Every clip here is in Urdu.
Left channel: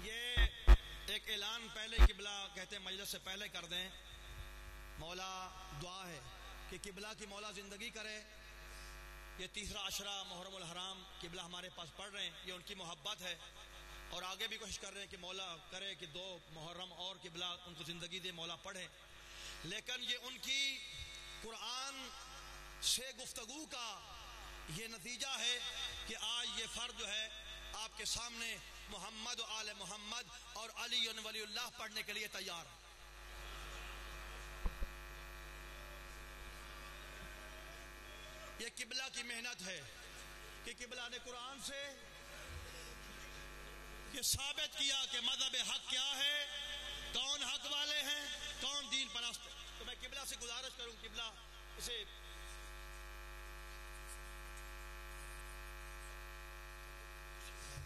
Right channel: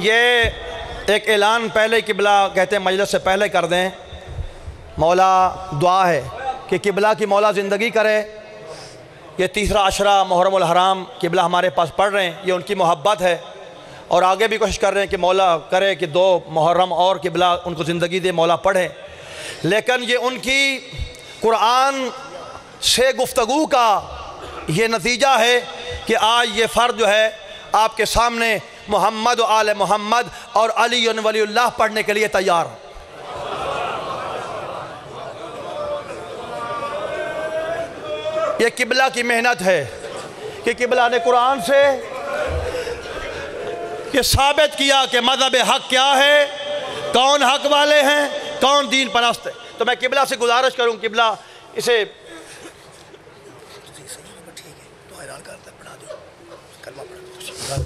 یہ ایک اعلان پہلے قبلہ کہتے ہیں مجلس سے پہلے کر دیں. مولا دعا ہے کہ قبلہ کی مولا زندگی کرے. یہ تیسرا عشرہ محرم الحرام قبلہ ہمارے پاس پڑھ رہے ہیں، یہ ان کی محبت ہے، اور آگے بھی کوشش کر رہے ہیں کہ مولا کرے کہ 2 محرم اور قبلہ ان کو زندگی دے، مولا پڑھیں. لیکن یہ ان کی قرآن سے گفتگو کا یہ نتیجہ ہے کہ آج یہ فرد جو ہے آپ کے سامنے محمد و آل محمد اور علی ولی اللہ پڑھنے کے لیے تیار. یہ قبلہ کی محنت ہے کہ قبلہ نے قرآن سے یہ ثابت کیا کہ مذہب حق کیا ہے، کون حق والے ہیں، کون دین پرست ہے. تو میں قبلہ سے گزارش کروں، قبلہ اسے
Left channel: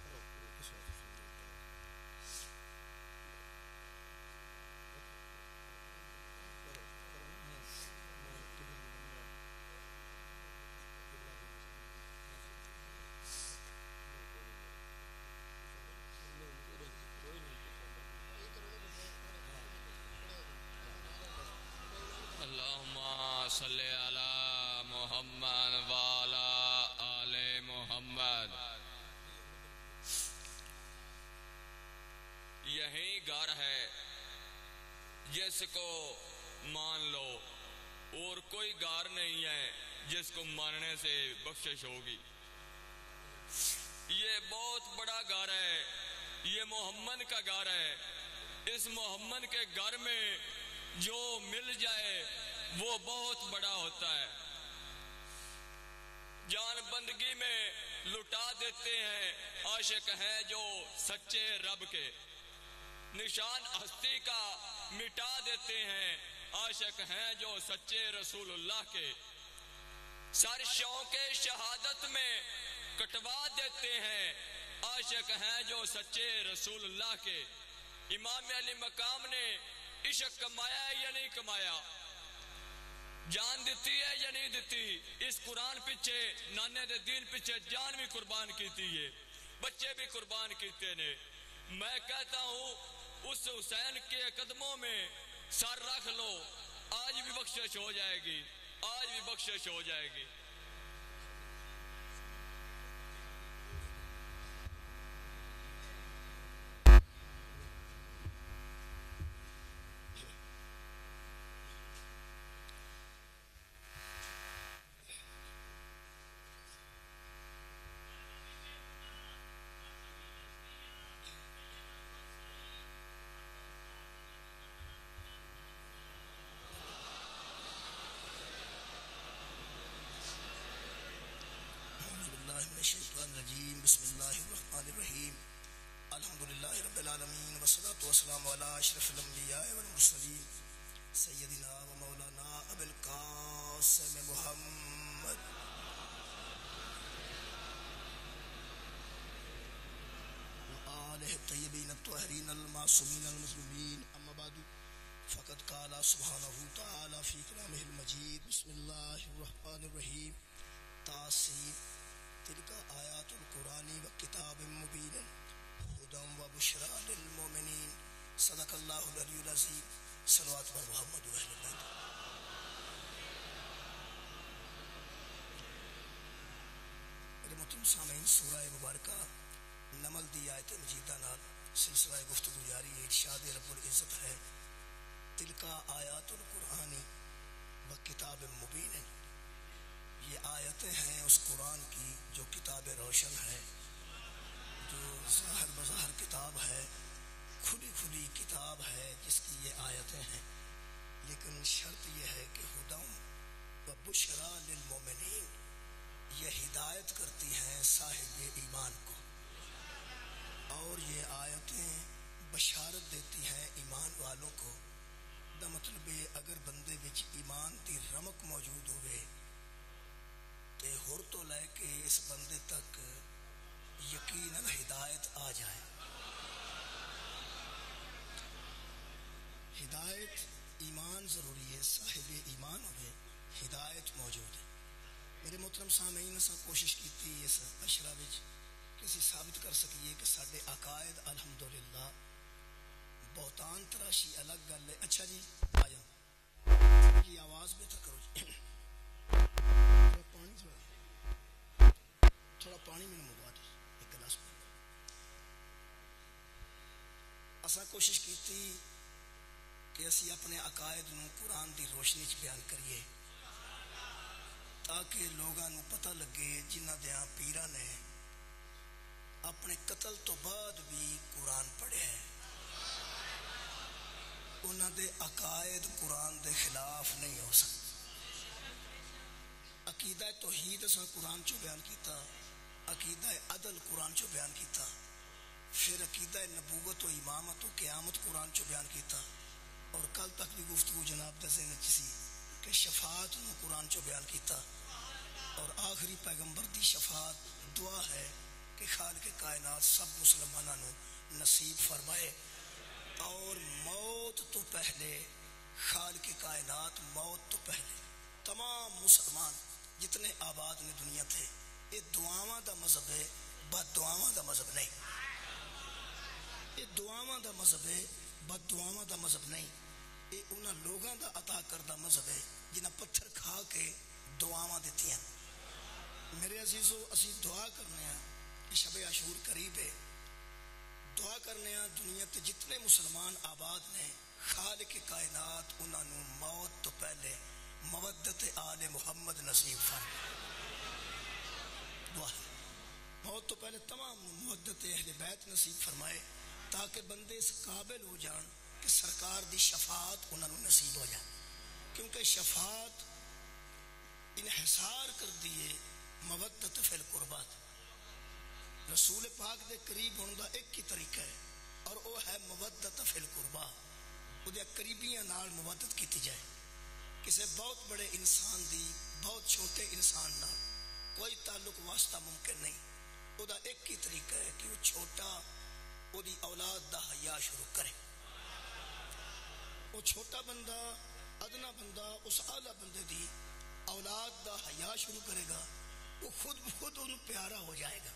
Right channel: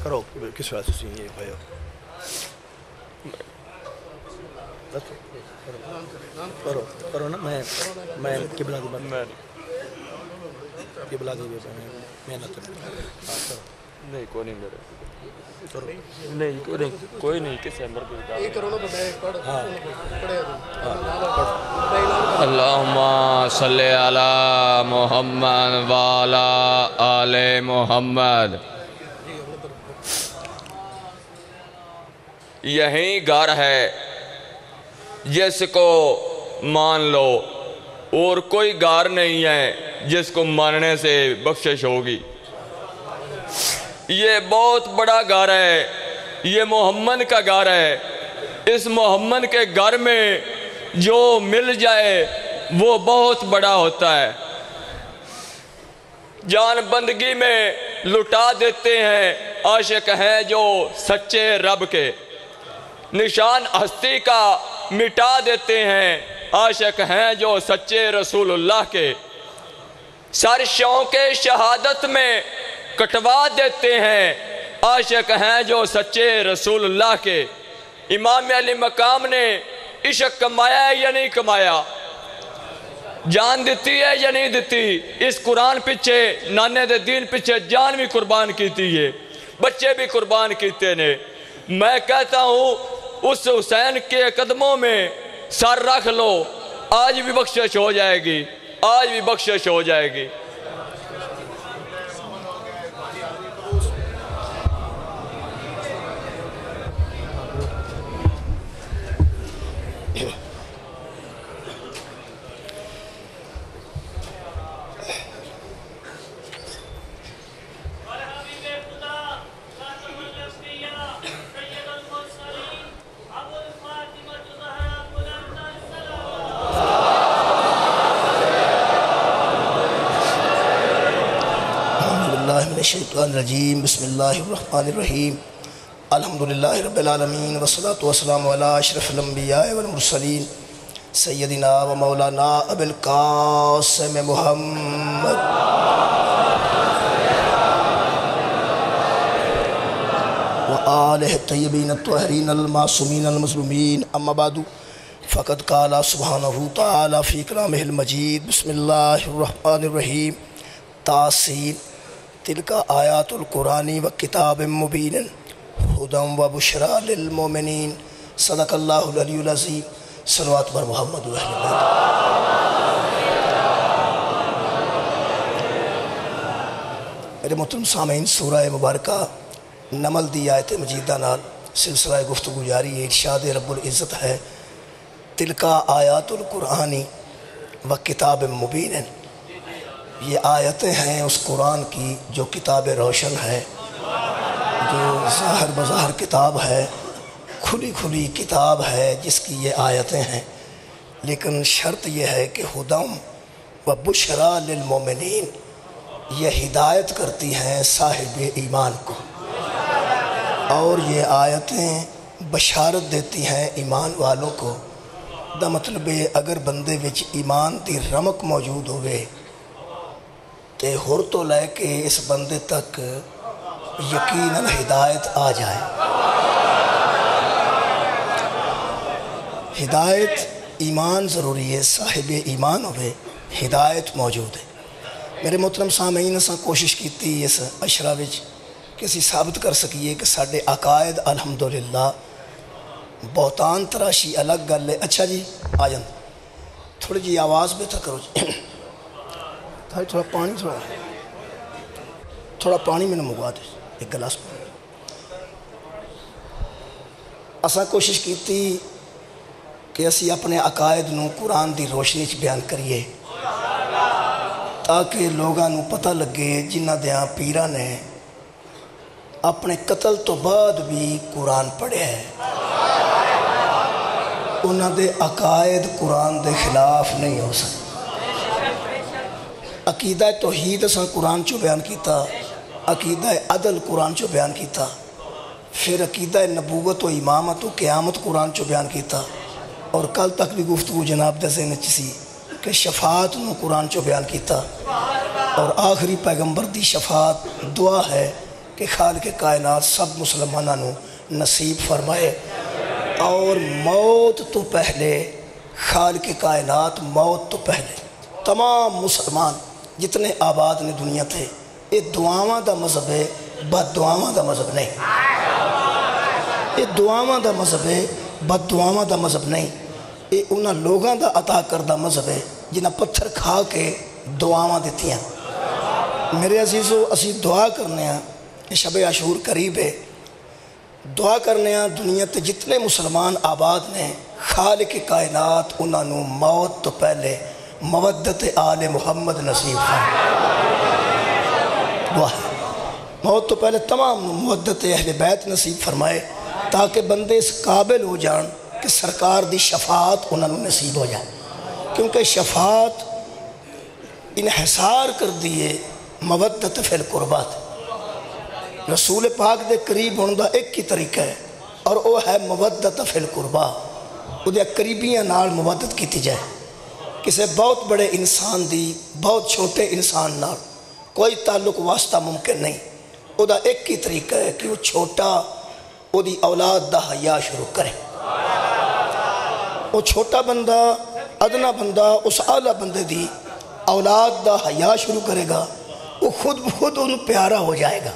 کرو کس وجہ سے یہ بھائی کرو نا. میں قبلہ دی محنت نہیں کوئی نہیں میرے کوئی نہیں کسی اندر اللہم صلی علی محمد وعلی آل محمد. یہی گھر ہے جس کو مان لو، اور کوئی گھر نہیں ہے جس کو ماننے سے بخشش ہوگی. یہ بہت بڑا گھر ہے، یہ محمد کا گھر ہے. اس محمد کے گھر میں جو مل جائے وہ بہت بڑا ہوتا ہے. جان بندگی میں لٹا دیتے ہیں عاشق ہیں جو سچے رب کے. نشان ہستی کا مٹا دیتے ہیں عاشق ہیں جو سچے رسول اللہ کے. سر شوق شہادت میں کٹوا دیتے ہیں عاشق ہیں جو سچے رسول اللہ کے. امام علی مقام نے عشق کمایا ہے یا نہیں کمایا، جان دیتی ہے یا نہیں دیتی. اس قرآن پیچھے نانے دے دین پیچھے جان بھی قربان کیتی ہے، بچے بھی قربان کیتے نے. میں کہتا ہوں اس حسین کے قدموں میں سر رکھ لو، آج بھی بخشش ہو جائے گی، آج بھی بخشش ہو جائے گی. الشیطان الرجیم. بسم اللہ الرحمن الرحیم. الحمدللہ رب العالمین والصلاة والسلام علی اشرف الانبیاء والمرسلین سیدنا و مولانا ابی القاسم محمد و آلہ الطیبین الطاہرین المعصومین المظلومین. اما بعد فقد قال سبحانہ تعالی فی کلامہ المجید. بسم اللہ الرحمن الرحیم. تاسین. تلک آیات القرآن و کتاب مبین ہدی و بشریٰ للمؤمنین. صدق اللہ العلی العظیم. صلوات بر محمد و اہل بیت. میرے محترم سامعین، سورہ مبارکہ نمل دی آیت مجیدہ نال سلسلہ گفتگو جاری ہے. ارشاد رب العزت ہے تلک آیات القرآن و کتاب مبین. یہ آیتیں ہیں اس قرآن کی جو کتاب روشن ہے، جو ظاہر بظاہر کتاب ہے، کھلی کھلی کتاب ہے جس کی یہ آیتیں ہیں. لیکن شرط یہ ہے کہ ہدی و بشریٰ للمؤمنین، یہ ہدایت کرتی ہیں صاحب ایمان کو، اور یہ آیتیں بشارت دیتی ہیں ایمان والوں کو. دا مطلب ہے اگر بندے وچ ایمان دی رمق موجود ہوئے تے ہر تو لے کے اس بندے تک یقیناً ہدایت آ جائے. ہدایت ایمان ضروری ہے، صاحب ایمان ہوئے ہدایت موجود ہے. میرے محترم سامعین، اساں کوشش کیتی اس عشرہ وچ کہ اسی ثابت کر سکیے کہ ساڈے عقائد الحمدللہ بہتان تراشی الگ گل ہے. اچھا جی آ جان تھوڑی جی آواز بہتر کرو جی. تھوڑا پانی میں نے منگوا دے ایک گلاس. اساں کوشش کیتی کہ اسی اپنے عقائد نو قرآن دی روشنی چ بیان کریے تاکہ لوگاں نو پتہ لگے جنہ دیاں پیراں نے اپنے قتل تو بعد بھی قرآن پڑھیا ہے انہاں دے عقائد قرآن دے خلاف نہیں ہو سکتے. عقیدہ توحید اساں قرآن چو بیان کیتا, عقیدہ عدل قرآن چو بیان کیتا, پھر عقیدہ نبوت و امامت و قیامت قرآن چو بیان کیتا, اور کل تک بھی گفتگو جناب دے ذہن وچ سی کہ شفاعت نو قرآن چو بیان کیتا, اور آخری پیغمبر دی شفاعت دعا ہے کہ خالق کائنات سب مسلمانوں نو نصیب فرمائے. اور موت تو پہلے خالق کائنات موت تو پہلے تمام مسلمان جتنے آباد نے دنیا تھے یہ دعاواں دا مذہب ہے, بد دعاواں دا مذہب نہیں. یہ دعاواں دا مذہب ہے, بد دعاواں دا مذہب نہیں. یہ انہاں لوگاں دا عطا کردہ مذہب ہے جنہاں پتھر کھا کے دعاواں دیتی ہیں. میرے عزیزو اسی دعا کرنے ہیں کہ شب عاشور قریب ہے, دعا کرنے ہیں دنیا تے جتنے مسلمان آباد نے خالق کائنات انہاں نو موت تو پہلے مودت آل محمد نصیب فرمائے. دعا ہے موت تو پہلے تمام نو مودت اہل بیت نصیب فرمائے تاکہ بندے اس قابل ہو جان کہ سرکار دی شفاعت انہاں نو نصیب ہو جائے. کیونکہ شفاعت انحصار کر دیے مودت فی القربات. رسول پاک دے قریب ہونے دا ایک ہی طریقہ ہے اور وہ ہے مودت فی القربہ. وہ دے قریبیاں نال مودت کیتی جائے. کسے بہت بڑے انسان دی بہت چھوٹے انسان نال کوئی تعلق واسطہ ممکن نہیں. وہ دا ایک ہی طریقہ ہے کہ وہ چھوٹا وہ دی اولاد دا حیا شروع کرے. وہ چھوٹا بندہ ادنا بندہ اس اعلیٰ بندے دی اولاد دا حیا شروع کرے گا, وہ خود انہوں پیارا ہو جائے گا.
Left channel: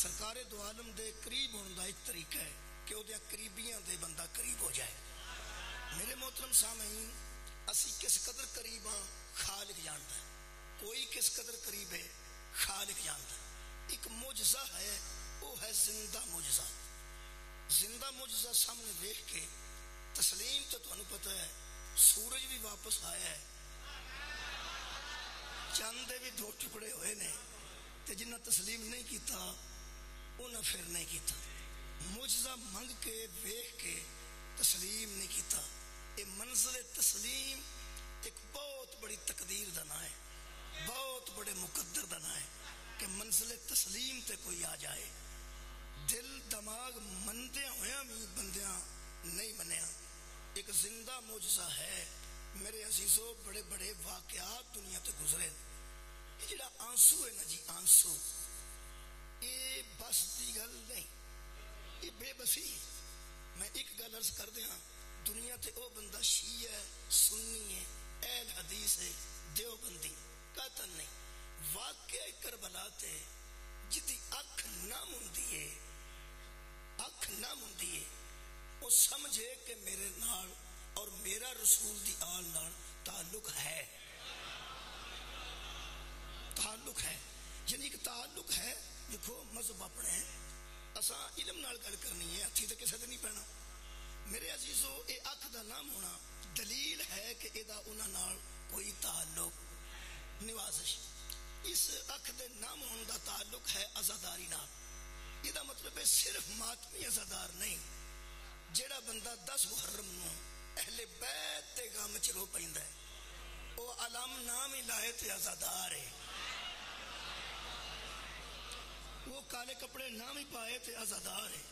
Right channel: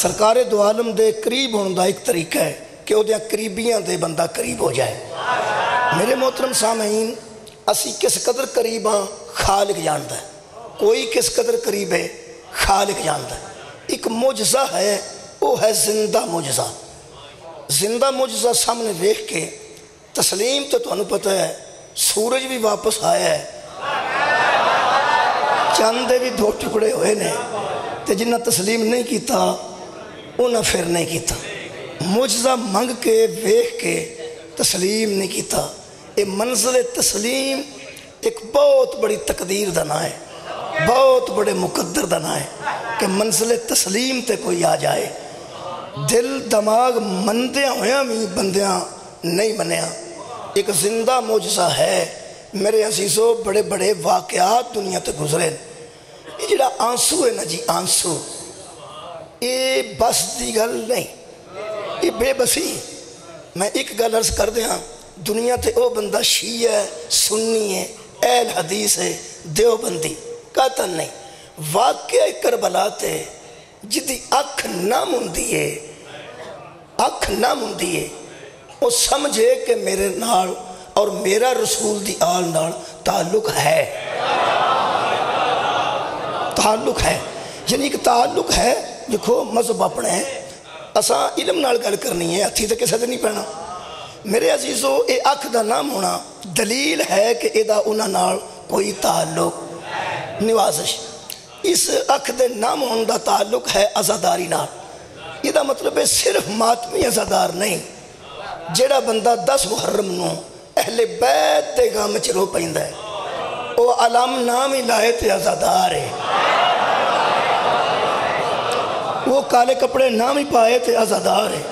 سرکار دو عالم دے قریب ہونے دا ایک طریقہ ہے کہ وہ دیا قریبیاں دے بندہ قریب ہو جائے. میرے محترم سامعین اسی کس قدر قریب ہاں خالق جانتا ہے, کوئی کس قدر قریب ہے خالق جانتا ہے. ایک معجزہ ہے وہ ہے زندہ معجزہ. زندہ معجزہ سامنے دیکھ کے تسلیم تو انہوں پتہ ہے سورج بھی واپس آیا ہے, چاندے بھی دو ٹکڑے ہوئے نے, تے جنہ تسلیم نہیں کیتا انہاں پھر نہیں کیتا. معجزہ منگ کے ویکھ کے تسلیم نہیں کیتا. یہ منزل تسلیم ایک بہت بڑی تقدیر دا نام ہے, بہت بڑے مقدر دا نام ہے کہ منزل تسلیم تے کوئی آ جائے. دل دماغ مندیاں ہویاں بھی بندیاں نہیں منیا. ایک زندہ معجزہ ہے میرے عزیزو. بڑے بڑے واقعات دنیا تے گزرے. یہ جڑا آنسو ہے نا جی, آنسو یہ بس دی گل نہیں, یہ بے بسی. میں ایک گل عرض کر دیا, دنیا تے او بندہ شیعہ ہے, سنی ہے, اہل حدیث ہے, دیوبندی قطن نہیں. واقعہ کربلا تے جدی اکھ نہ مندیے, اکھ نہ مندیے, وہ سمجھے کہ میرے نال اور میرا رسول دی آل نال تعلق ہے, تعلق ہے. یعنی ایک تعلق ہے. دیکھو مذہب اپنے ہیں, اساں علم نال گل کرنی ہے, ہتھی تے کسے تے نہیں پہنا. میرے عزیزو اے اکھ دا نام ہونا دلیل ہے کہ اے دا انہاں نال کوئی تعلق نوازش. اس اکھ دے نام ہونے دا تعلق ہے عزاداری نال. یہ دا مطلب ہے صرف ماتمی عزادار نہیں. جیڑا بندہ 10 محرم نو اہل بیت دے غم وچ رو پیندا ہے وہ علم نام ہی لائے تے عزادار ہے. وہ کالے کپڑے نام ہی پائے تے عزادار ہے.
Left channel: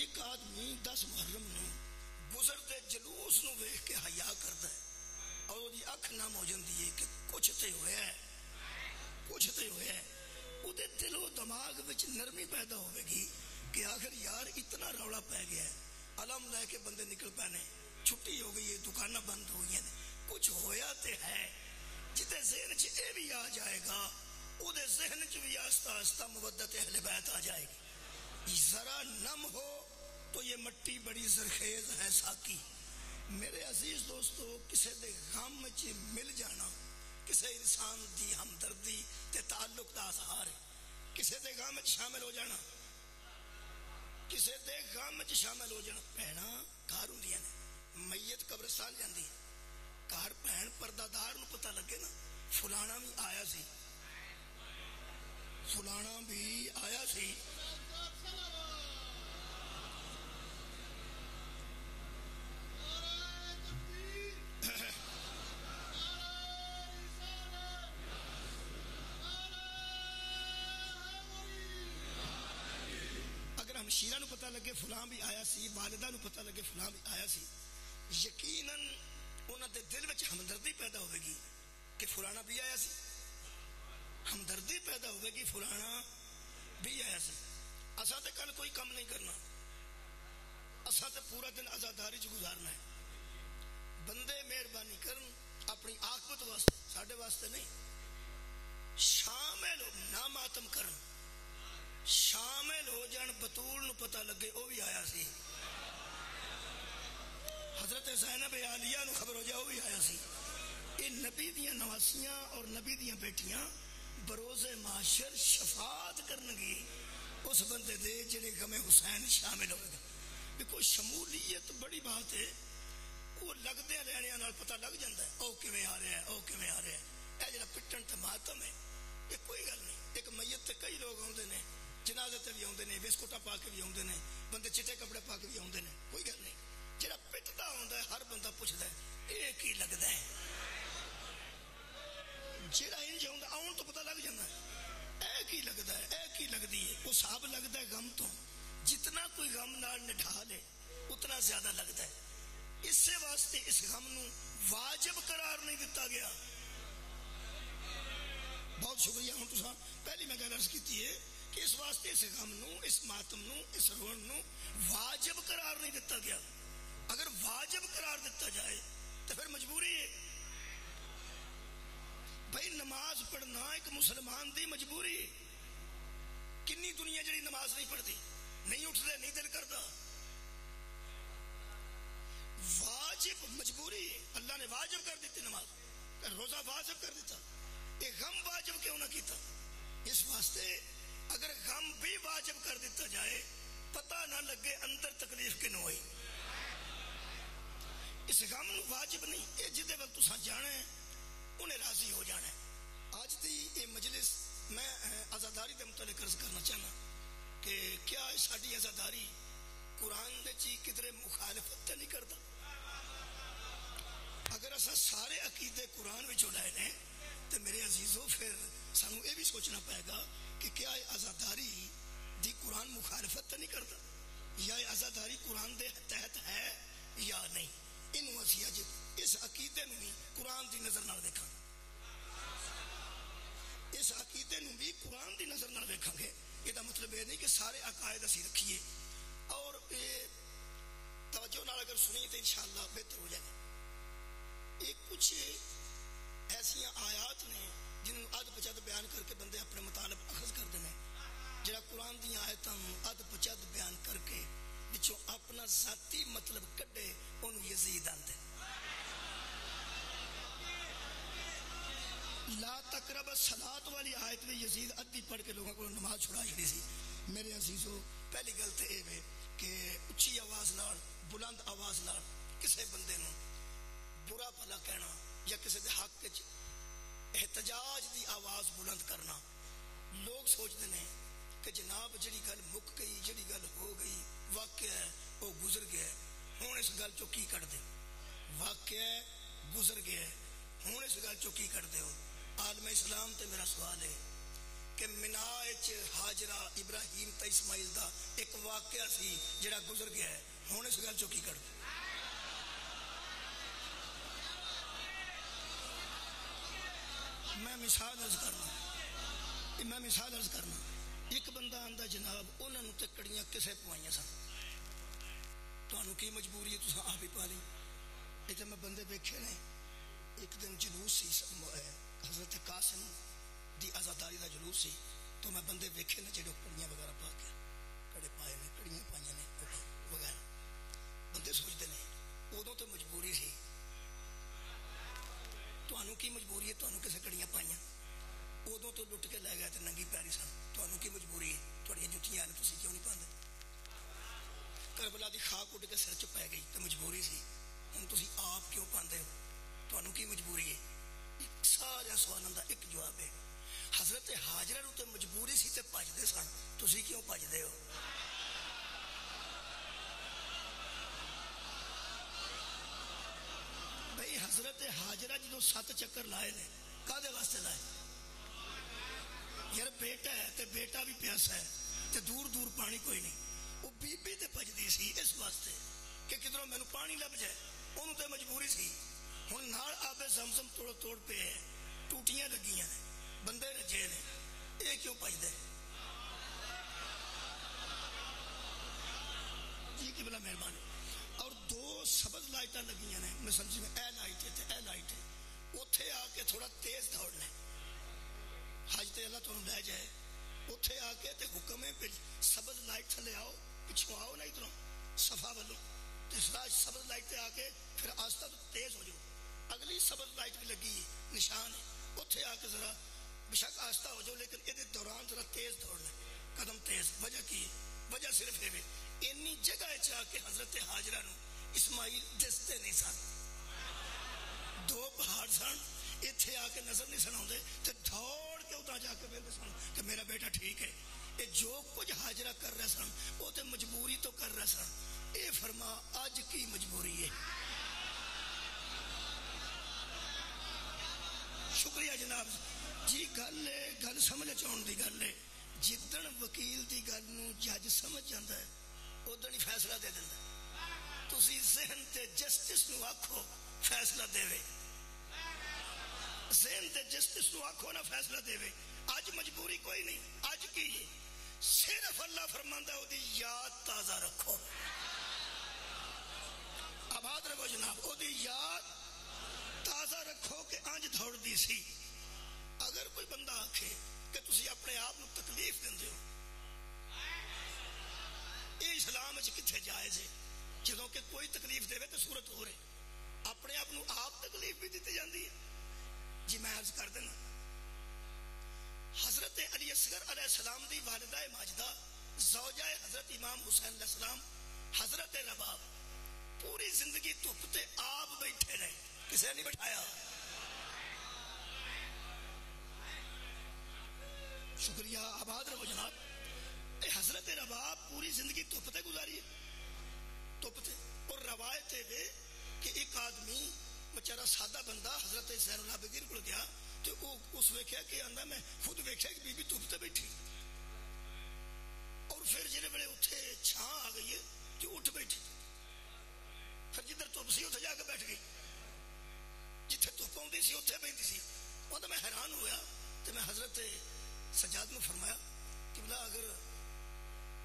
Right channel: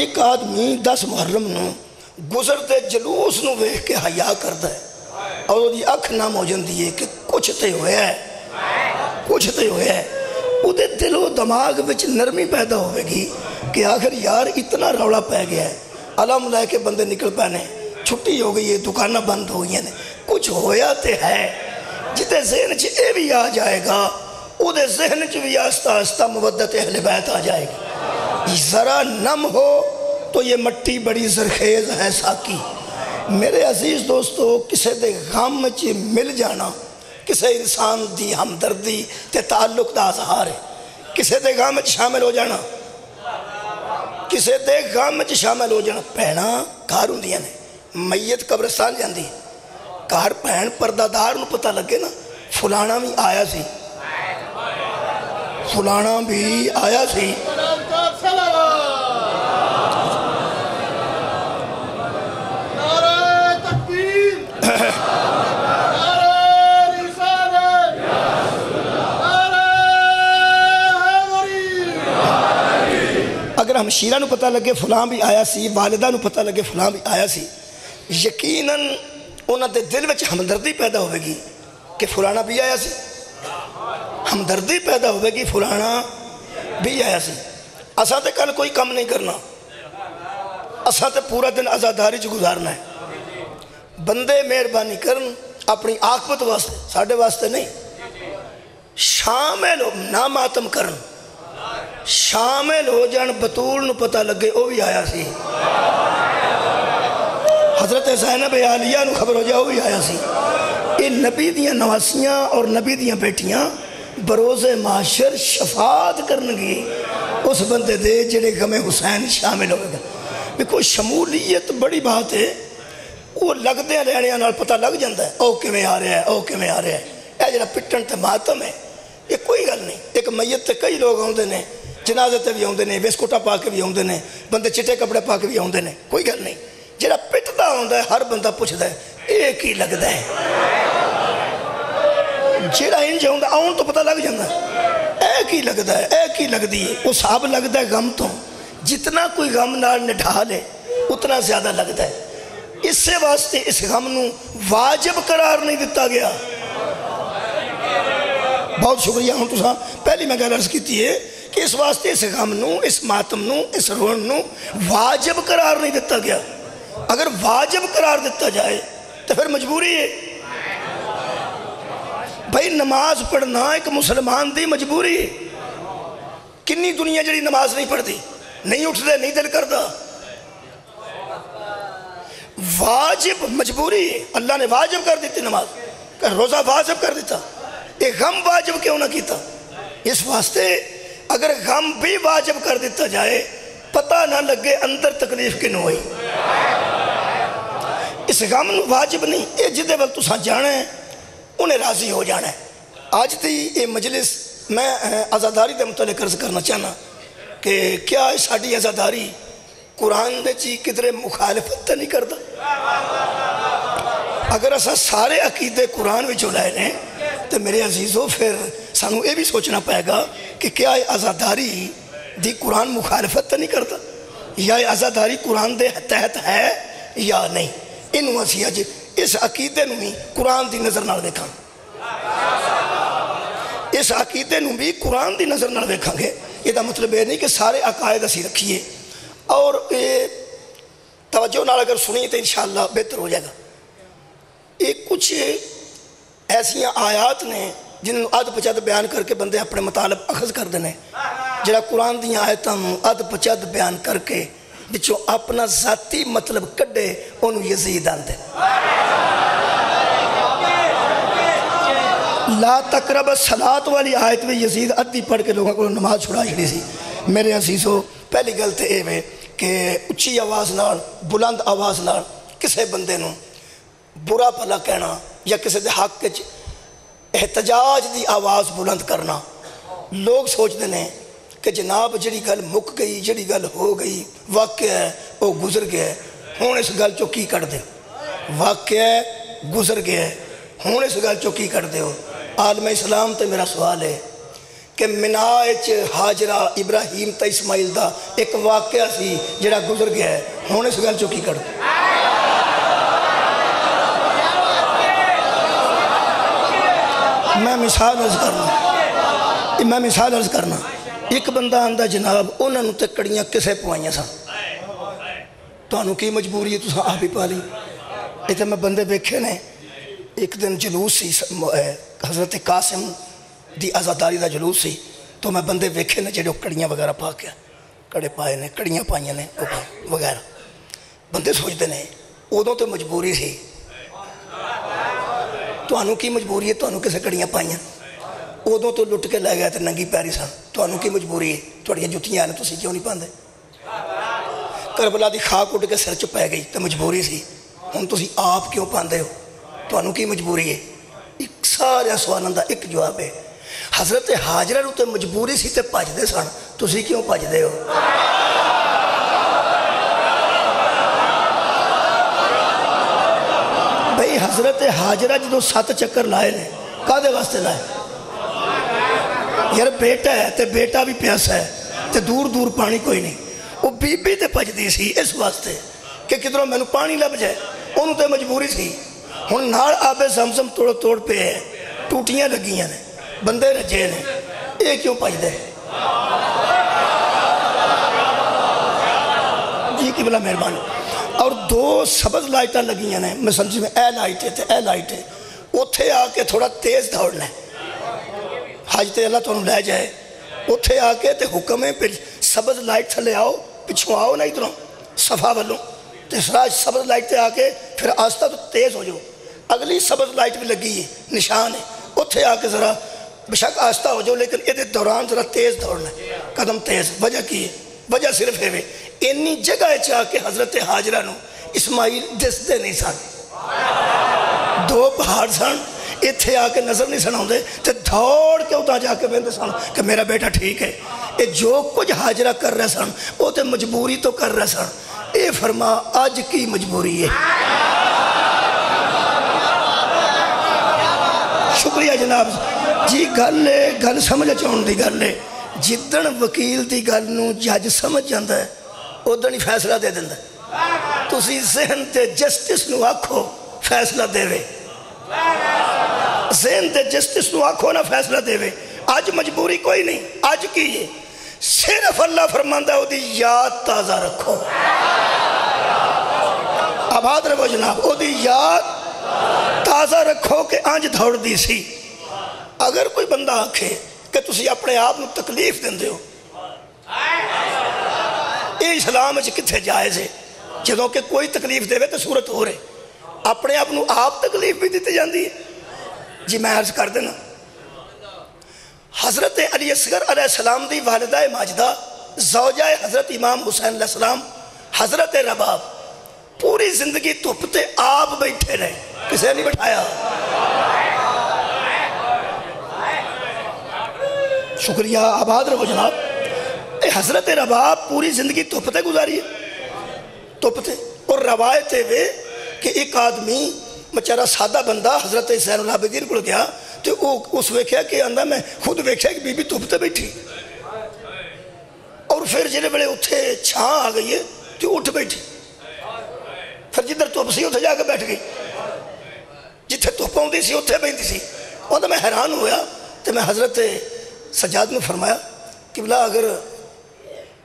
ایک آدمی 10 محرم نو گزرتے جلوس نو ویکھ کے حیا کردا ہے اور وہ دی اکھ نام ہو جاندی ہے کہ کچھ تے ہویا ہے, کچھ تے ہویا ہے. وہ دے دل و دماغ وچ نرمی پیدا ہوئے گی کہ آخر یار اتنا رولا پہ گیا ہے, علم لے کے بندے نکل پانے, چھٹی ہو گئی ہے, دکانہ بند ہو گئی ہیں, کچھ ہویا تے ہے. جتے ذہن چ اے بھی آ جائے گا وہ دے ذہن چ بھی آہستہ آہستہ مودت اہل بیت آ جائے گی. ذرا نم ہو تو یہ مٹی بڑی زرخیز ہے ساکی. میرے عزیز دوستو کسے دے غم چ مل جانا کسے انسان دی ہمدردی تے تعلق دا اظہار ہے. کسے دے غم چ شامل ہو جانا کسے دے غم چ شامل ہو جانا. بھیڑاں گھر ہوندیاں نے میت قبرستان جاندی گھر بھین پردہ دار نو پتہ لگے نا فلانا بھی آیا سی فلانا بھی آیا سی اگر ہمشیرہ نو پتہ لگے فلان بھی آیا سی والدہ نو پتہ لگے فلان بھی آیا سی یقیناً انہاں دے دل وچ ہمدردی پیدا ہوئے گی کہ فلانا بھی آیا سی. ہمدردی پیدا ہوئے گی فلانا بھی آیا سی. اساں تے کل کوئی کم نہیں کرنا اساں تے پورا دن عزاداری چ گزارنا ہے. بندے مہربانی کرن اپنی عاقبت واسطے ساڈے واسطے نہیں. شامل ہو نہ ماتم کرن شامل ہو جان بطول نو پتہ لگے او بھی آیا سی. حضرت زینب عالیہ نو خبر ہو جائے وہ بھی آیا سی. یہ نبی دیاں نواسیاں اور نبی دیاں بیٹیاں بروز معاشر شفاعت کرنگی اس بندے دے جڑے غم حسین شامل ہوئے گا. کوئی شمولیت بڑی بات ہے. وہ لگدے رہنے نال پتہ لگ جاندہ ہے او کیویں آ رہا ہے او کیویں آ رہا ہے. اے جڑا پٹن تے ماتم ہے یہ کوئی گل نہیں. ایک میت تے کئی لوگ آندے نے جنازے تے بھی آندے نے بسکوٹا پا کے بھی آندے نے بندے چٹے کپڑے پا کے بھی آندے نے کوئی گل نہیں. جڑا پٹدا ہوندا ہے ہر بندہ پوچھدا ہے اے کی لگدا ہے. جڑا انج ہوندا آن تو پتہ لگ جاندا ہے اے کی لگدا ہے اے کی لگدی ہے. وہ صاحب لگدا ہے غم تو جتنا کوئی غم نال نڈھا لے اتنا زیادہ لگتا ہے. اس سے واسطے اس غم نو واجب قرار نہیں دیتا گیا. بہت شکریہ ہوں تو پہلی میں گل عرض کیتی ہے کہ اس واسطے اس غم نو اس ماتم نو اس رون نو واجب قرار نہیں دیتا گیا. اگر واجب قرار دیتا جائے تو پھر مجبوری ہے. بھائی نماز پڑھنا ایک مسلمان دی مجبوری ہے. کنی دنیا جڑی نماز نہیں پڑھتی نہیں اٹھ دے نہیں دل کرتا. واجب مجبوری ہے. اللہ نے واجب کر دیتی نماز کہ روزہ واجب کر دیتا. ایک غم واجب کیوں نہ کیتا. اس واسطے اگر غم بھی واجب کر دیتا جائے پتہ نہ لگے اندر تکلیف کنوں ہوئی. اس غم واجب نہیں یہ جدے وقت تساں جانا ہے انہیں راضی ہو جانا ہے. آج تھی یہ مجلس میں عزاداری دے متعلق عرض کرنا چاہنا کہ کیا ساڑی عزاداری قرآن دے چی کدرے مخالفت نہیں کرتا. اگر اسا سارے عقیدے قرآن میں جو لائے ہیں تو میرے عزیزوں پھر سانو یہ بھی سوچنا پائے گا کہ کیا یہ عزاداری دی قرآن مخالفت نہیں کرتا یا یہ عزاداری قرآن دے تحت ہے یا نہیں. انہوں اسی اج اس عقیدے نو بھی قرآن دی نظر نال دیکھاں اس عقیدے نو بھی قرآن دی نظر نال دیکھاں گے. یہ دا مطلب ہے نہیں کہ سارے عقائد اسی رکھیے اور توجہ نال اگر سنی تو انشاءاللہ بہتر ہو جائے گا. یہ کچھ ایسیاں آیات نے جنہوں اد پچد بیان کر کے بندے اپنے مطالب اخذ کر دینے جڑا قرآن دیاں آیتاں اد پچد بیان کر کے بچوں اپنا ذاتی مطلب کڈے انہوں یزید آن دے. لا تقرب الصلاۃ والی آیت میں یزید ادھی پڑھ کے لوگوں کو نماز چھڑا چھڑی سی. میرے عزیزو پہلی گل تے اے وے کہ اچھی آواز نال بلند آواز نال کسے بندے نو برا بھلا کہنا یا کسے دے حق وچ احتجاج دی آواز بلند کرنا لوگ سوچ دینے کہ جناب جڑی گل مک گئی جڑی گل ہو گئی واقعہ ہے وہ گزر گیا ہے ہون اس گل چو کی کر دے. واقعہ ہے گزر گیا ہے ہون اس گل چو کی کر دے ہو. عالم اسلام تے میرا سوال ہے کہ مناچ حاجرہ ابراہیم تا اسماعیل دا ایک واقعہ سی جڑا گزر گیا ہے ہون اس گل چو کی کر دے. میں مثال عرض کرنا ایک بندہ آندہ جناب انہوں نے تے کڑیاں کسے پوائیاں سا تو انہوں کی مجبوری ہے تو آپ ہی پا لی. ایک میں بندے بیکھے نے ایک دن جلوس سی حضرت قاسم دی آزاداری دا جلوس سی تو میں بندے ویکھے نے جڑے کڑیاں وغیرہ پا کے کڑے پائے نے کڑیاں پائیاں نے وغیرہ بندے سوچتے ہیں ادوں تو مجبوری سی تانوں کی مجبوری ہے تانوں کسے کڑیاں پائیاں ادوں تو لٹ کے لے گئے تو ننگی پیری سن تانوں کی مجبوری ہے تھوڑیاں جتیاں نے تسی کیوں نہیں پاندے کربلا دی خاک اٹھ کے سر چ پی گئی تو مجبوری سی ہن تسی آپ کیوں پاندے ہو تانوں کی مجبوری ہے ایک سارے سوالوں دا ایک جواب ہے حضرت حاجرہ نوں تے مجبوری سی تے بھجدے سن تسی کیوں بھجدے ہو بھئی حضرت حاجرہ جدوں 7 چکر لائے نے کادے واسطے لائے یار بیٹا ہے تے بیٹا بھی پیاسا ہے تے دور دور پانی کوئی نہیں وہ بی بی تے بھجدی سی اس واسطے کہ کدھروں مینوں پانی لب جائے انہوں تے مجبوری سی ہن نال آب زمزم توڑ توڑ پہ ہے ٹوٹیاں لگیاں نے بندے رجے نے یہ کیوں بھجدے جی قبلہ مہربانی اور 2 سبز لائٹاں لگیاں نے میں سمجھی میں اے لائٹ ہے تے اے لائٹ ہے اتھے آ کے تھوڑا تیز دوڑنا ہے حج تے اللہ تانوں لے جائے اتھے آ کے تے حکم ہے پھر سبز لائٹ تھلے آؤ پچھوں آؤ نہ ادھروں صفا والوں تے سبز لائٹ تے آ کے پھر آستہ تو تیز ہو جاؤ اگلی سبز لائٹ بھی لگی ہے نشان ہے اتھے آ کے ذرا بشک آستہ ہو جاؤ لیکن یہ دوران ذرا تیز دوڑنا ہے قدم تیز وجہ کی ہے وجہ صرف ہے اینی جگہ چاہ کے حضرت حاجرہ نو اسماعیل دستے نہیں سن 2 پہاڑ سن اتھے آ کے نظر نہیں سنا ہوندے تے دھوڑ کے اتنا جا کے بندے سن کہ میرا بیٹا ٹھیک ہے یہ جو کچھ حاجرہ کر رہے سن وہ تے مجبوری تو کر رہے سن اے فرما آج کی مجبوری ہے شکریہ جناب جی گل سمجھ چاہن دی گل ہے جدن وکیل دی گل نو جج سمجھ جاندا ہے ادن ہی فیصلہ دے دیندا تسی ذہن تے جسٹس نو آکھو فیصلہ دے وے ذہن تے جسٹس نو آکھو نہ فیصلہ دے وے آج مجبوری کوئی نہیں آج کی ہے صرف اللہ فرماندہ ہے دی یاد تازہ رکھو آباد رہو جناب دی یاد تازہ رکھو کہ آنج دھوڑ دی سی اگر کوئی بندہ آکھے کہ تسی اپنے آپ نو تکلیف دیں دے ہو یہ اسلام اچھ کتھے جائز ہے جدوں کہ کوئی تکلیف دے وے تو صورت ہو رہے اپنے آپ نو آپ تکلیف بھی دیتے جاندی ہے جی میں عرض کر دینا حضرت علی اصغر علیہ السلام دی والدہ ماجدہ زوجہ حضرت امام حسین علیہ السلام حضرت رباب پوری زندگی تپتے آپ بیٹھے رہے کسے نہیں بٹھایا شکریہ آباد رہو جناب حضرت رباب پوری زندگی تپتے گزاری ہے تپتے اور روایت ہے کہ ایک آدمی مچارہ سادہ بندہ حضرت حسین العابدین کو گیا تو اس ویکھیا کہ اندھا میں خود ویکھیا کہ بی بی تپتے بیٹھی اور پھر جنہیں بڑے اتھے چھاں آ گئی ہے تو اٹھ بیٹھی پھر جدھر تپ سی اتھے جا کے بیٹھ گئی جتھے تپ آؤں دی سی اتھے بیٹھی سی اور میں حیران ہویا تو میں حضرت سجاد میں فرمایا کہ بلا اگر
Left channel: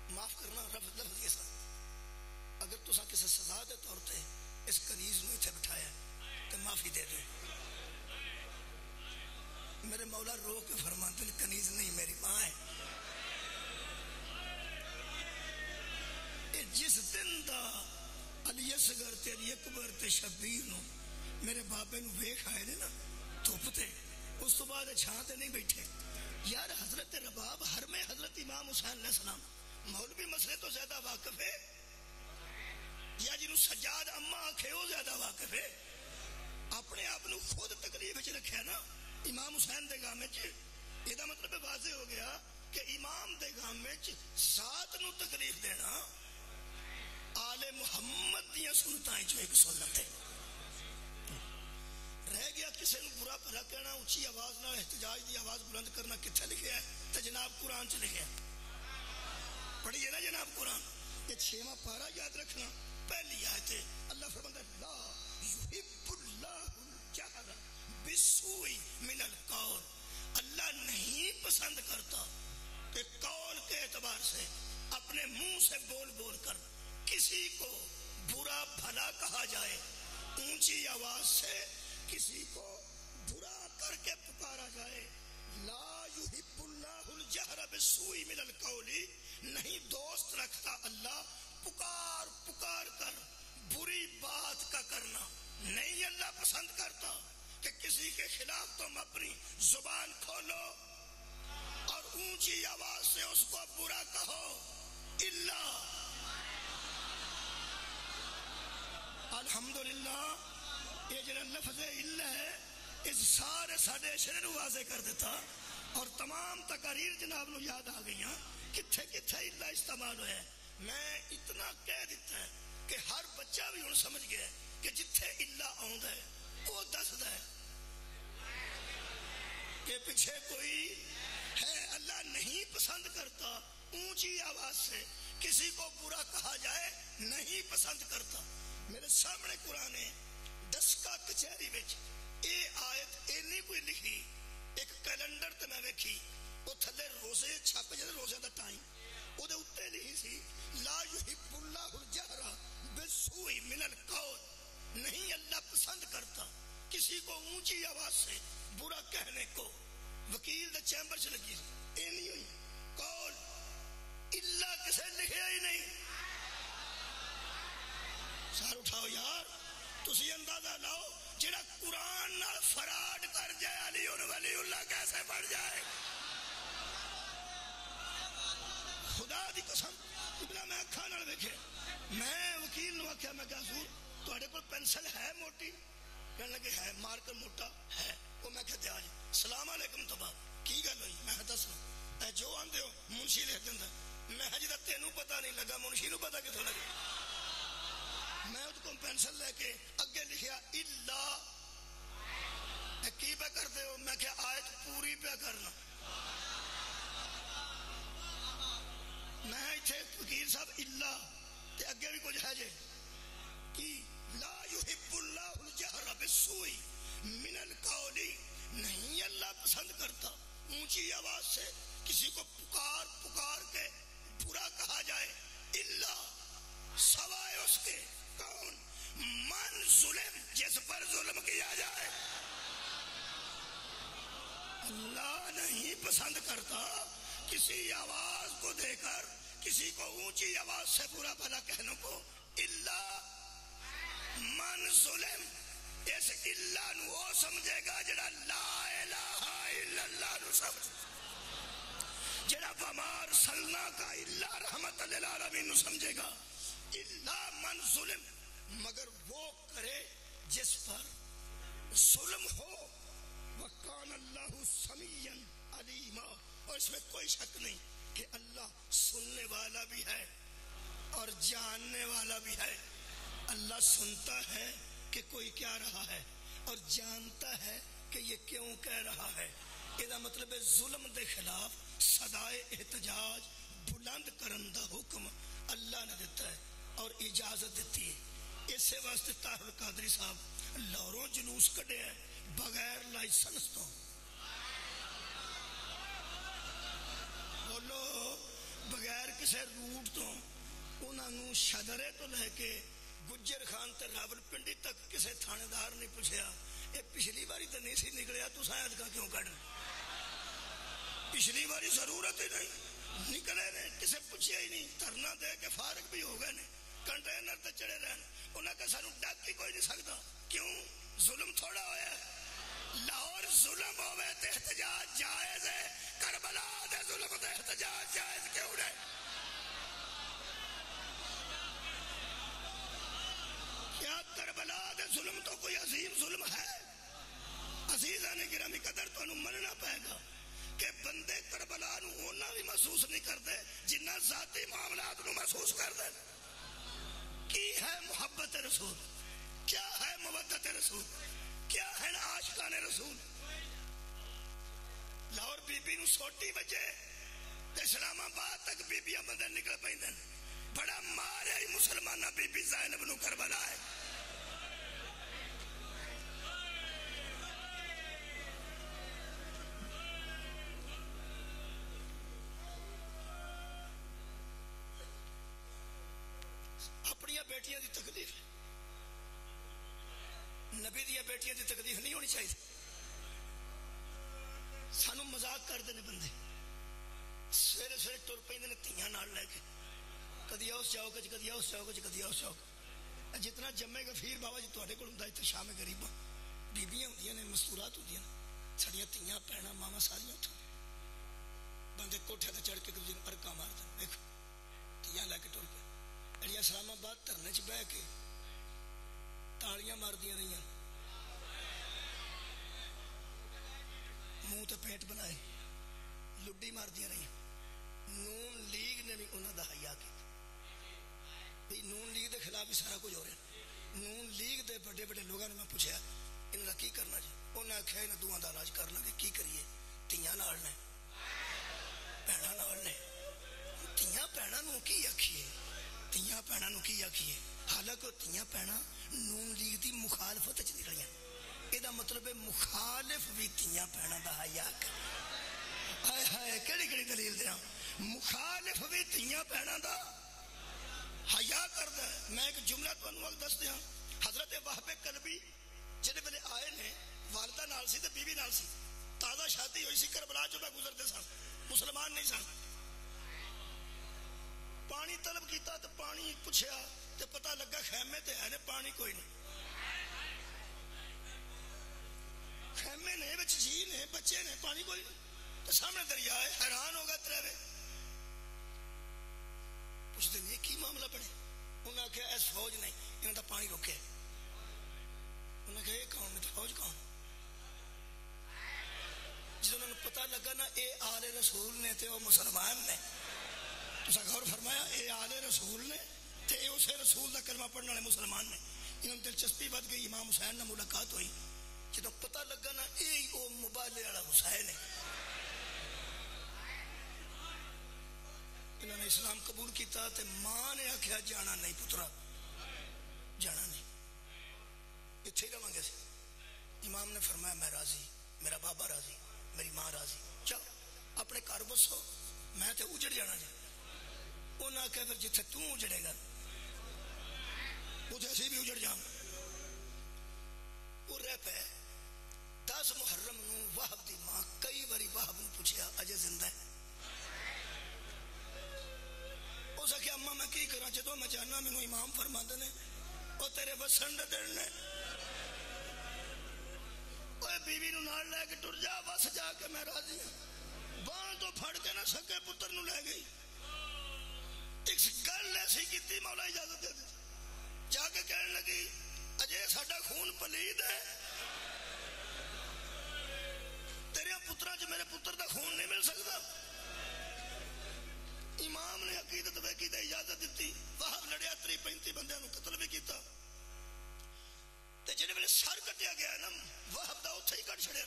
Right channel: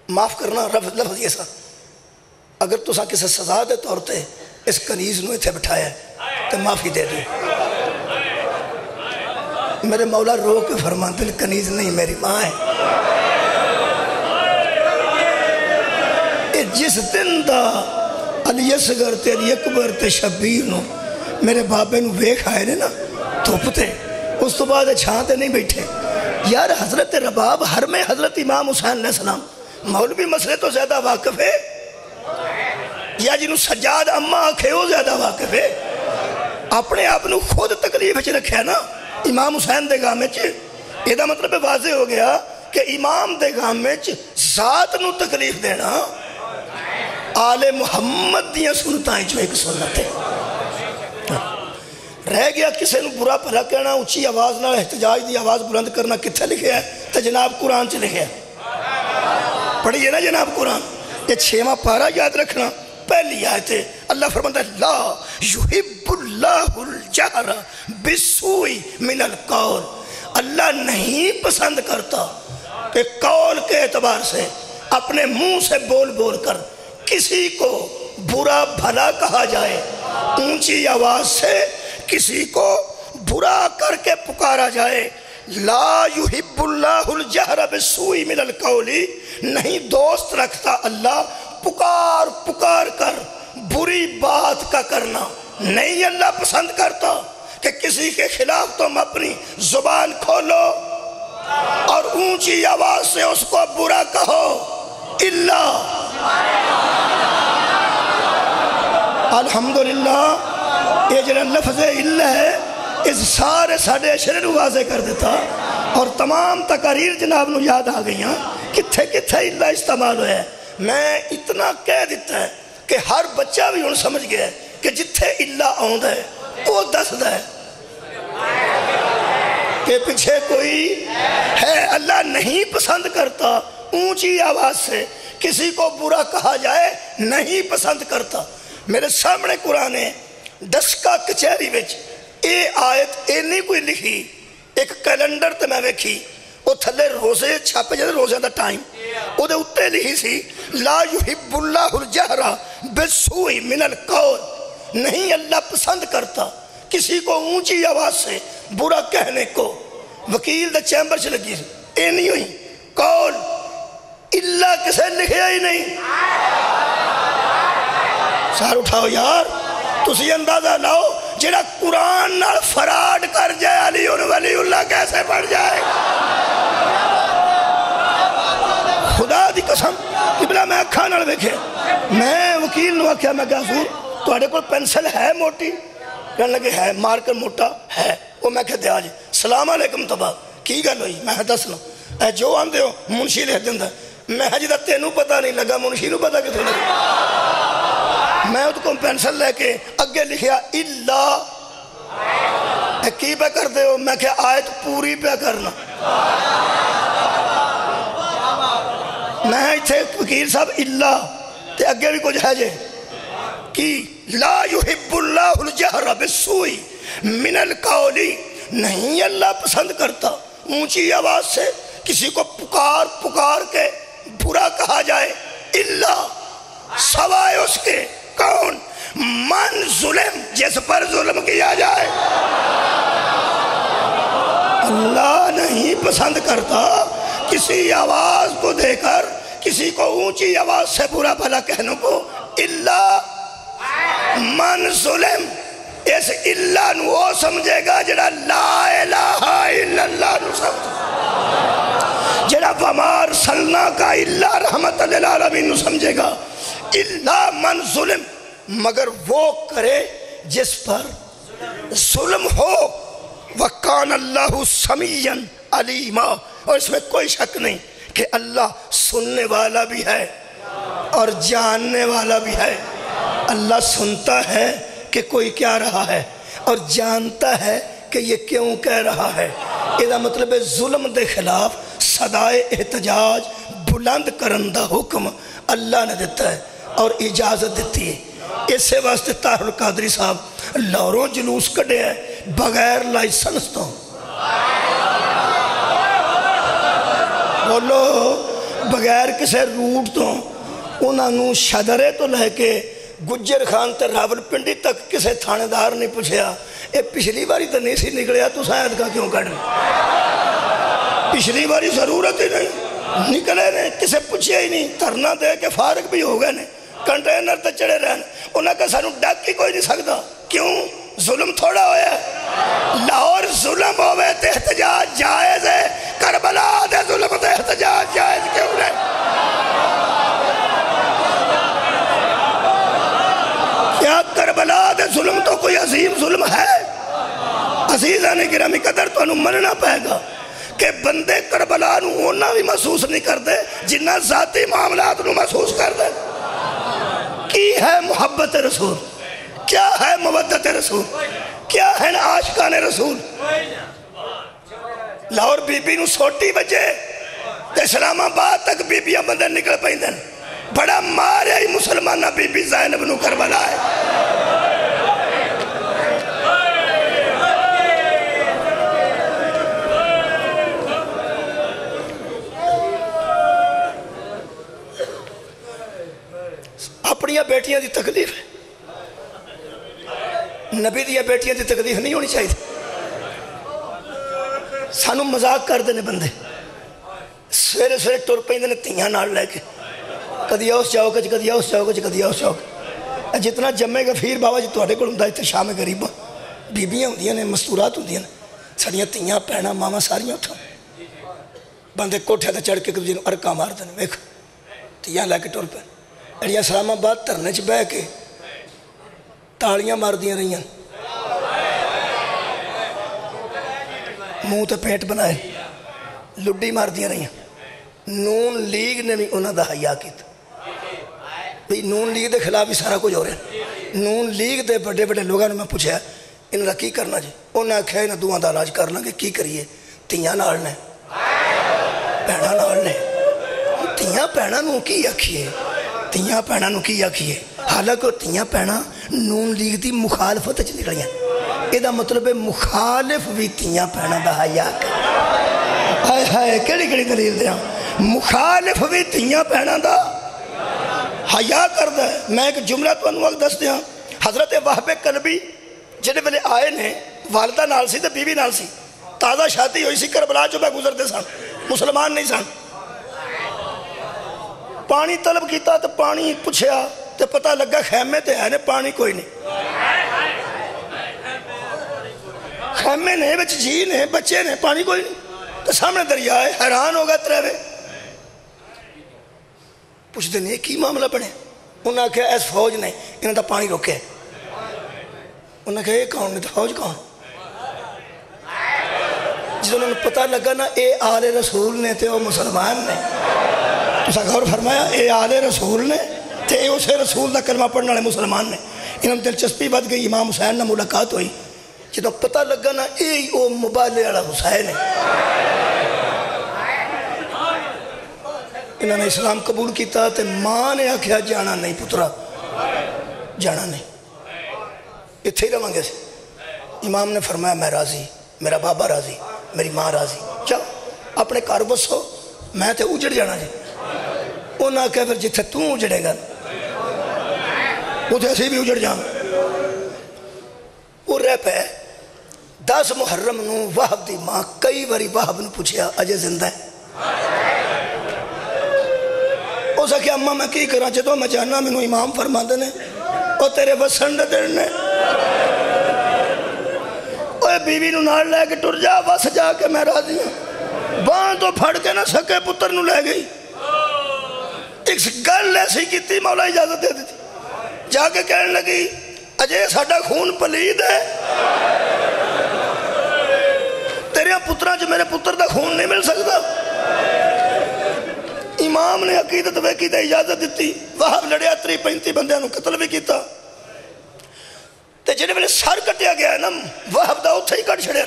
معاف کرنا لفظ یہ سا اگر تو سا کسی سزا دے طور تے اس کنیز نو اتھے بٹھایا ہے تو معافی دے دیں میرے مولا رو کے فرمان دل کنیز نہیں میری ماں ہے جس دن دا علی اصغر تے علی اکبر تے شبیر نو میرے بابے نو ویکھ آئے نے نا تھوپتے اس تو بعد چھانتے نہیں بیٹھے یار حضرت رباب ہر میں حضرت امام حسین علیہ السلام مولوی مسئلے تو زیادہ واقف ہے یا جنہوں سجاد اممہ آنکھے ہو زیادہ واقف ہے اپنے آپنو خود تکلیف اچھ رکھے نا امام حسین دے گام میں یہ دا مطلب واضح ہو گیا کہ امام دے گام میں ذات نو تکلیف دینا آل محمد دیاں سنتائیں جو ایک سنت ہے رہ گیا کسے نو برا پھلا کہنا اونچی آواز نہ احتجاج دی آواز بلند کرنا کتھے لکھے ہے تو جناب قرآن چ لکھے ہے پڑھئے نا جناب قرآن یہ 6واں پارہ یاد رکھنا پہلی آیت ہے اللہ فرماتا ہے لا یحب اللہ الجہر بالسوء من القول اللہ نہیں پسند کرتا کہ قول کے اعتبار سے اپنے منہ سے بول بول کر کسی کو برا بھلا کہا جائے اونچی آواز سے کسی کو برا کر کے پکارا جائے لا یحب اللہ الجہر بالسوء من القول، نہیں دوست رکھتا اللہ پکار پکار کر بری بات کا کرنا، نہیں اللہ پسند کرتا کہ کسی کے خلاف تم اپنی زبان کھولو اور اونچی آواز سے اس کو برا کہو الا۔ الحمدللہ یہ جڑا لفظ الا ہے اس سارے ساڑھے اشرے نو واضح کر دیتا، اور تمام تقاریر جناب نو یاد آ گئیاں کتھے کتھے الا استعمال ہویا ہے۔ میں اتنا کہہ دیتا ہے کہ ہر بچہ بھی ان سمجھ گیا ہے کہ جتھے الا آؤں ہے وہ دس ہے کہ پیچھے کوئی ہے۔ اللہ نہیں پسند کرتا اونچی آواز سے کسی کو برا کہا جائے، نہیں پسند کرتا۔ میرے سامنے قرآن دسکا کچہری وچ اے آیت اینی کوئی لکھی، ایک کیلنڈر تے میں ویکھی، وہ تھلے روزے چھاپے جاتے روزے دا ٹائم، وہ دے اتے لکھی سی لا یحب اللہ الجہر بالسوء من القول، نہیں اللہ پسند کرتا کسی کو اونچی آواز سے برا کہنے کو۔ وکیل دا چیمبر سے لگی سی اے نہیں ہوئی قول اللہ کسے لکھیا ہی نہیں۔ سار اٹھاؤ یار، تسی اندازہ لاؤ جڑا قرآن نال فراڈ کر جائے علی ولی اللہ کیسے پڑھ جائے۔ خدا دی قسم قبلہ میں اکھا نال دیکھے، میں وکیل نو آکھیا میں کہا حضور تواڈے کول پینسل ہے موٹی؟ کہنے لگے ہے، مارکر موٹا ہے۔ وہ میں کہتے آج سلام علیکم تبا کی گل ہوئی؟ میں دسنا اے جو آندے ہو منشی لکھ دیندا، میں جدا تینوں پتہ نہیں لگا منشی نو پتہ کتھوں لگا۔ میں اس کو پینسل لے کے اگے لکھیا الا، کی پہ کر دے ہو؟ میں کہا آیت پوری پہ کرنا۔ میں اتھے وکیل صاحب الا تے اگے بھی کچھ ہے جے کی لا یحب اللہ الجہر بالسوء من القول، نہیں اللہ پسند کرتا اونچی آواز سے کسی کو پکار پکار کے برا کہا جائے الا، سوائے اس کے کون؟ من ظلم، جس پر ظلم کیا جائے۔ اللہ نہیں پسند کرتا کسی آواز کو دے کر کسی کو اونچی آواز سے برا بھلا کہنے کو الا من ظلم۔ اس اللہ نو وہ سمجھے گا جڑا لا الہ الا اللہ نو سمجھے، جڑا وما ارسلنا کا الا رحمت للعالمین نو سمجھے گا۔ الا من ظلم، مگر وہ کرے جس پر ظلم ہو۔ وَقَانَ اللَّهُ سَمِيًّا عَلِيمًا، اور اس میں کوئی شک نہیں کہ اللہ سننے والا بھی ہے اور جاننے والا بھی ہے۔ اللہ سنتا ہے کہ کوئی کیا رہا ہے اور جانتا ہے کہ یہ کیوں کہہ رہا ہے۔ یہ مطلب ہے ظلم دے خلاف صدائے احتجاج بلند کرندہ حکم اللہ نے دیتا ہے اور اجازت دیتی ہے۔ اس سے واسطے طاہر القادری صاحب لاہوروں جلوس کڑے ہیں بغیر لائسنس تو۔ بولو بغیر کسی روٹ تو، انہوں شدرے تو لے کے گجر خان تے راول پنڈی تک کسے تھانے دار نہیں پوچھیا اے پچھلی باری تو نہیں سی نکلیا تو شاید کا کیوں کڑھ پچھلی باری ضرورت ہی نہیں نکلے نے، کسے پوچھیا ہی نہیں، دھرنا دے کے فارغ بھی ہو گئے نے، کنٹینر تے چڑھے رہن، انہاں کا سانو ڈاک ہی کوئی نہیں سکتا۔ کیوں؟ ظلم تھوڑا ہویا ہے۔ لاہور ظلم ہوئے تے احتجاج جائز ہے، کربلا دے ظلم تے احتجاج جائز کیوں نہیں؟ کیا کربلا دے ظلم تو کوئی عظیم ظلم ہے؟ عزیزاں نے گرامی قدر تو انہوں مننا پائے گا کہ بندے کربلا نو ہونا بھی محسوس نہیں کرتے جنہ ذاتی معاملات نو محسوس کر دے۔ کی ہے محبت رسول؟ کیا ہے مودت رسول؟ کیا ہے عاشقان رسول؟ لاہور بی بی نو سوٹی بجے تے اسلام آباد تک بی بیاں بندے نکل پائیں، بڑا ماریا ہی مسلمانہ بی بی زینب نو کربلا ہے۔ اپنیاں بیٹیاں دی تکلیف ہے، نبی دیا بیٹیاں دی تکلیف نہیں ہونی چاہیے۔ سانو مذاق کرتے ہیں بندے سویرے سویرے ٹر پہ تیاں نال لے کے کدی اس چوک کدی اس چوک کدی اس چوک جتنا جمے گا پھر بابا جی تھوڑے کو ہوں اتنے شام غریباں بیبیاں ہوں نے مستورات ہوں ساڑیاں تیاں بھੈਣਾਂ ماواں ساریاں اٹھا بندے کوٹھے تے چڑھ کے ایک دوجے نوں ارکاں مارتے ہیں ویکھ تیاں لے کے ٹر پے اڑیاں اسلام آباد دھرنے چ بہ کے تالیاں ماردیاں رہیاں منہ تے پینٹ بنائے لڈی ماردیاں رہیاں نون لیگ نے بھی انہاں دا حیا کیتا بھئی نون لیگ دے خلاف بھی سارا کچھ ہو رہا ہے نون لیگ دے بڑے بڑے لوگوں نے میں پوچھا انہاں دا کی کرنا جی انہوں نے آکھیا انہاں دوواں دا علاج کرنا کہ کی کریے تیاں نال نے بھੈਣਾਂ نال نے تیاں بھੈਣਾں نوں کی آکھیے تیاں بھੈਣਾں نوں کی آکھیے حالانکہ تیاں بھੈਣاں نون لیگ دی مخالفت چ نکلیاں یہ مطلب ہے مخالف بھی تیاں بھੈਣਾں دا حیا ہائے ہائے کیڑی کیڑی دلیل دیاں مخالف بھی تیاں بھੈਣاں دا حیا کردا ہے میں ایک جملہ تانوں اگ دس دیاں حضرت وہب کلبی جڑے ویلے آئے نے والدہ نال سی تے بیوی نال سی تازہ شادی ہوئی سی کربلا جو میں گزرتے سن مسلمان نہیں سن پانی طلب کیتا تو پانی پوچھیا تو پتہ لگا خیمے تے ہے نے پانی کوئی نہیں خیمے نے بچ جی نے بچے نے پانی کوئی نہیں تو سامنے دریا ہے حیران ہوگا ترے پوچھ دیں یہ کی معاملہ بنے انہوں نے کہا ایس فوج نہیں انہوں نے پانی روکے انہوں نے کہا یہ کون نہیں تو فوج کون جس انہوں نے پتہ لگا نا اے آل رسول نے تے وہ مسلمان نے تو سا غور فرمایا اے آل رسول نے تے اے اسے رسول دا کلمہ پڑھنے والے مسلمان نے انہوں نے دلچسپی بات گئی امام حسین نے ملاقات ہوئی جدو پتہ لگا نا اے او مبالے والا حسین ہے انہوں نے اسلام قبول کیتا تے ماں نے آکھیا جانا نہیں پترا جانا نہیں اتھے ہی رہاں گے سے امام نے فرمایا میں راضی میرا بابا راضی میری ماں راضی چل اپنے گھر بسو میں تے اجڑ جانا جی انہاں کہا پھر جتھے توں اجڑے گا اتھے اسی بھی اجڑ جانا وہ رہ پہ 10 محرم نو وہب دی ماں کئی باری وہب نو پوچھیا اجے زندہ ہے اسا کہ اماں میں کی کرا جدو میں جانا میں نو امام فرما دینے او تیرے وسن دینے اوے بیوی نو نال لے کے ٹر جا وس جا کے میں راضی ہوں بان تو پھڑ کے نہ سکے پتر نو لے گئی ایک گل ایسی کیتی مولا اجازت دے دیتی جا کے کہنے لگی اجے ساڈا خون پلید ہے تیرے پتران جو میرے پتر دا خون نہیں مل سکتا امام نے عقیدت ویکی تے اجازت دیتی وہب لڑیا 35 بندیاں نو قتل بھی کیتا تے جنہیں میں سر کٹیا گیا ہے نا وہب دا اتھے ہی کٹ چھڑیا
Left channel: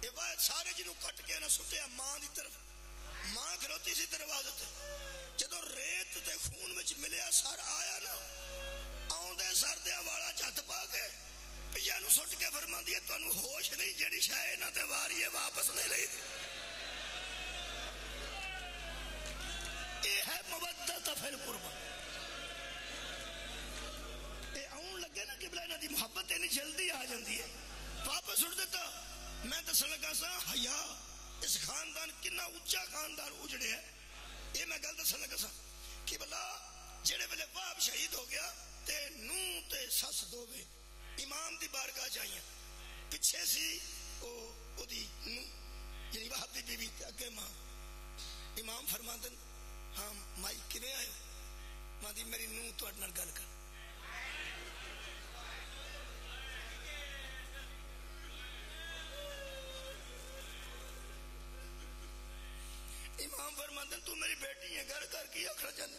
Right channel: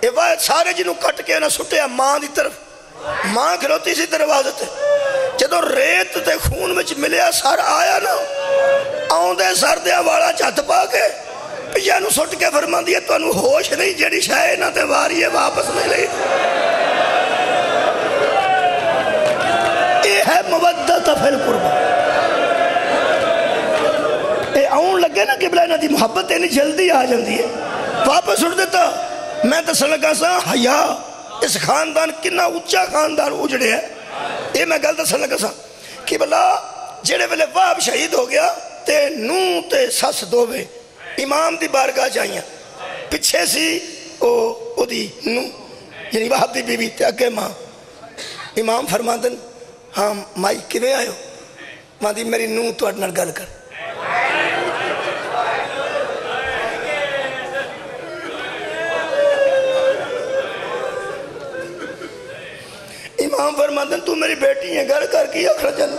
اے واحد سارے جنہوں کٹ کے نا سٹیا ماں دی طرف ماں کھلوتی سی دروازے تے جدو ریت تے خون وچ ملیا سر آیا نا آؤں دے سر دیا والا چہت پا کے پیا نو سٹ کے فرما دیا تو انہوں ہوش نہیں جڑی شاہ نہ تے واری ہے واپس نہیں لئی یہ ہے مودت فی القربہ اے آؤں لگے نا قبلہ انہاں دی محبت اینی جلدی آ جاندی ہے واپس اٹھ دیتا میں دسن لگا سا حیا اس خاندان کنا اچھا خاندان اجڑے ہے یہ میں گل دسن لگا سا قبلہ جڑے ویلے وہب شہید ہو گیا تے نو تے سس دووے امام دی بارگاہ جائیاں پچھے سی او دی نو یعنی وہب دی بی بی تے اگے ماں امام فرما دن ہاں مائی کیویں آئے ہو ماں دی میری نو تو اڈنر گل کر امام فرما دن تو میری بیٹی ہے گل کر کی اخرجن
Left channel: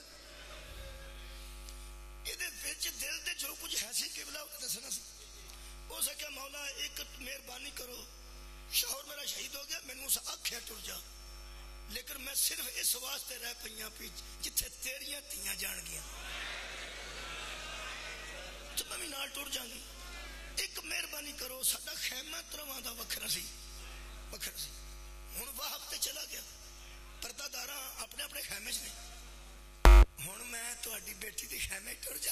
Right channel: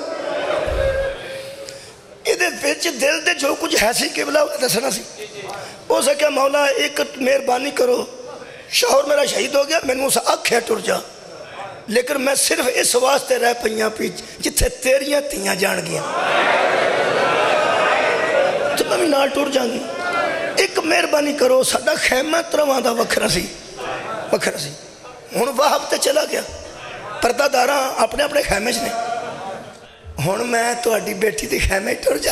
یہ دل دے جو کچھ ہے سی قبلہ دسنا سی ہو سکیا مولا ایک مہربانی کرو شوہر میرا شہید ہو گیا میں نے اسے آنکھیں ٹر جا لیکن میں صرف اس واسطے رہ پئیاں پیچ جتھے تیریاں تیاں جان گیا تو میں بھی نال ٹر جاؤں گی ایک مہربانی کرو ساڈا خیمہ ترواں دا وکھرا سی ہن وہب تے چلا گیا پردہ داراں اپنے اپنے خیمے چ نے ہن میں تہاڈی بیٹی دی خیمے ٹر جا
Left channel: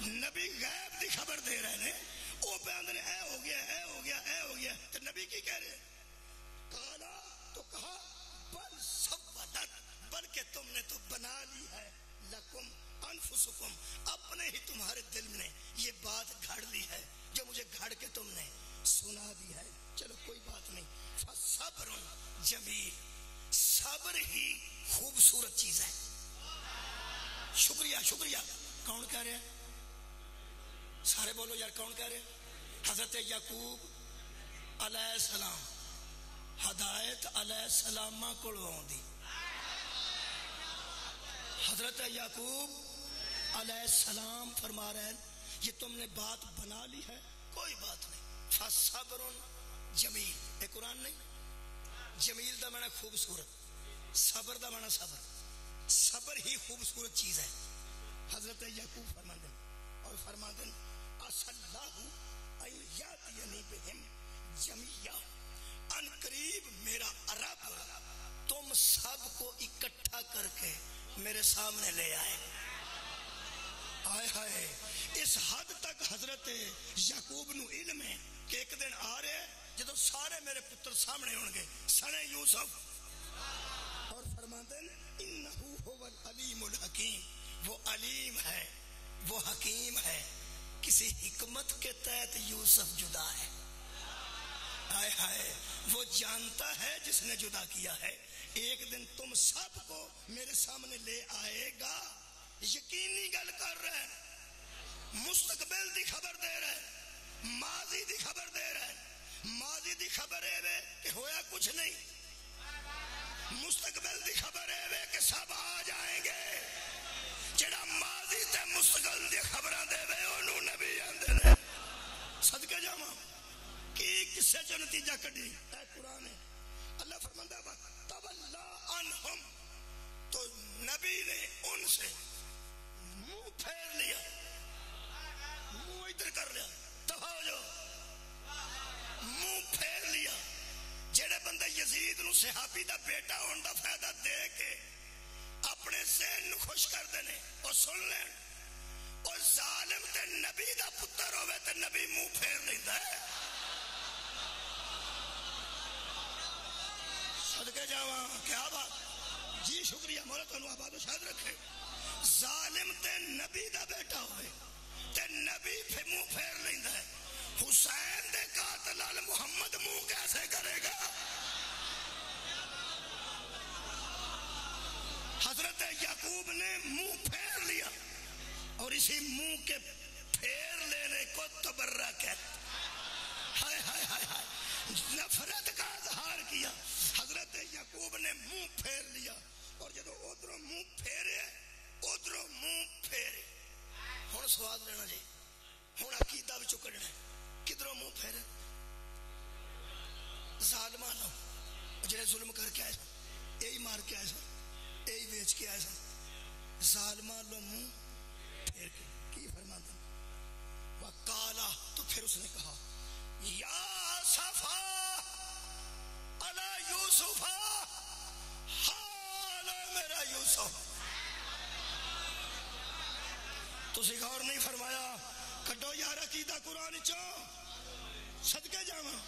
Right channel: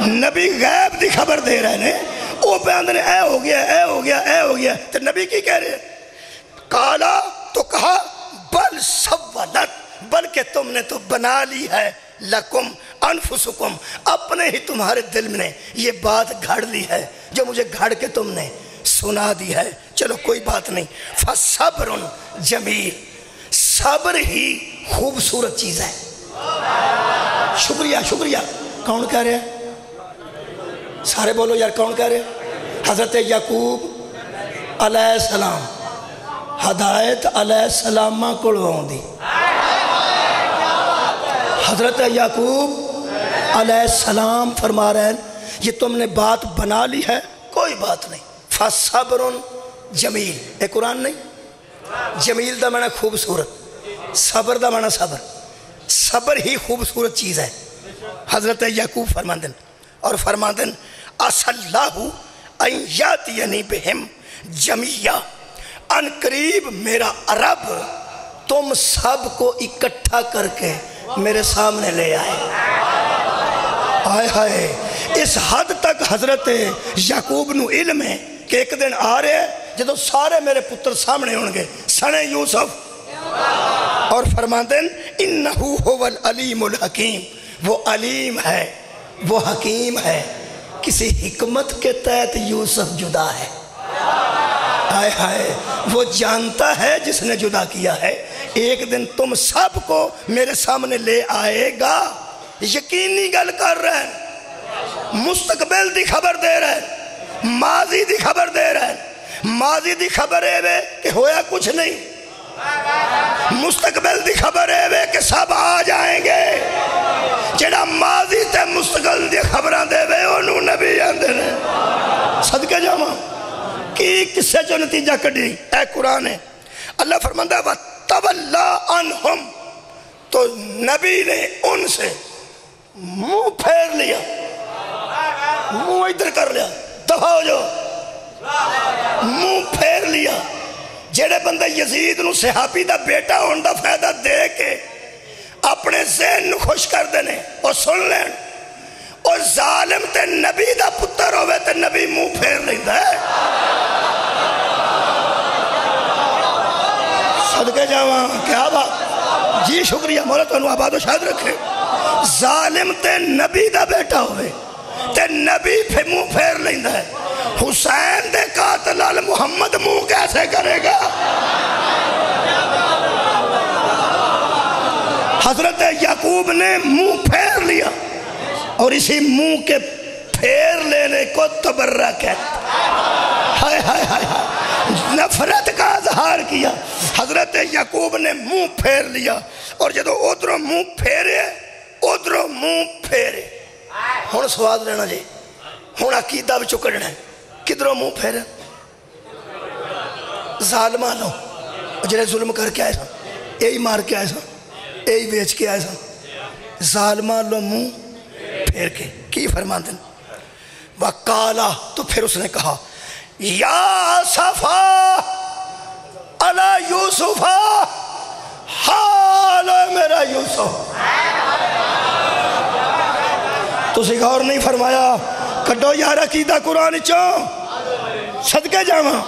نبی غیب دی خبر دے رہے ہیں، وہ پہ آندھنے اے ہو گیا اے ہو گیا اے ہو گیا، تو نبی کی کہہ رہے کالا تو کہا بل سولت، بلکہ تم نے تو بنا لی ہے لکم انفسکم، اپنے ہی تمہارے دل میں یہ بات گھڑ لی ہے جو مجھے گھڑ کے تم نے سنا دی ہے، چلو کوئی بات نہیں، فصبر جمیل، صبر ہی خوبصورت چیز ہے۔ شکریہ شکریہ، کون کہہ رہے ہیں؟ سارے بولو یار، کون کہہ رہے ہیں؟ حضرت یعقوب علیہ السلام، ہدایت علیہ السلام کلواؤں دی۔ حضرت یعقوب علیہ السلام فرما رہے ہیں یہ تم نے بات بنا لی ہے، کوئی بات نہیں، فصبر جمیل، اے قرآن نہیں؟ جمیل دا معنی خوبصورت، صبر دا معنی صبر، صبر ہی خوبصورت چیز ہے۔ حضرت یعقوب فرماندن اور فرماندن اَسَ اللَّهُ اَن یَأْتِیَنِی بِہِم جَمِیعًا، ان قریب میرا رب تم سب کو اکٹھا کر کے میرے سامنے لے آئے۔ آئے ہائے، اس حد تک حضرت یعقوب نو علم ہے کہ ایک دن آ رہے ہیں جدو سارے میرے پتر سامنے ہونگے سنے یوسف، اور فرماندن انہو هو العلیم الحکیم، وہ علیم ہے وہ حکیم ہے، کسی حکمت کے تحت یوسف جدا ہے۔ آئے ہائے، وہ جانتا ہے جس نے جدا کیا ہے، ایک دن تم سب کو میرے سامنے لے آئے گا، یقینی گل کر رہے ہیں، مستقبل دی خبر دے رہے ہیں، ماضی دی خبر دے رہے ہیں۔ ماضی دی خبر ہے کہ ہویا کچھ نہیں، مستقبل دی خبر ہے کہ سب آ جائیں گے۔ جڑا ماضی تے مستقبل دی خبران دے وے انہوں نبی آندے نے۔ صدقے جاواں کی کسے جو نتیجہ کڑی، اے قرآن ہے، اللہ فرماندہ وَتَوَلَّا عَنْهُمْ، تو نبی نے ان سے منہ پھیر لیا، منہ ادھر کر لیا، دفع ہو جو، منہ پھیر لیا۔ جڑے بندہ یزید نو صحابی دا بیٹا ہون دا فائدہ دے کے اپنے ذہن نو خوش کر دینے اور سن لین، اور ظالم تے نبی دا پتر ہوئے تے نبی منہ پھیر لیندہ ہے۔ صدقے جاواں، کیا بات، جی شکریہ، مولا تو انہوں آباد و شاہد رکھے۔ ظالم تے نبی دا بیٹا ہوئے تے نبی پھر منہ پھیر لیندہ ہے، حسین دے قاتل آل محمد منہ کیسے کرے گا؟ حضرت یعقوب نے منہ پھیر لیا، اور اسی منہ کے پھیر لینے کو تبرہ کہتا، ہائے ہائے ہائے ہائے، نفرت کا اظہار کیا۔ حضرت یعقوب نے منہ پھیر لیا، اور جدو ادھروں منہ پھیرے ادھروں منہ پھیرے۔ ہون سواد لینا جی، ہون عقیدہ بھی چکڑنا ہے، کدھروں منہ پھیرے؟ ظالمہ لو جنہیں ظلم کر کے آئے سا، یہی مار کے آئے سا، یہی بیچ کے آئے سا، ظالمہ لو منہ پھیر کے کی فرمان دن؟ وَقَالَ، تو پھر اس نے کہا یا صفا علی یوسفا، حال میرا یوسف۔ تو غور نہیں فرمایا، کڈو یار عقیدہ قرآن چوں، صدقے جاواں،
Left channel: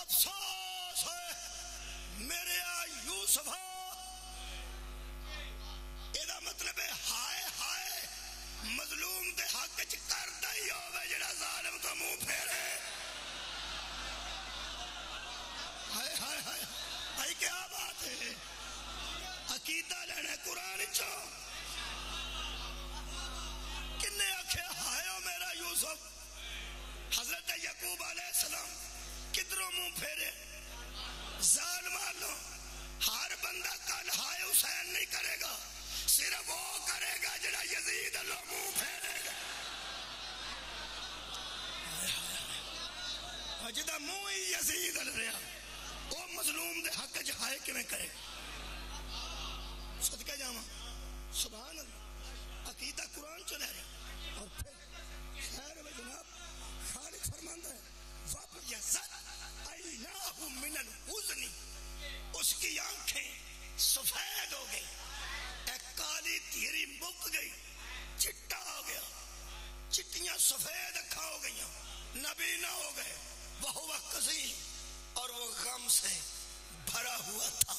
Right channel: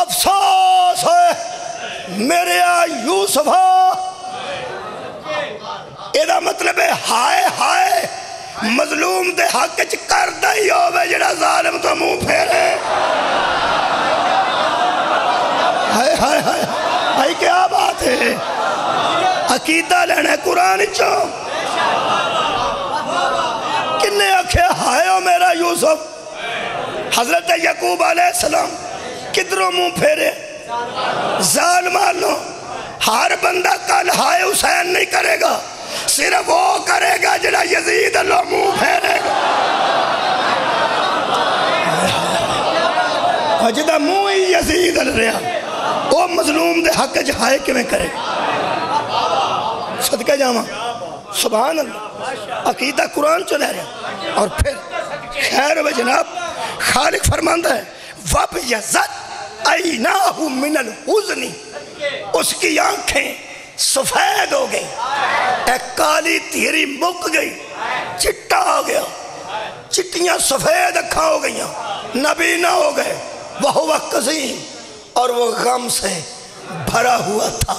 افسوس ہے میرے یوسفا، ایدہ مطلب ہے ہائے ہائے مظلوم دے حق چ کردہ ہی ہوئے جڑا ظالم تو منہ پھیرے۔ ہائے ہائے ہائے بھائی کیا بات ہے، عقیدہ لینا ہے قرآن چوں۔ کنے آکھے ہائے ہو میرا یوسف؟ حضرت یعقوب علیہ السلام کدھروں منہ پھیرے؟ ظالمہ لو، ہر بندہ کل ہائے حسین نہیں کرے گا، صرف وہ کرے گا جڑا یزید اللہ منہ پھیرے گا۔ جدہ منہ ہی یزید اللہ رہا، وہ مظلوم دے حق جہائے کیوں کرے گا؟ صدقہ جاواں، سبحان اللہ، عقیدہ قرآن چلے رہا۔ اور پھر خیر و جناب خالق فرماندہ ہے وَبْيَزَتْ عَيْنَاهُ مِنَ الْحُزْنِ، اس کی آنکھیں سفید ہو گئی، ایک کالی تیری مک گئی، چٹا ہو گیا، چٹیاں سفید اکھاں ہو گئیاں، نبینا ہو گئے، وہ قزیم، اور وہ غم سے بھرا ہوا تھا،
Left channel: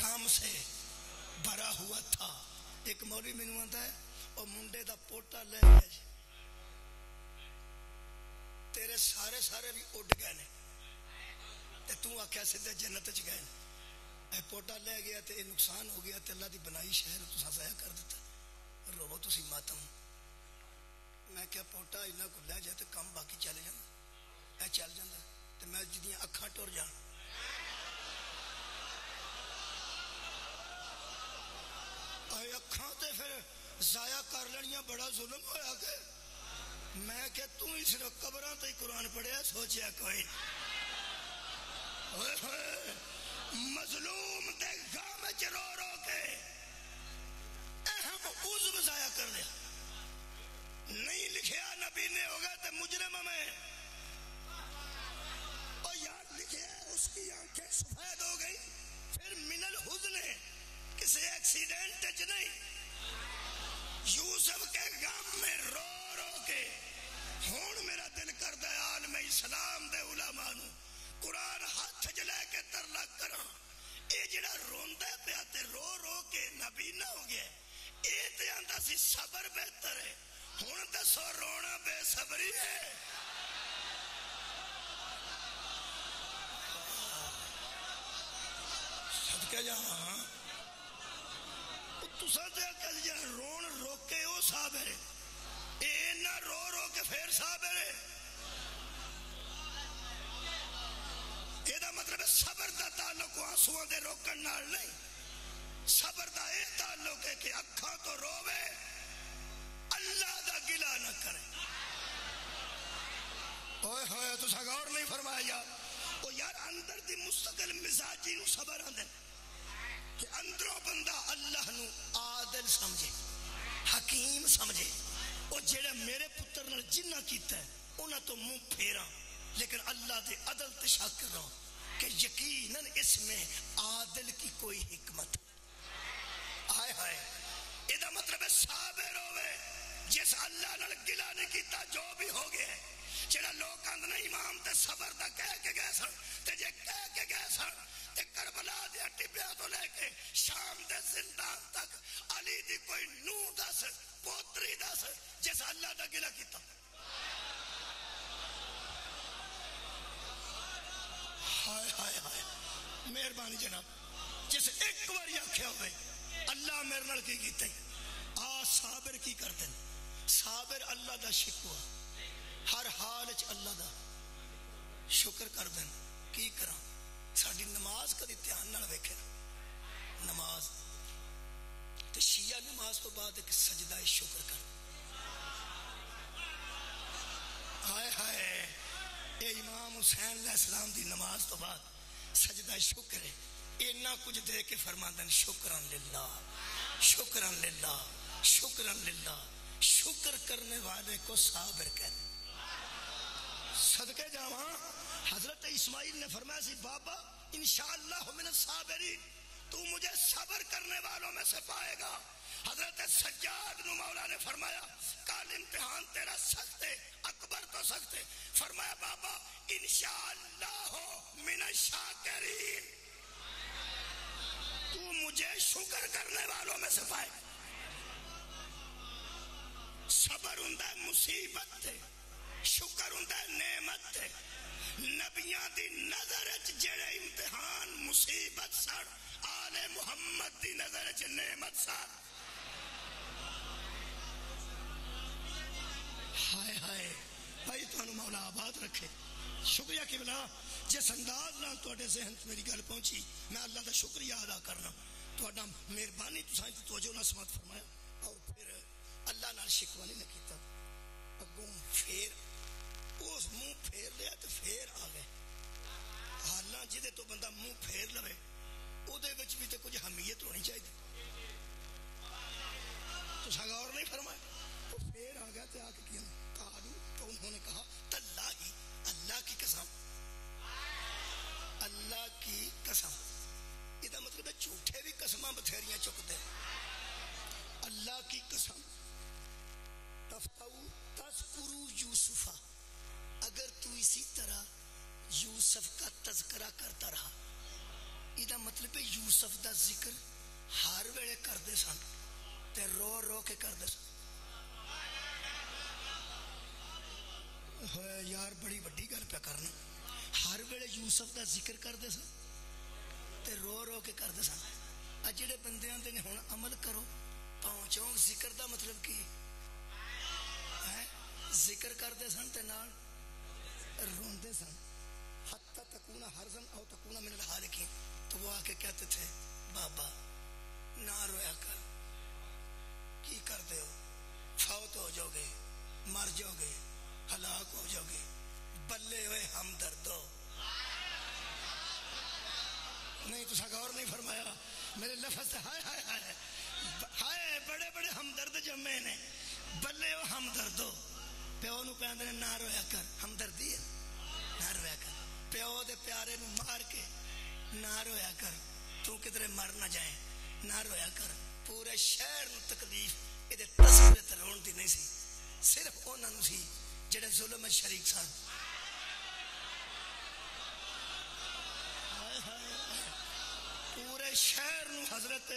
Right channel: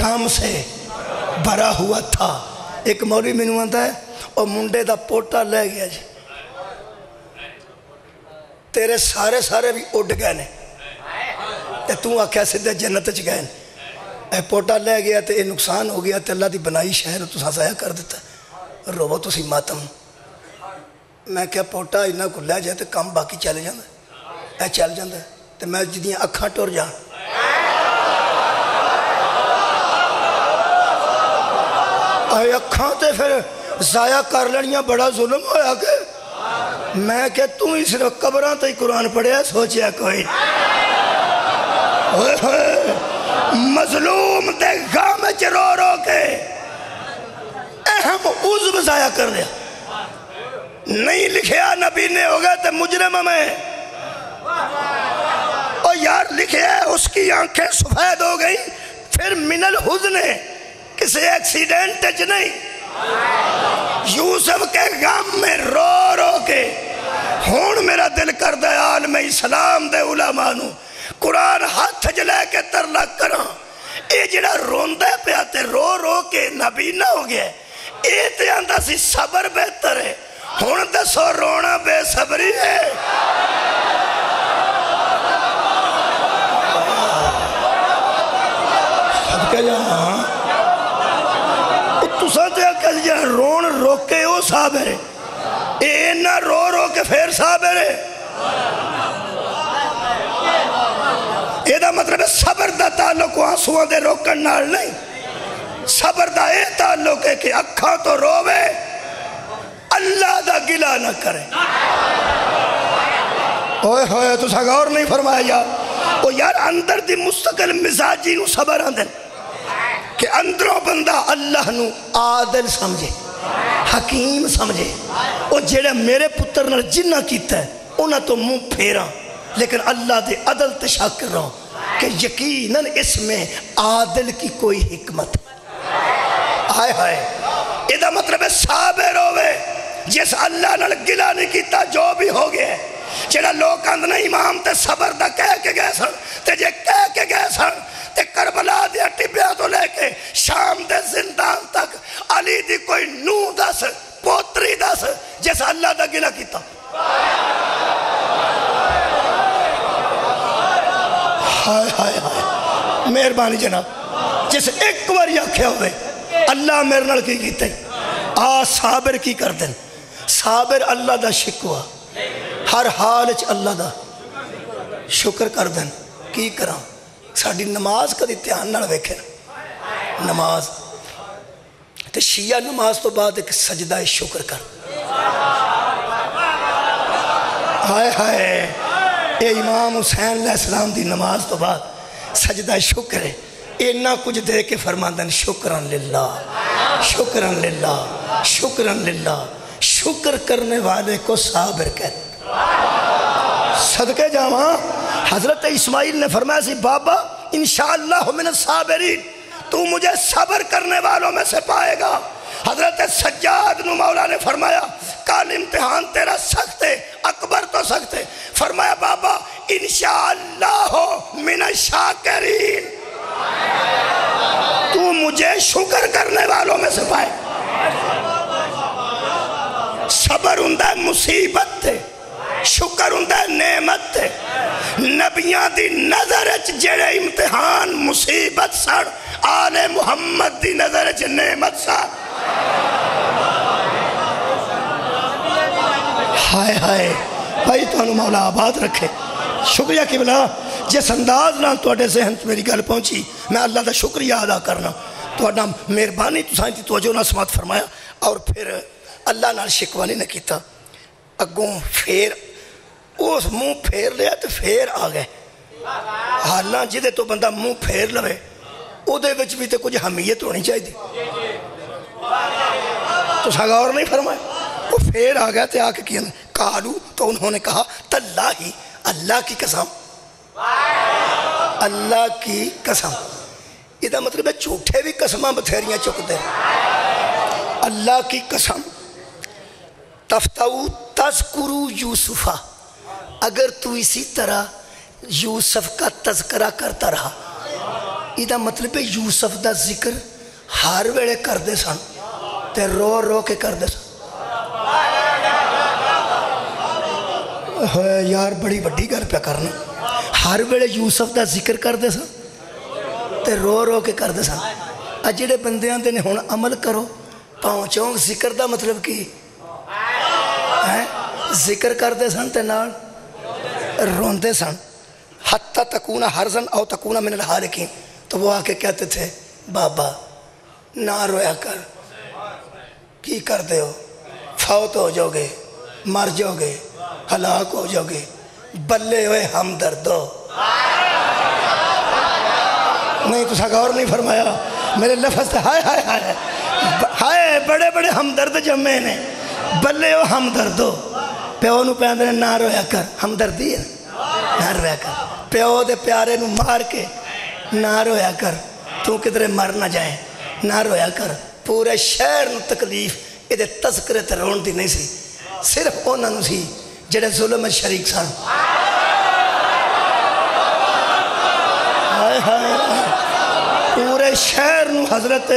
غم سے بھرا ہوا تھا۔ ایک مولوی مینوں آندا ہے اور منڈے دا پوٹا لے گیا جی، تیرے سارے بھی اڈ گئے نے تے تو آکھیا سیدھے جنت چ گئے، اے پوٹا لے گیا تے اے نقصان ہو گیا تے اللہ دی بنائی شہر تساں ضائع کر دیتا، روو تسی ماتم۔ میں کیا پوٹا انہاں کو لے جائے تے کم باقی چل جاندا، اے چل جاندا تے میں جدیاں اکھاں ٹر جان۔ اے اکھاں تے پھر ضائع کر لڑیاں بڑا ظلم ہویا کہ میں کہ تو ہی صرف قبراں تے قرآن پڑھیا سوچیا کوئی مظلوم دے غم وچ رو رو کے اہم عضو ضائع کر دیا، نہیں لکھیا نبی نے ہو گئے تے مجرم میں، اور یار لکھیا ہے اس کی آنکھیں سفید ہو گئی پھر من الحزن، کسی ایکسیڈنٹ چ نہیں، یوسف کے غم میں رو رو کے۔ ہون میرا دل کردہ عالم اسلام دے علماء نو قرآن ہاتھ جلے کے ترلا کراں، اے جڑا روندے پہ آتے رو رو کے نبینا ہو گیا، اے تے آندہ سی صبر بہتر ہے، ہون دسو رونا بے صبری ہے۔ صدقہ جہاں تساں تے اکل جہاں رون روکے او صابر ہے، اے نہ رو رو کے پھر صابر ہے۔ اے دا مطلب ہے صبر دا تعلق آنسوان دے روکن نال نہیں، صبر دا اے تعلق ہے کہ اکھاں تو روے اللہ دا گلہ نہ کرے۔ اوہ ہوئے تو ساگا اور نہیں فرمایا او یار اندر دی مستقل مزاجی نو صبر آندن کہ اندروں بندہ اللہ نو عادل سمجھے، حکیم سمجھے، او جڑے میرے پتر نال جنہ کیتا ہے انہاں تو منہ پھیراں، لیکن اللہ دے عدل تے شک کر رہا ہوں کہ یقیناً اس میں عادل کی کوئی حکمت ہائے ہائے۔ یہ مطلب ہے صابر ہوئے جس اللہ نال گلہ نہیں کیتا جو بھی ہو گیا، جڑا لوگ اندنا امام تے صبر دا کہہ کے گئے سن تے جے کہہ کے گئے سن تے کربلا دیا ٹبیا تو لے کے شام دے زندان تک علی دی کوئی نو دس پوتری دس جس اللہ دا گلہ کیتا۔ ہائے ہائے ہائے مہربانی جناب، جس ایک بار آکھیا ہوئے اللہ میرے نال کی کیتے آ صابر کی کر دیں، صابر اللہ دا شکوا ہر حال اچ اللہ دا شکر کر دیں۔ کی کراں ساڑی نماز کدی دھیان نال ویکھے نماز تے شیعہ نماز تو بعد ایک سجدہ شکر کر، ہائے ہائے اے امام حسین علیہ السلام دی نماز تو بعد سجدہ شکر ہے، اینا کچھ دے کے فرماندن شکرن للہ شکرن للہ شکرن للہ، شکر کرنے والے کو صابر کہتے۔ صدقے جاواں حضرت اسماعیل نے فرمایا سی بابا انشاءاللہ من الصابرین، تو مجھے صبر کرنے والوں میں سے پائے گا۔ حضرت سجاد نو مولا نے فرمایا کل امتحان تیرا سخت ہے، اکبر تو سخت ہے، فرمایا بابا انشاءاللہ من الشاکرین، تو مجھے شکر کرنے والوں میں سے پائے۔ صبر ہندہ مصیبت تے، شکر ہندہ نعمت تے، نبیان دی نظر اچ جڑے امتحان مصیبت سڑ آل محمد دی نظر اچ نعمت سڑ۔ ہائے ہائے بھائی تو مولا آباد رکھے۔ شکریہ قبلہ جس انداز نہ تو اڈے ذہن میری گل پہنچی، میں اللہ دا شکریہ ادا کرنا، تو اڈا مہربانی تو سائنتی توجہ نہ سمات فرمایا، اور پھر اللہ نال شکوانی نہ کیتا، اگوں پھر اس منہ پھیر لیا تو پھر آ گئے۔ حالاں جدے تو بندہ منہ پھیر لوے او دے وچ بھی تے کچھ حمیت ہونی چاہیے دی، تو ساگا اور نہیں فرمایا، وہ پھر آ گیا تے آ کے کیا کالو، تو انہوں نے کہا تاللہ اللہ کی قسم، اللہ کی قسم، یہ دا مطلب ہے جھوٹے بھی قسماں بتھیریاں چک دے، اللہ کی قسم تفتاؤ تذکرو یوسفا، اگر تو اسی طرح یوسف کا تذکرہ کرتا رہا، یہ مطلب ہے یوسف دا ذکر ہر ویلے کردے سن تے رو رو کے کردے سن. یار بڑی بڑی گل پہ کرنا، ہر ویلے یوسف دا ذکر کردے سن تے رو رو کے کردے سن. جڑے بندے آندے نے ہن عمل کرو پاؤں چونک، ذکر دا مطلب کی ذکر کردے سن تے نال روندے سن. حتی تکون حرزن او تکون من الحالکین، تو وہ آ کے کہتے تھے بابا نہ رویا کر، کی کر دے ہو، فوت ہو جاؤ گے، مر جاؤ گے، ہلاک ہو جاؤ گے، بلے ہوئے ہمدردو. نہیں تو غور نہیں فرمایا میرے لفظ تھے، ہائے ہائے ہائے ہائے بڑے بڑے ہمدرد جمعے نے، بلے ہو ہمدردو. پیو نو پیاندے نے نہ رویا کر، ہمدردی ہے نہ رویا کر. پیو دے پیارے نو مار کے نہ رویا کر، تو کدھرے مر نہ جائے، نہ رویا کر. پورے شہر نو تکلیف یہ تذکرے تے رون دی نہیں سی، صرف انہاں نو سی جڑے ظلم میں شریک سن. پورے شہر نو حضرت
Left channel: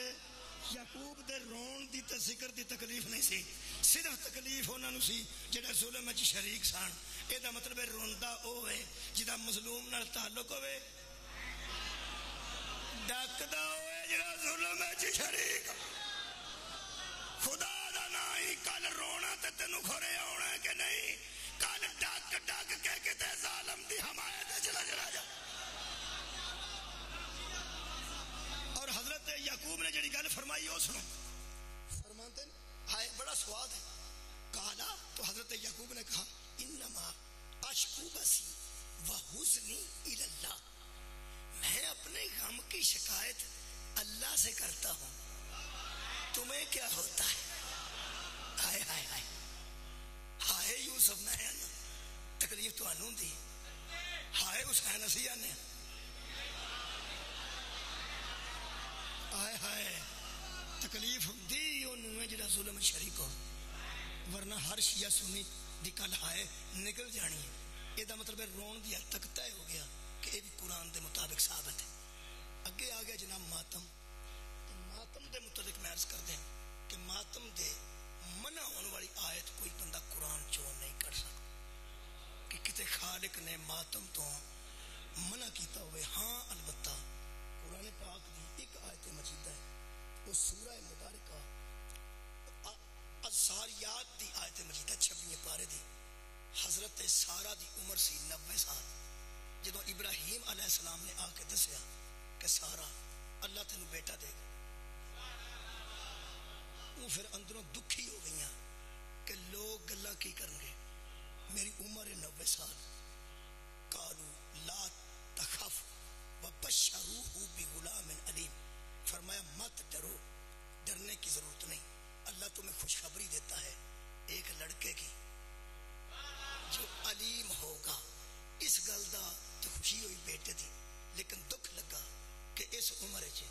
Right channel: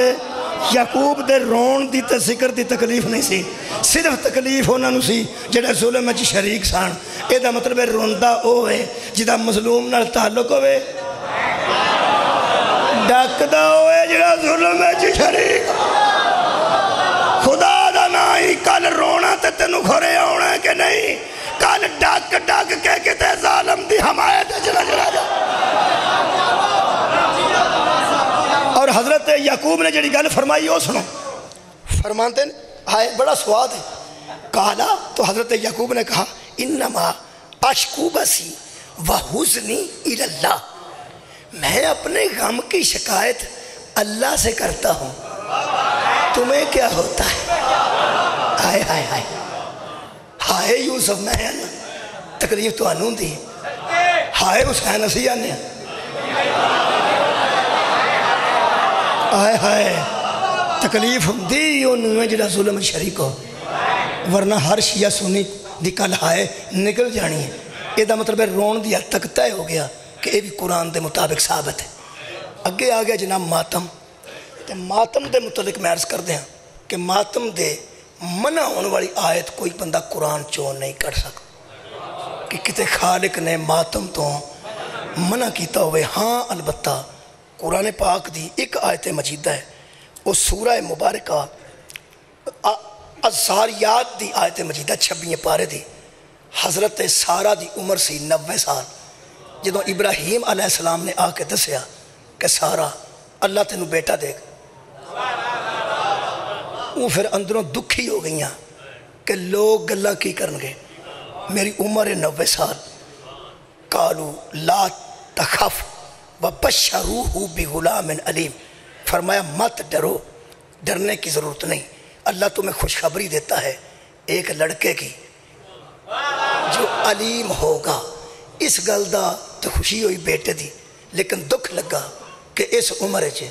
یعقوب دے رون دی تے ذکر دی تکلیف نہیں سی، صرف تکلیف انہاں نو سی جڑے ظلم میں شریک سن. یہ دا مطلب ہے روندا ہوئے جدا مظلوم نال تعلق ہوئے، ڈاکدا ہوئے جڑا ظلم میں شریک. خدا دا نائی کل رونا تے تینوں گھرے آنا ہے کہ نہیں، کل ڈاک ڈاک کہہ کے تے ظالم دی حمایت چلا چلا جا. اور حضرت یعقوب نے جڑی گل فرمائی وہ سنو، فرماتے ہیں ہائے بڑا سواد ہے. کہا تو حضرت یعقوب نے کہا انما اشکو بسی وحزنی الی اللہ، میں اپنے غم کی شکایت اللہ سے کرتا ہوں، تمہیں کیا ہوتا ہے. ہائے ہائے ہائے ہائے یوسف میں تکلیف تو انہوں دی، ہائے حسین اسی آنے، ہائے ہائے تکلیف دی انہوں جڑا ظلم شریک ہو، ورنہ ہر شیعہ سنی دی کل ہائے نکل جانی ہے. یہ دا مطلب ہے رون دی حد تک طے ہو گیا کہ یہ بھی قرآن دے مطابق ثابت ہے. اگے آ گیا جناب ماتم، تے ماتم دے متعلق میں عرض کر دیا کہ ماتم دے منع ہونے والی آیت کوئی بندہ قرآن چون نہیں کر سکتا کہ کتے خالق نے ماتم تو منع کیتا ہوئے. ہاں البتہ قرآن پاک دی ایک آیت مجیدہ ہے، وہ سورہ مبارکہ الزاریات دی آیت مجیدہ 26 پارے دی. حضرت سارہ دی عمر سی 90 سال. جدوں ابراہیم علیہ السلام نے آ کے دسیا کہ سارہ اللہ تینوں بیٹا دے گا، وہ پھر اندروں دکھی ہو گئیاں کہ لوگ گلہ کی کرنگے، میری عمر 90 سال. قالوا لا تخف وبشروہ بغلام علیم، فرمایا مت ڈرو، ڈرنے کی ضرورت نہیں، اللہ تمہیں خوشخبری دیتا ہے ایک لڑکے کی جو علیم ہوگا. اس گل دا تو خوشی ہوئی بیٹے دی، لیکن دکھ لگا کہ اس عمر چ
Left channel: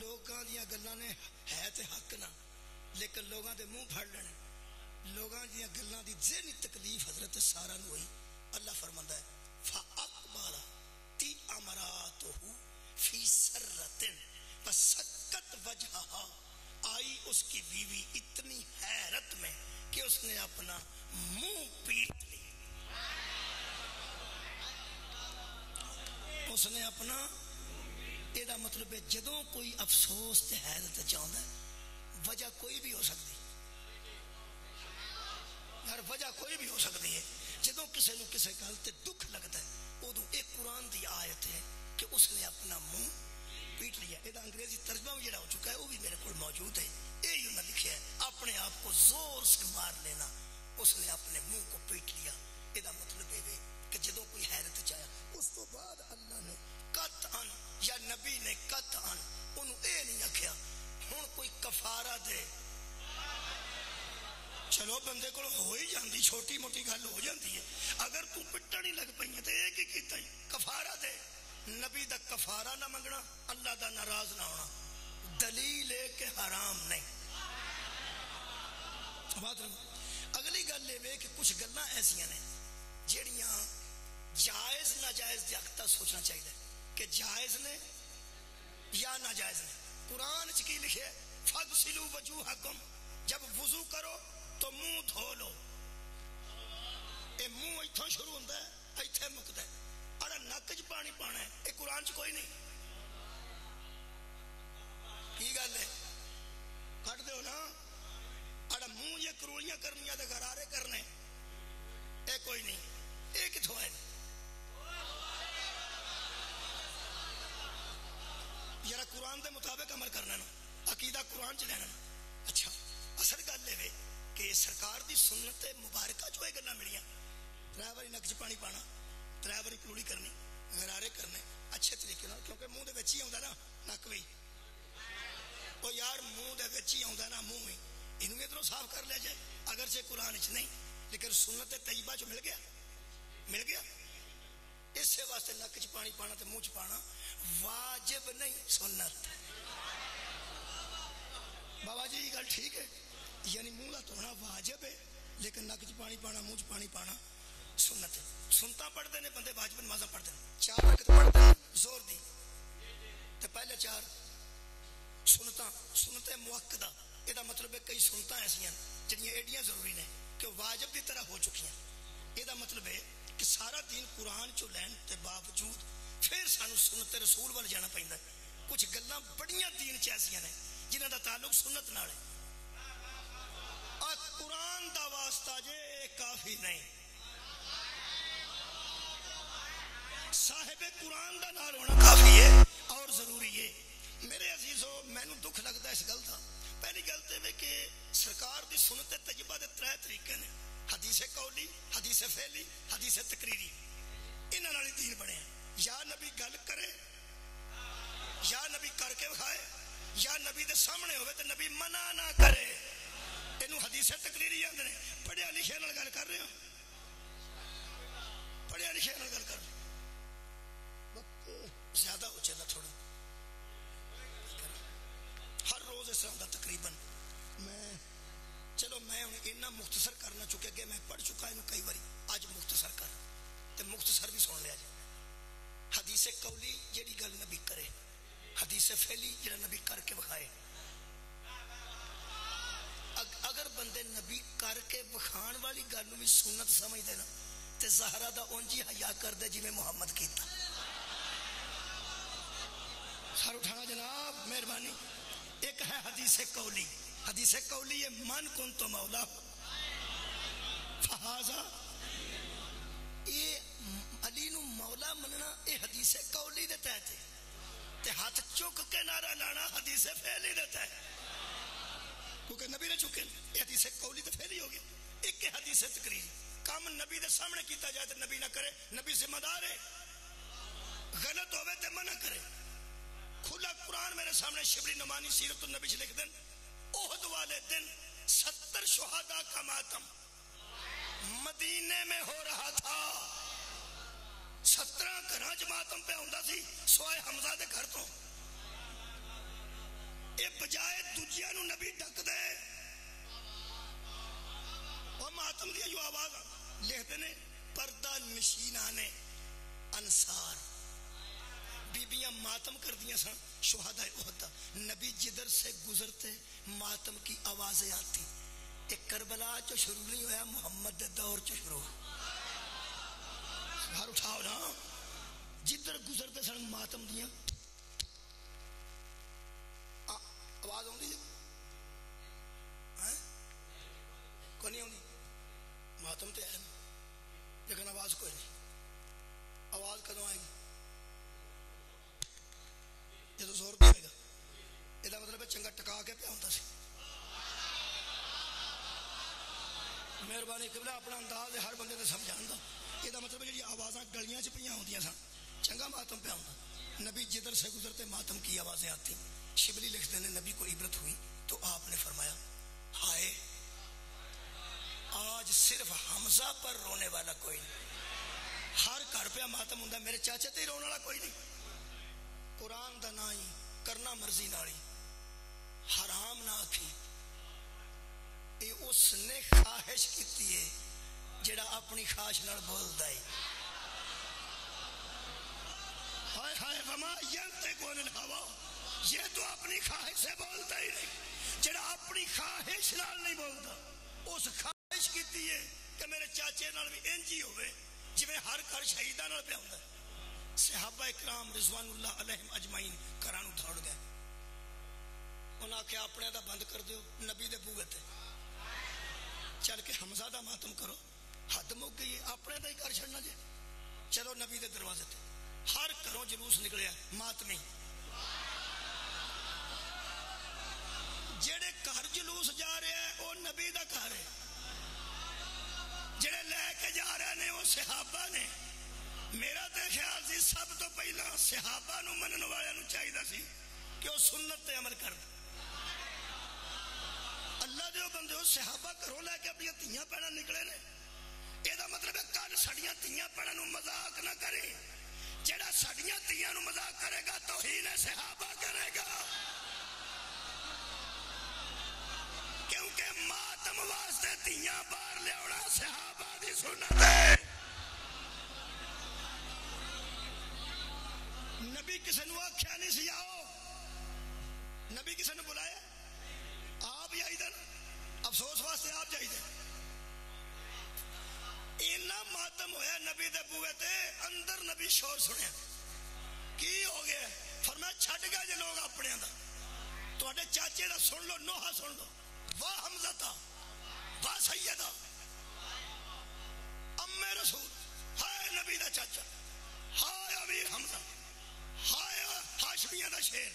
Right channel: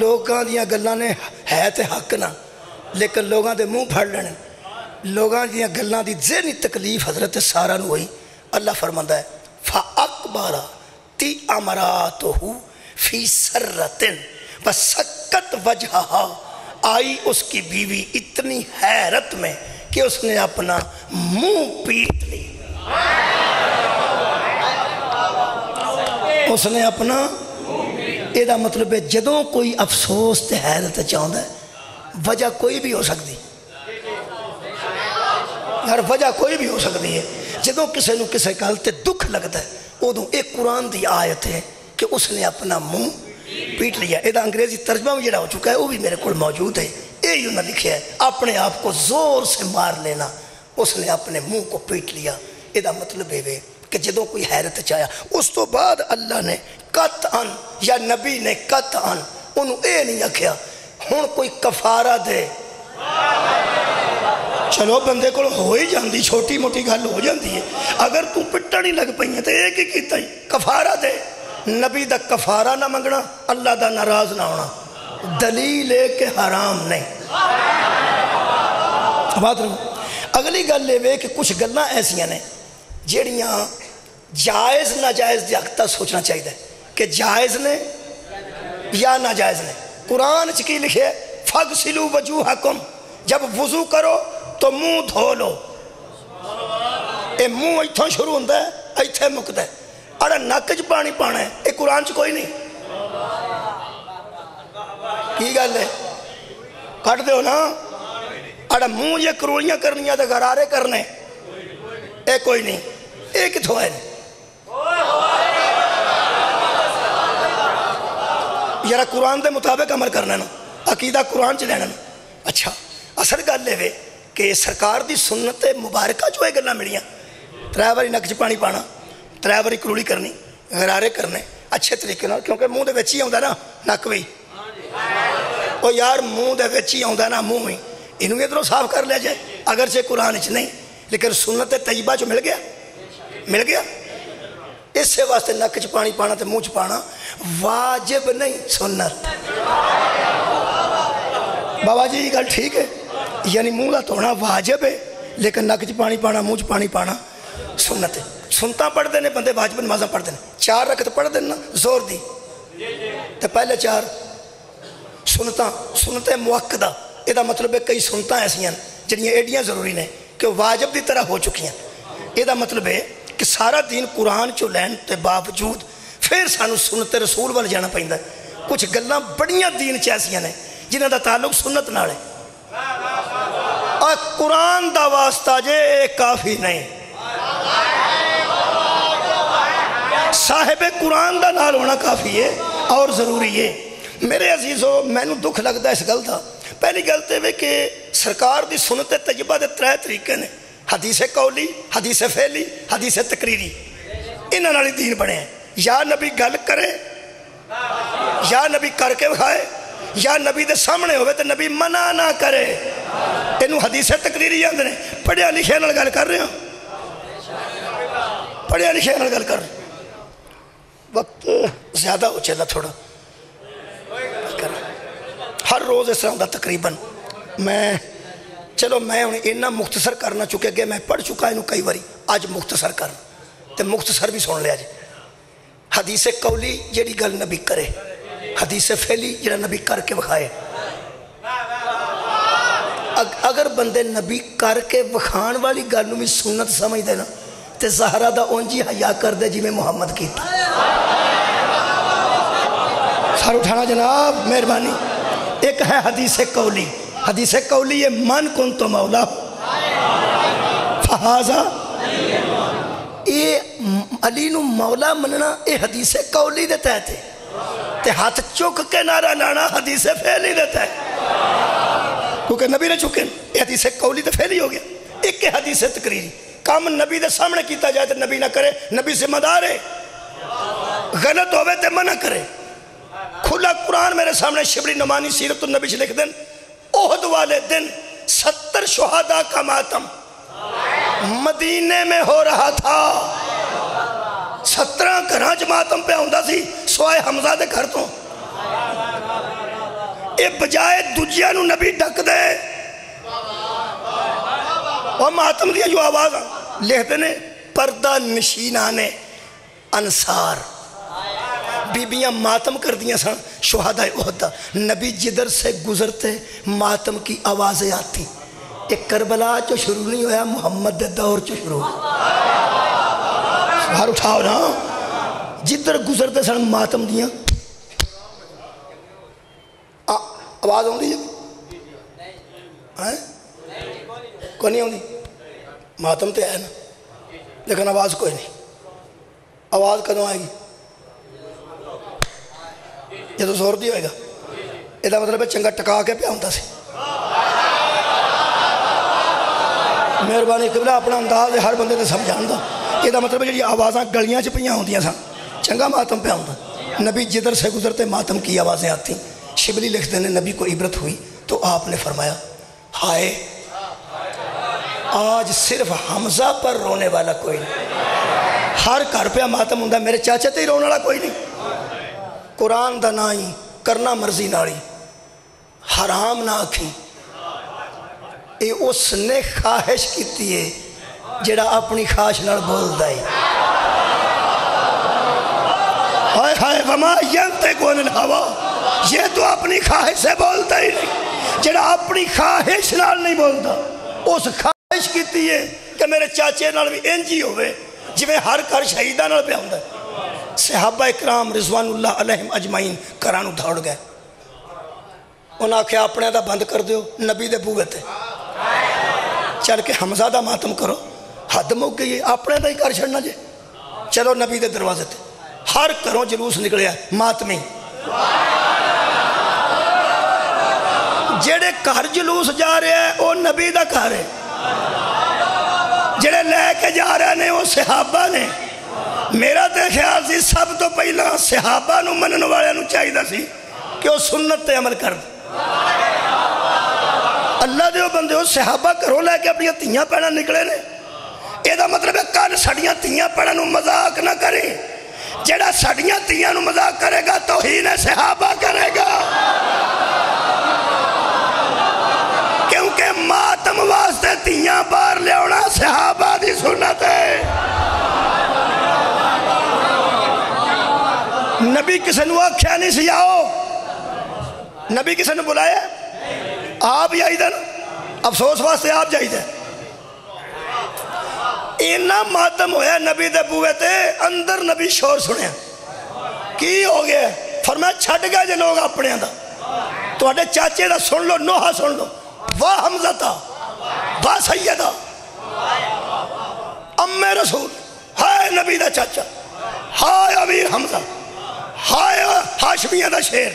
لوگاں دیاں گلاں نے ہے تے حق نہ، لیکن لوگاں دے منہ پھڑ لینے. لوگاں دیاں گلاں دی ذہنی تکلیف حضرت سارہ نو ہوئی. اللہ فرماندا ہے فَأَقْبَرَتِ أَمْرَاتُهُ فِي سَرَّةٍ وَسَكَّتْ وَجْهَهَا، آئی اس کی بیوی اتنی حیرت میں کہ اس نے اپنا منہ پیٹ لی. اس نے اپنا یہ دا مطلب ہے جدوں کوئی افسوس تے حیرت چاہتا ہے وجہ کوئی بھی ہو سکتی، ہر وجہ کوئی بھی ہو سکتی ہے. جدوں کسے نو کسے گل تے دکھ لگتا ہے ادوں ایک قرآن دی آیت ہے کہ اس نے اپنا منہ پیٹ لیا. یہ انگریزی ترجمہ بھی جڑا ہو چکا ہے وہ بھی میرے کو موجود ہے. یہی انہوں نے لکھا ہے اپنے آپ کو زور سے مار لینا، اس نے اپنے منہ کو پیٹ لیا. یہ مطلب ہے کہ جدوں کوئی حیرت چاہیا. اس تو بعد اللہ نے قطعاً یا نبی نے قطعاً انہوں اے نہیں آکھیا ہن کوئی کفارہ دے. چلو بندے کو ہو ہی جاندی، چھوٹی موٹی گل ہو جاندی ہے. اگر تو پٹن ہی لگ پئی ہے تو ایک ہی کیتا ہی کفارہ دے. نبی دا کفارہ نہ منگنا، اللہ دا ناراض نہ ہونا، دلیل ہے کہ حرام نہیں. بات رہو اگلی گل یہ کہ کچھ گلاں ایسیاں نے جہڑیاں جائز ناجائز دی حق تک سوچنا چاہیے کہ جائز نے یا ناجائز نے. قرآن چ کی لکھے فغسلوا وجوہکم، جب وضو کرو تو منہ دھو لو. اے منہ ایتھوں شروع ہوتا ہے ایتھے مکتا ہے. اڑا نک چ پانی پانا ہے اے قرآن چ کوئی نہیں. کی گل ہے کٹ دیو نا. اڑا منہ یہ کروڑیاں کرنیاں تے غرارے کرنے اے کوئی نہیں. اے کتھوں ہے یارا قرآن دے مطابق عمل کرنا نا، عقیدہ قرآن چ لینا نا. اچھا اصل گل یہ کہ سرکار دی سنت مبارکہ جو ہے گلاں ملیاں 3 باری نک چ پانی پانا، 3 باری کروڑی کرنی، غرارے کرنے اچھے طریقے نال، کیونکہ منہ دے وچ ہی آوندا نا نک بھی. او یار منہ دے وچ ہی آوندا نا منہ ہی، اینوں ادھروں صاف کر لیا جائے. اگرچہ قرآن چ نہیں لیکن سنت طیبہ چ مل گیا. اس واسطے نک چ پانی پانا تے منہ چ پانا واجب نہیں سنت. بابا جی یہ گل ٹھیک ہے، یعنی منہ کا دھونا واجب ہے لیکن نک چ پانی پانا منہ چ پانی پانا سنت ہے. سنتاں پڑھتے ہیں بندے واجب نمازاں پڑھتے ہیں 4 رکعت پڑھتے ہیں نا زور دی تے پہلے 4 سنتیں مؤکدہ. یہ مطلب ہے کئی سنتاں ایسیاں جڑیاں ایڈیاں ضروری نے کہ واجب دی طرح ہو چکی ہیں. یہ مطلب ہے کہ سارا دین قرآن چو لین تے باوجود پھر سانو سنت رسول وال جانا پیندا ہے. کچھ گلاں بڑیاں دین چ ایسیاں نے جنہاں دا تعلق سنت نال ہے اور قرآن دا واسطہ جے کافی نہیں. صاحب قرآن دا نال ہونا کافی ہے اور ضروری ہے. میرے عزیزو مینوں دکھ لگتا ہے اس گل دا. پہلی گل تے کہ سرکار دی سنت طیبہ دے 3 طریقے نے، حدیث قولی، حدیث فعلی، حدیث تقریری. انہاں نال دین بنے ہیں. یا نبی گل کرے یا نبی کر کے بکھائے یا نبی دے سامنے ہوئے تو نبی منع نہ کرے. اینوں حدیث تقریری آندے نے. پڑھیا لکھیا نال گل کر رہے ہیں، پڑھیا لکھیا نال گل کر رہے ہیں. وقت زیادہ ہو چلا تھوڑا، ہر روز اس طرح ہوتا تقریباً. چلو میں اتنا مختصر کرنا چکے کہ میں پڑھ چکا انہوں کئی باری، آج مختصر کرنا تو مختصر بھی سن لیا جی. حدیث قولی جیڑی گل نبی کرے، حدیث فعلی جڑا نبی کر کے بکھائے. اگر بندے نبی کر کے بکھان والی گل بھی سنت سمجھ دے نا تے زہرا دا اونجی حیا کر دے جی میں محمد کیتا. سار اٹھانا جناب مہربانی. ایک ہے حدیث قولی. حدیث قولی یہ من کن تو مولا فہذا، یہ علی نو مولا مننا یہ حدیث قولی دے تحت ہے. تے ہاتھ چک کے نعرہ لانا حدیث فعلی دے تحت، کیونکہ نبی نے چکے یہ حدیث قولی تے فعلی ہو گیا. ایک حدیث تقریری، کام نبی دے سامنے کیتا جائے تو نبی نہ کرے، نبی ذمہ دار ہے. غلط ہوئے تے منع کرے. کھلا قرآن میرے سامنے شبلی نعمانی سیرت النبی سے لکھ دیں احد والے دن 70 شہداء کا ماتم مدینے میں ہو رہا تھا. 17 گھراں چ ماتم پہ ہوندا سی سوائے حمزہ دے گھر تو. اے بجائے دوجیاں نو نبی ڈک دے اور ماتم دیا جو آواز لکھتے نے پردہ نشینانے انصار بیبیاں ماتم کر دیا سن شہداء احد. نبی جدھر سے گزرتے ماتم کی آوازیں آتی. ایک کربلا جو شروع نہیں ہویا محمد دے دور جو شروع. باہر اٹھاؤ نا، جدھر گزرتے سن ماتم دیا آواز آؤں دی جب کوئی نہیں آؤں دی. ماتم تے ہے نا لیکن آواز کوئی نہیں. آواز کدوں آئے گی؟ یہ تو زور بھی ہوئے گا. یہ مطلب ہے چنگا ٹکا کے پیا ہوتا سی. مہربانی قبلہ اپنا انداز ہر بندے نے سمجھان دا. یہ مطلب ہے جی آوازاں گلیاں چ پہ ہوندیاں سن چنگا ماتم پہ ہوتا. نبی جدھر سے گزرتے ماتم کی آوازیں آتی. شبلی لکھتے ہیں نبی کو عبرت ہوئی تو آپ نے فرمایا ہائے آج صرف حمزہ پر رونے والا کوئی نہیں. ہر گھر پہ ماتم ہوندا میرے چاچے تے ہی رونے والا کوئی نہیں. قرآن دا نہ ہی کرنا مرضی نالی حرام نہ آکھی یہ اس نے خواہش کی ہے جڑا اپنی خواہش نال بولدا ہے. ہائے ہائے وما ینطق عن الہویٰ، یہ تو اپنی خواہش سے بولتا ہی نہیں. جڑا اپنی خواہش نال نہیں بولتا، اس خواہش کی ہے کہ میرے چاچے نال بھی انج ہی ہوئے جویں ہر گھر شہیداں نال پہ ہوندا ہے. صحابہ اکرام رضوان اللہ علیہم اجمعین گھراں دوڑ گئے. انہاں آکھیا اپنے دا بند کر دیو، نبی دے بوئے تے چل کے حمزہ دا ماتم کرو. حد مک گئی، اپنے دا ہی کر چھڑنا جے. چلو نبی دے دروازے تے ہر گھروں جلوس نکلیا ماتمی. جڑے گھر جلوس جا رہے ہیں وہ نبی دا گھر ہے، جڑے لے کے جا رہے ہیں وہ صحابہ نے. میرا تے خیال سی سب تو پہلا صحابہ نو منن والے نو چاہیے سی کہ وہ سنت تے عمل کر دے. اللہ دے بندے ہو، صحابہ گھروں لے کے اپنی تیاں پیڑاں نکلے نے. یہ دا مطلب ہے کل ساڈیاں تیاں پیڑاں نو مذاق نہ کرے. جڑا ساڈیاں تیاں نو مذاق کرے گا توہین صحابہ کرے گا، کیونکہ ماتم واسطے تیاں باہر لے آنا صحابہ دی سنت ہے. نبی کسی نو آکھیا نہیں سی آؤ، نبی کسی نے بلایا آپ جائی دے نا، افسوس واسطے آپ جائی دے. اینا ماتم ہویا نبی دے بوئے تے، اندر نبی شور سنیا. کی ہو گیا؟ فرمایا چھٹ گئے جے لوگ اپنے دا، تو اڈے چاچے دا سن لو، نوحہ سن لو. واہ حمزہ، واہ سیدہ، ام رسول، ہائے نبی دا چاچا، ہائے امیر حمزہ، ہائے ہاشمیہ دا شیر.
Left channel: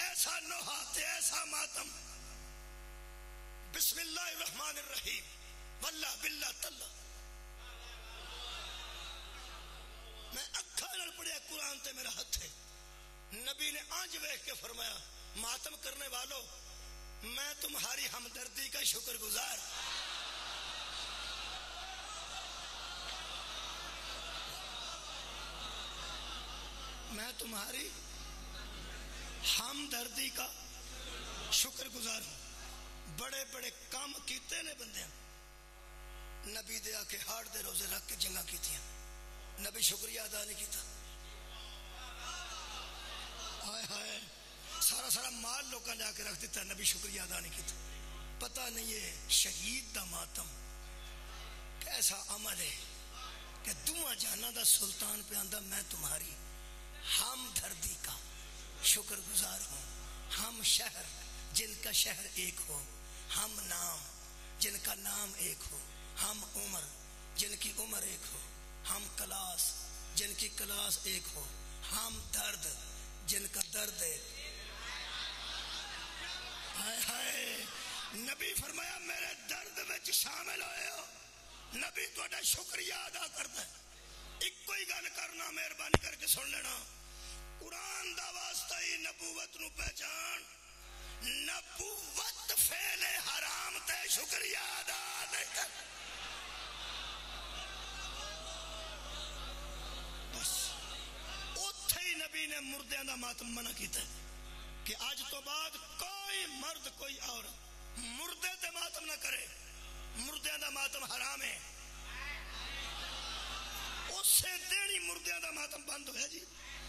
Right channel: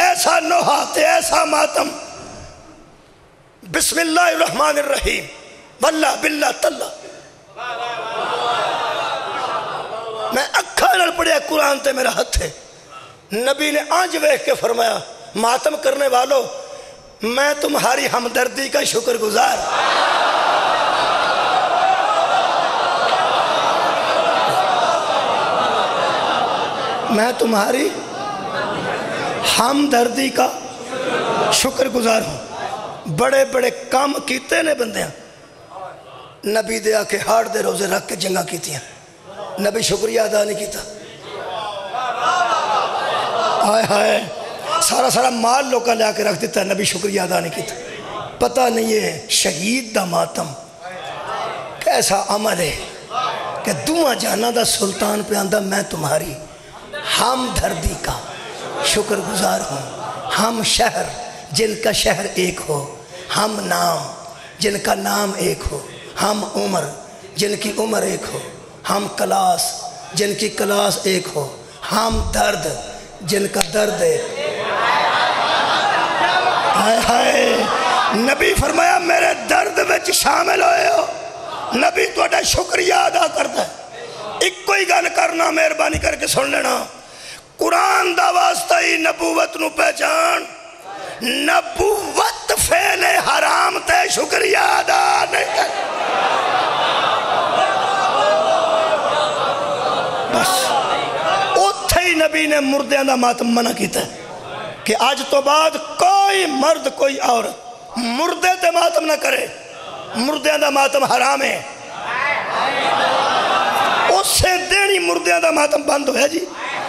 ایسا نوحہ تے ایسا ماتم. بسم اللہ الرحمن الرحیم، واللہ باللہ تاللہ. میں اکھا نال پڑھیا قرآن تے میرا ہتھ ہے. نبی نے آنج ویکھ کے فرمایا ماتم کرنے والو میں تمہاری ہمدردی کا شکر گزار. میں تمہاری ہمدردی کا شکر گزار ہوں. بڑے بڑے کام کیتے نے بندیاں، نبی دے آکے ہاڑ دے روزے رکھ کے جنگاں کیتیاں، نبی شکریہ ادا نہیں کیتا. آئے ہائے سارا مال لوکاں لے آکے رکھ دیتا، نبی شکریہ ادا نہیں کیتا. پتہ نہیں ہے شہید دا ماتم کیسا عمل ہے کہ دعا جانا دا سلطان پہ آندہ میں تمہاری ہمدردی کا شکر گزار ہوں. ہم شہر جن کا شہر ایک ہو، ہم نام جن کا نام ایک ہو، ہم عمر جن کی عمر ایک ہو، ہم کلاس جن کی کلاس ایک ہو، ہم درد جن کا درد ایک. ہائے ہائے نبی فرمایا میرے درد وچ شامل ہوئے ہو. نبی تہاڈا شکریہ ادا کرتا ہے. ایک کوئی گل کرنا مہربانی کر کے سن لینا، قرآن دا واسطہ ہی نبوت نو پہچان. نبوت فعل حرام تے شکریہ ادا نہیں کر. بس اتھے ہی نبی نے مردیاں دا ماتم منع کیتا ہے کہ آج تو بعد کوئی مرد کوئی عورت مردے تے ماتم نہ کرے. مردیاں دا ماتم حرام ہے. اس سے دینی مردیاں دا ماتم بند ہویا جی.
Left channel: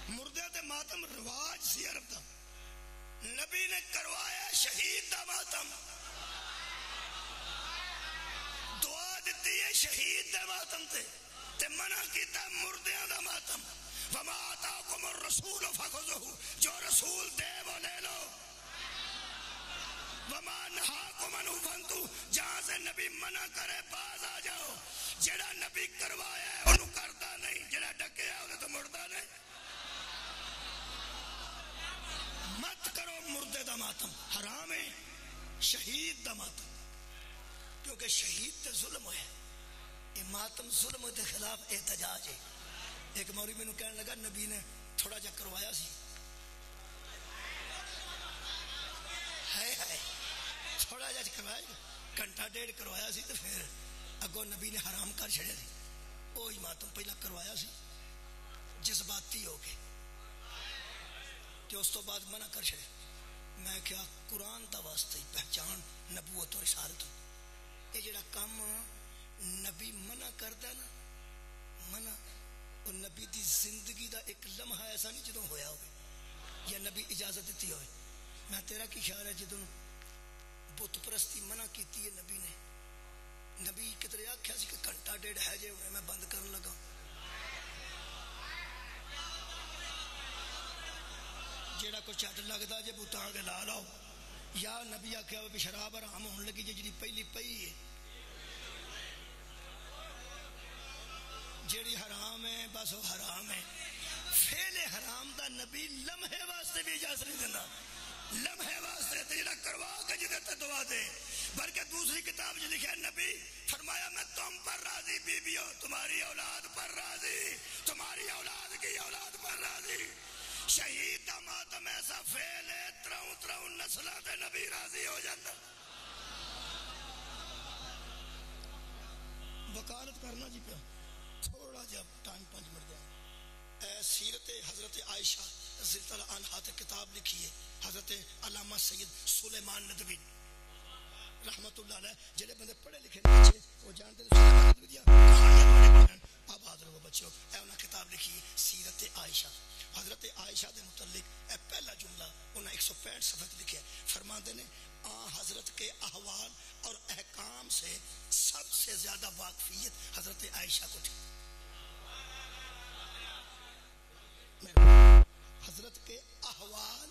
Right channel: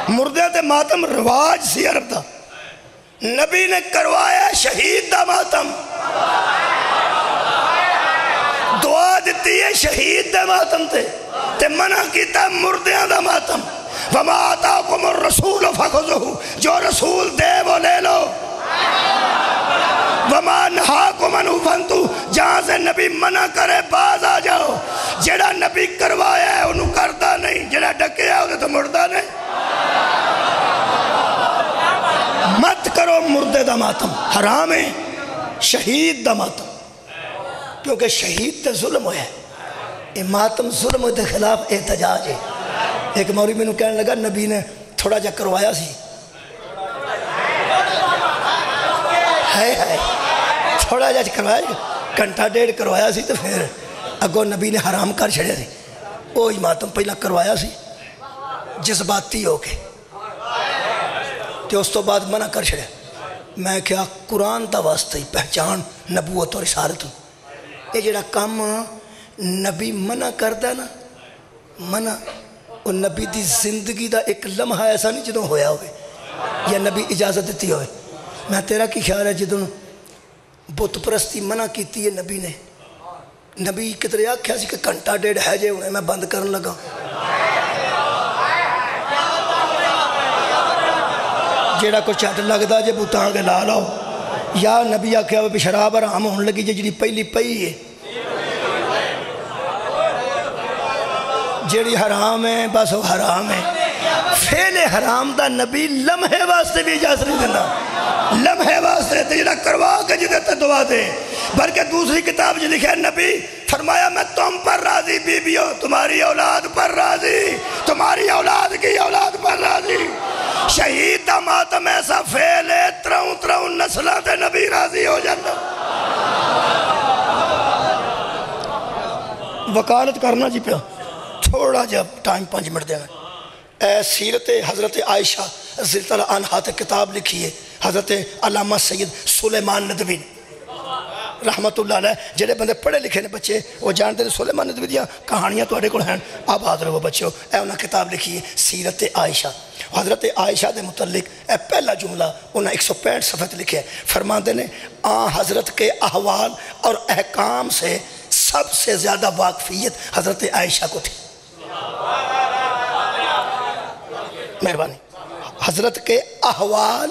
مردیاں تے ماتم رواج سی عرب دا. نبی نے کروایا شہید دا ماتم. دعا دیتی ہے شہید دا ماتم تے منع کیتا مردیاں دا ماتم. وَمَا آتَاكُمُ الرَّسُولُ فَخُذُوهُ، جو رسول دے وہ لے لو. وَمَا نَهَاكُمْ عَنْهُ فَانْتَهُوا، جہاں سے نبی منع کرے باز آ جاؤ. جڑا نبی کروایا ہے انہوں کردہ نہیں، جڑا ڈکیا ہے تو مردہ نہیں. مت کرو مردے دا ماتم، حرام ہے. شہید دا ماتم، کیونکہ شہید تے ظلم ہویا ہے. یہ ماتم ظلم دے خلاف احتجاج ہے. ایک مولوی میں کہنے لگا نبی نے تھوڑا جا کروایا سی، تھوڑا جا کروایا، گھنٹہ ڈیڑھ کروایا سی، تو پھر اگو نبی نے حرام کر چھڑیا سی. وہی ماتم پہلا کروایا سی جذباتی ہو کے، تو اس تو بعد منع کر چھڑیا. میں کیا قرآن دا واسطہ ہی پہچان نبوت اور رسالت. یہ جڑا کام نبی منع کردا نا منع وہ نبی دی زندگی دا ایک لمحہ ایسا نہیں جدوں ہویا ہوئے یا نبی اجازت دیتی ہوئے میں تیرا کی خیال ہے جدوں بت پرستی منع کیتی ہے نبی نے نبی کتنے آکھیا سی کہ گھنٹہ ڈیڑھ ہے جے ہونے میں بند کرن لگا جیڑا کو چٹ لگدا جے بوتاں کے لا لاؤ یا نبی آکھیا بھی شراب حرام ہون لگی جے جڑی پہلی پئی ہے جیڑی حرام ہے بس وہ حرام ہے فعل حرام دا نبی لمحے واسطے بھی اجازت نہیں دینا لمحے واسطے تے جڑا کروا کے جدے تے دعا دے بلکہ دوسری کتاب جو لکھے نبی فرمایا میں تم پر راضی بیبیوں تمہاری اولاد پر راضی تمہاری اولاد کی اولاد پر راضی شہید دا ماتم ایسا فعل ہے ترون نسلہ تے نبی راضی ہو جانا وکالت کرنا جی پیا تھوڑا جب ٹائم 5 منٹ دینا سیرت حضرت عائشہ رضی اللہ عنہا تے کتاب لکھی ہے حضرت علامہ سید سلیمان ندوی رحمت اللہ علیہ جڑے بندے پڑھے لکھے نے بچے وہ جانتے ہیں سلیمان ندوی دیا کہانیاں تو اڑے کو ہیں آباد رہو بچوں انہاں کتاب لکھی ہے سیرت عائشہ حضرت عائشہ دے متعلق پہلا جملہ انہاں 165 صفحے لکھے ہیں فرماندے نے حضرت کے احوال اور احکام سے سب سے زیادہ واقفیت حضرت عائشہ کو تھی مہربانی حضرت کے احوال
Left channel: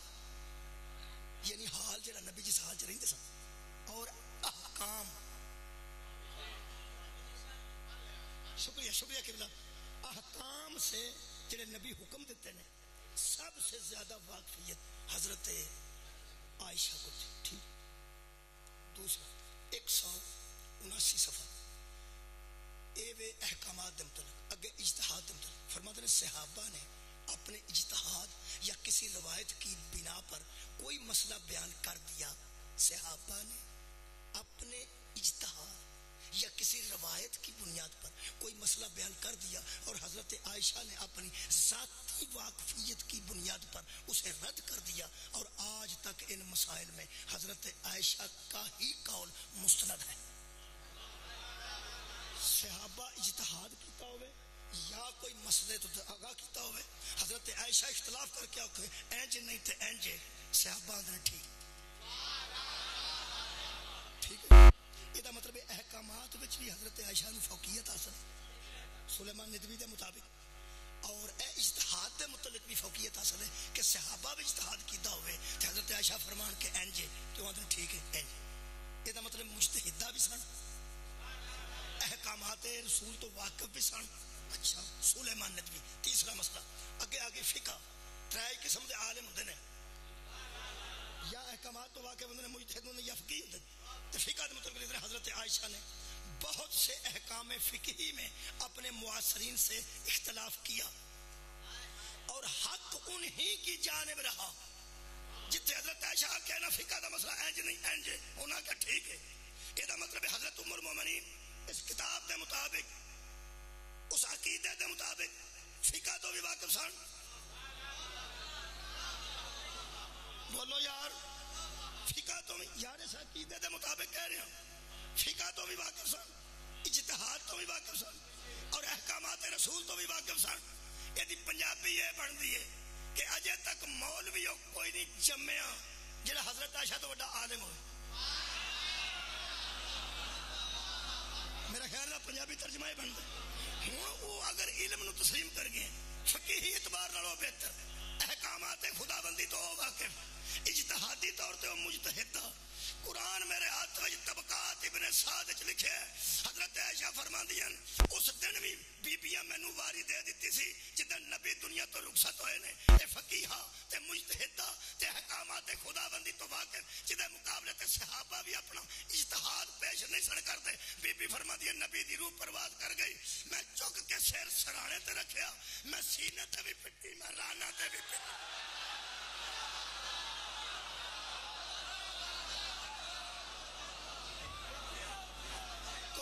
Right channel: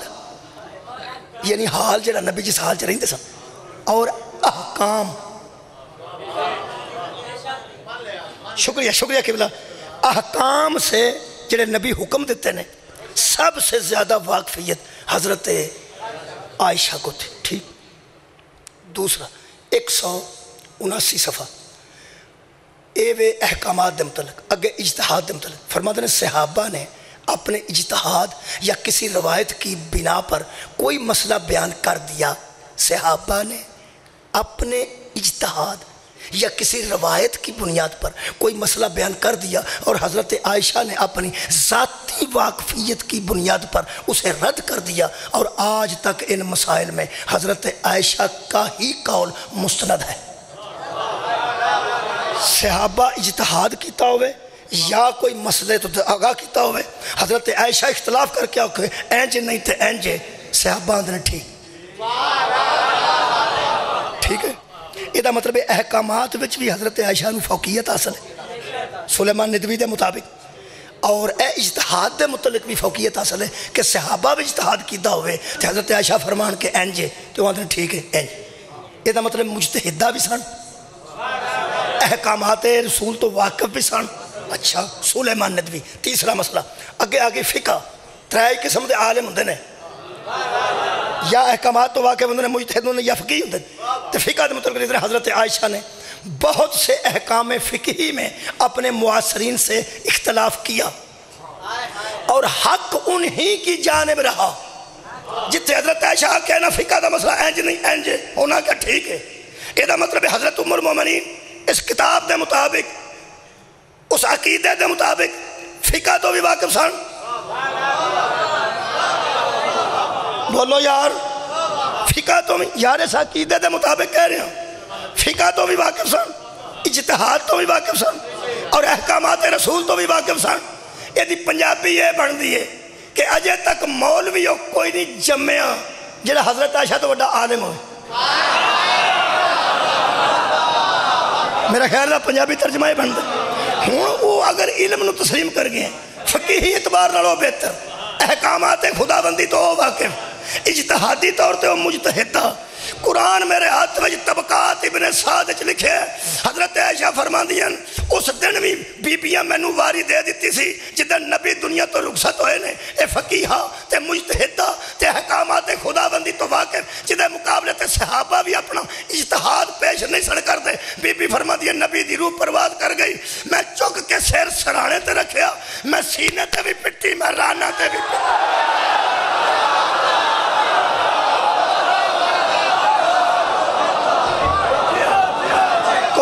یعنی حال جڑا نبی جس حال چ رہندے سن اور احکام شکریہ قبلہ احکام سے جڑے نبی حکم دیتے نے سب سے زیادہ واقفیت حضرت عائشہ کو تھی ٹھیک دوسرا 179 صفحہ اے احکامات دے متعلق اگے اجتہاد دے متعلق فرماتے ہیں صحابہ نے اپنے اجتہاد یا کسی روایت کی بنا پر کوئی مسئلہ بیان کر دیا صحابہ نے اپنے اجتہاد یا کسی روایت کی بنیاد پر کوئی مسئلہ بیان کر دیا اور حضرت عائشہ نے اپنی ذاتی واقفیت کی بنیاد پر اسے رد کر دیا اور آج تک ان مسائل میں حضرت عائشہ کا ہی قول مستند ہے صحابہ اجتہاد کیتا ہوئے یا کوئی مسئلے تو آگاہ کیتا ہوئے حضرت عائشہ اختلاف کر کے آکھے اینجے نہیں تھے اینجے صحابہ اندر ٹھیک ہے یہ مطلب احکامات وچ بھی حضرت عائشہ نو فوقیت حاصل ہے سلیمان ندوی دے مطابق اور اجتہاد دے متعلق بھی فوقیت حاصل ہے کہ صحابہ بھی اجتہاد کیتا ہوئے تو حضرت عائشہ فرمان کے اینجے تو اندر ٹھیک ہے اینجے یہ مطلب مجتہدہ بھی سن احکامات رسول تو واقف بھی سن اچھا سلیمان ندوی تیسرا مسئلہ آگے فقہ 3 قسم دے عالم ہوندے نے یا احکامات تو واقف ہوندے نے مجتہد ہوندے یا فقیہ ہوندے تو فقہ دے متعلق حضرت عائشہ نے بہت سے احکام فقہی میں اپنے معاصرین سے اختلاف کیا اور حق انہی کی جانب رہا جتنے حضرت عائشہ کہنا فقہ دا مسئلہ اینج نہیں اینج ہونا کا ٹھیک ہے یہ مطلب حضرت ام المومنین اس کتاب دے مطابق اس عقیدے دے مطابق فقہ تو بھی واقف سن بولو یار فقہ تو بھی یار اس عقیدے دے مطابق کہہ رہے ہیں فقہ تو بھی واقف سن اجتہاد تو بھی واقف سن اور احکامات رسول تو بھی واقف سن یہ پنجابی یہ بن دیئے کہ اجے تک مولوی کوئی نہیں جمعہ جڑا حضرت عائشہ تو بڑا عالم ہوئے میرا خیال ہے پنجابی ترجمہ ہی بن دے ہوں وہ اگر علم نو تسلیم کر گئے فقیہی اعتبار نالوں بہتر احکامات خدا بندی تو ہو واقف اجتہادی طور تے وہ مجتہدہ قرآن میرے ہاتھ میں طبقات ابن سعد لکھے حضرت عائشہ فرماندیاں اس دن بھی بیبیاں میں نو واری دے دیتی سی جدن نبی دنیا تو رخصت ہوئے نے اے فقیہہ تے مجتہدہ تے حکامات خدا بندی تو واقف جدے مقابلے تے صحابہ بھی اپنا اجتہاد پیش نہیں سن کر دے بی بی فرماندیاں نبی دی روح پرواز کر گئی میں چک کے سیر سرانے تے رکھیا میں سینے تے بھی پٹی میں رانا تے بھی پٹی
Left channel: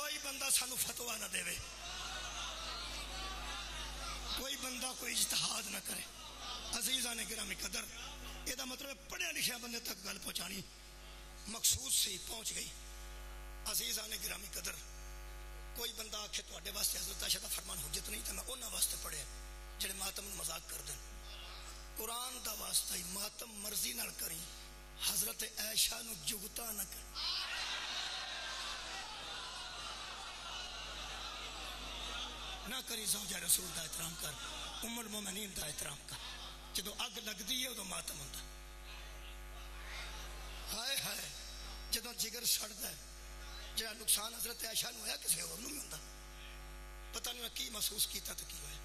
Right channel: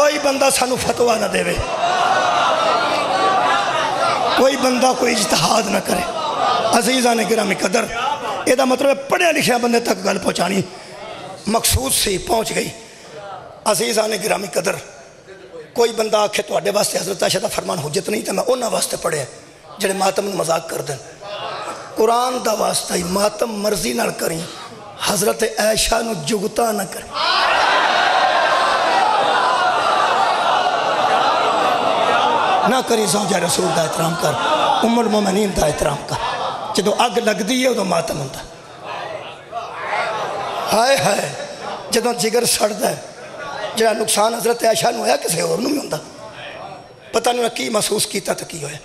کوئی بندہ سانو فتوہ نہ دے کوئی بندہ کوئی اجتہاد نہ کرے عزیزان گرامی قدر یہ مطلب پڑھے لکھے بندے تک گل پہنچانی مقصود سے پہنچ گئی عزیزان گرامی قدر، کوئی بندہ آکھے تو اڈے واسطے حضرت عائشہ دا فرمان حجت نہیں تو میں انہاں واسطے پڑھے جڑے ماتم نو مذاق کر دیں۔ قرآن دا واسطہ ہی ماتم مرضی نال کریں، حضرت عائشہ نو جگتا نہ کریں۔ نہ کری زوجہ رسول دا احترام کر، ام المومنین دا احترام کر، جدو اگ لگ دی ہے ادو ماتم ہوتا۔ ہائے ہائے جدو جگر سڑ دا ہے، جڑا نقصان حضرت عائشہ نو ہویا کسے اور نو بھی ہوندہ، پتہ نہیں کی محسوس کیتا تا کی ہویا۔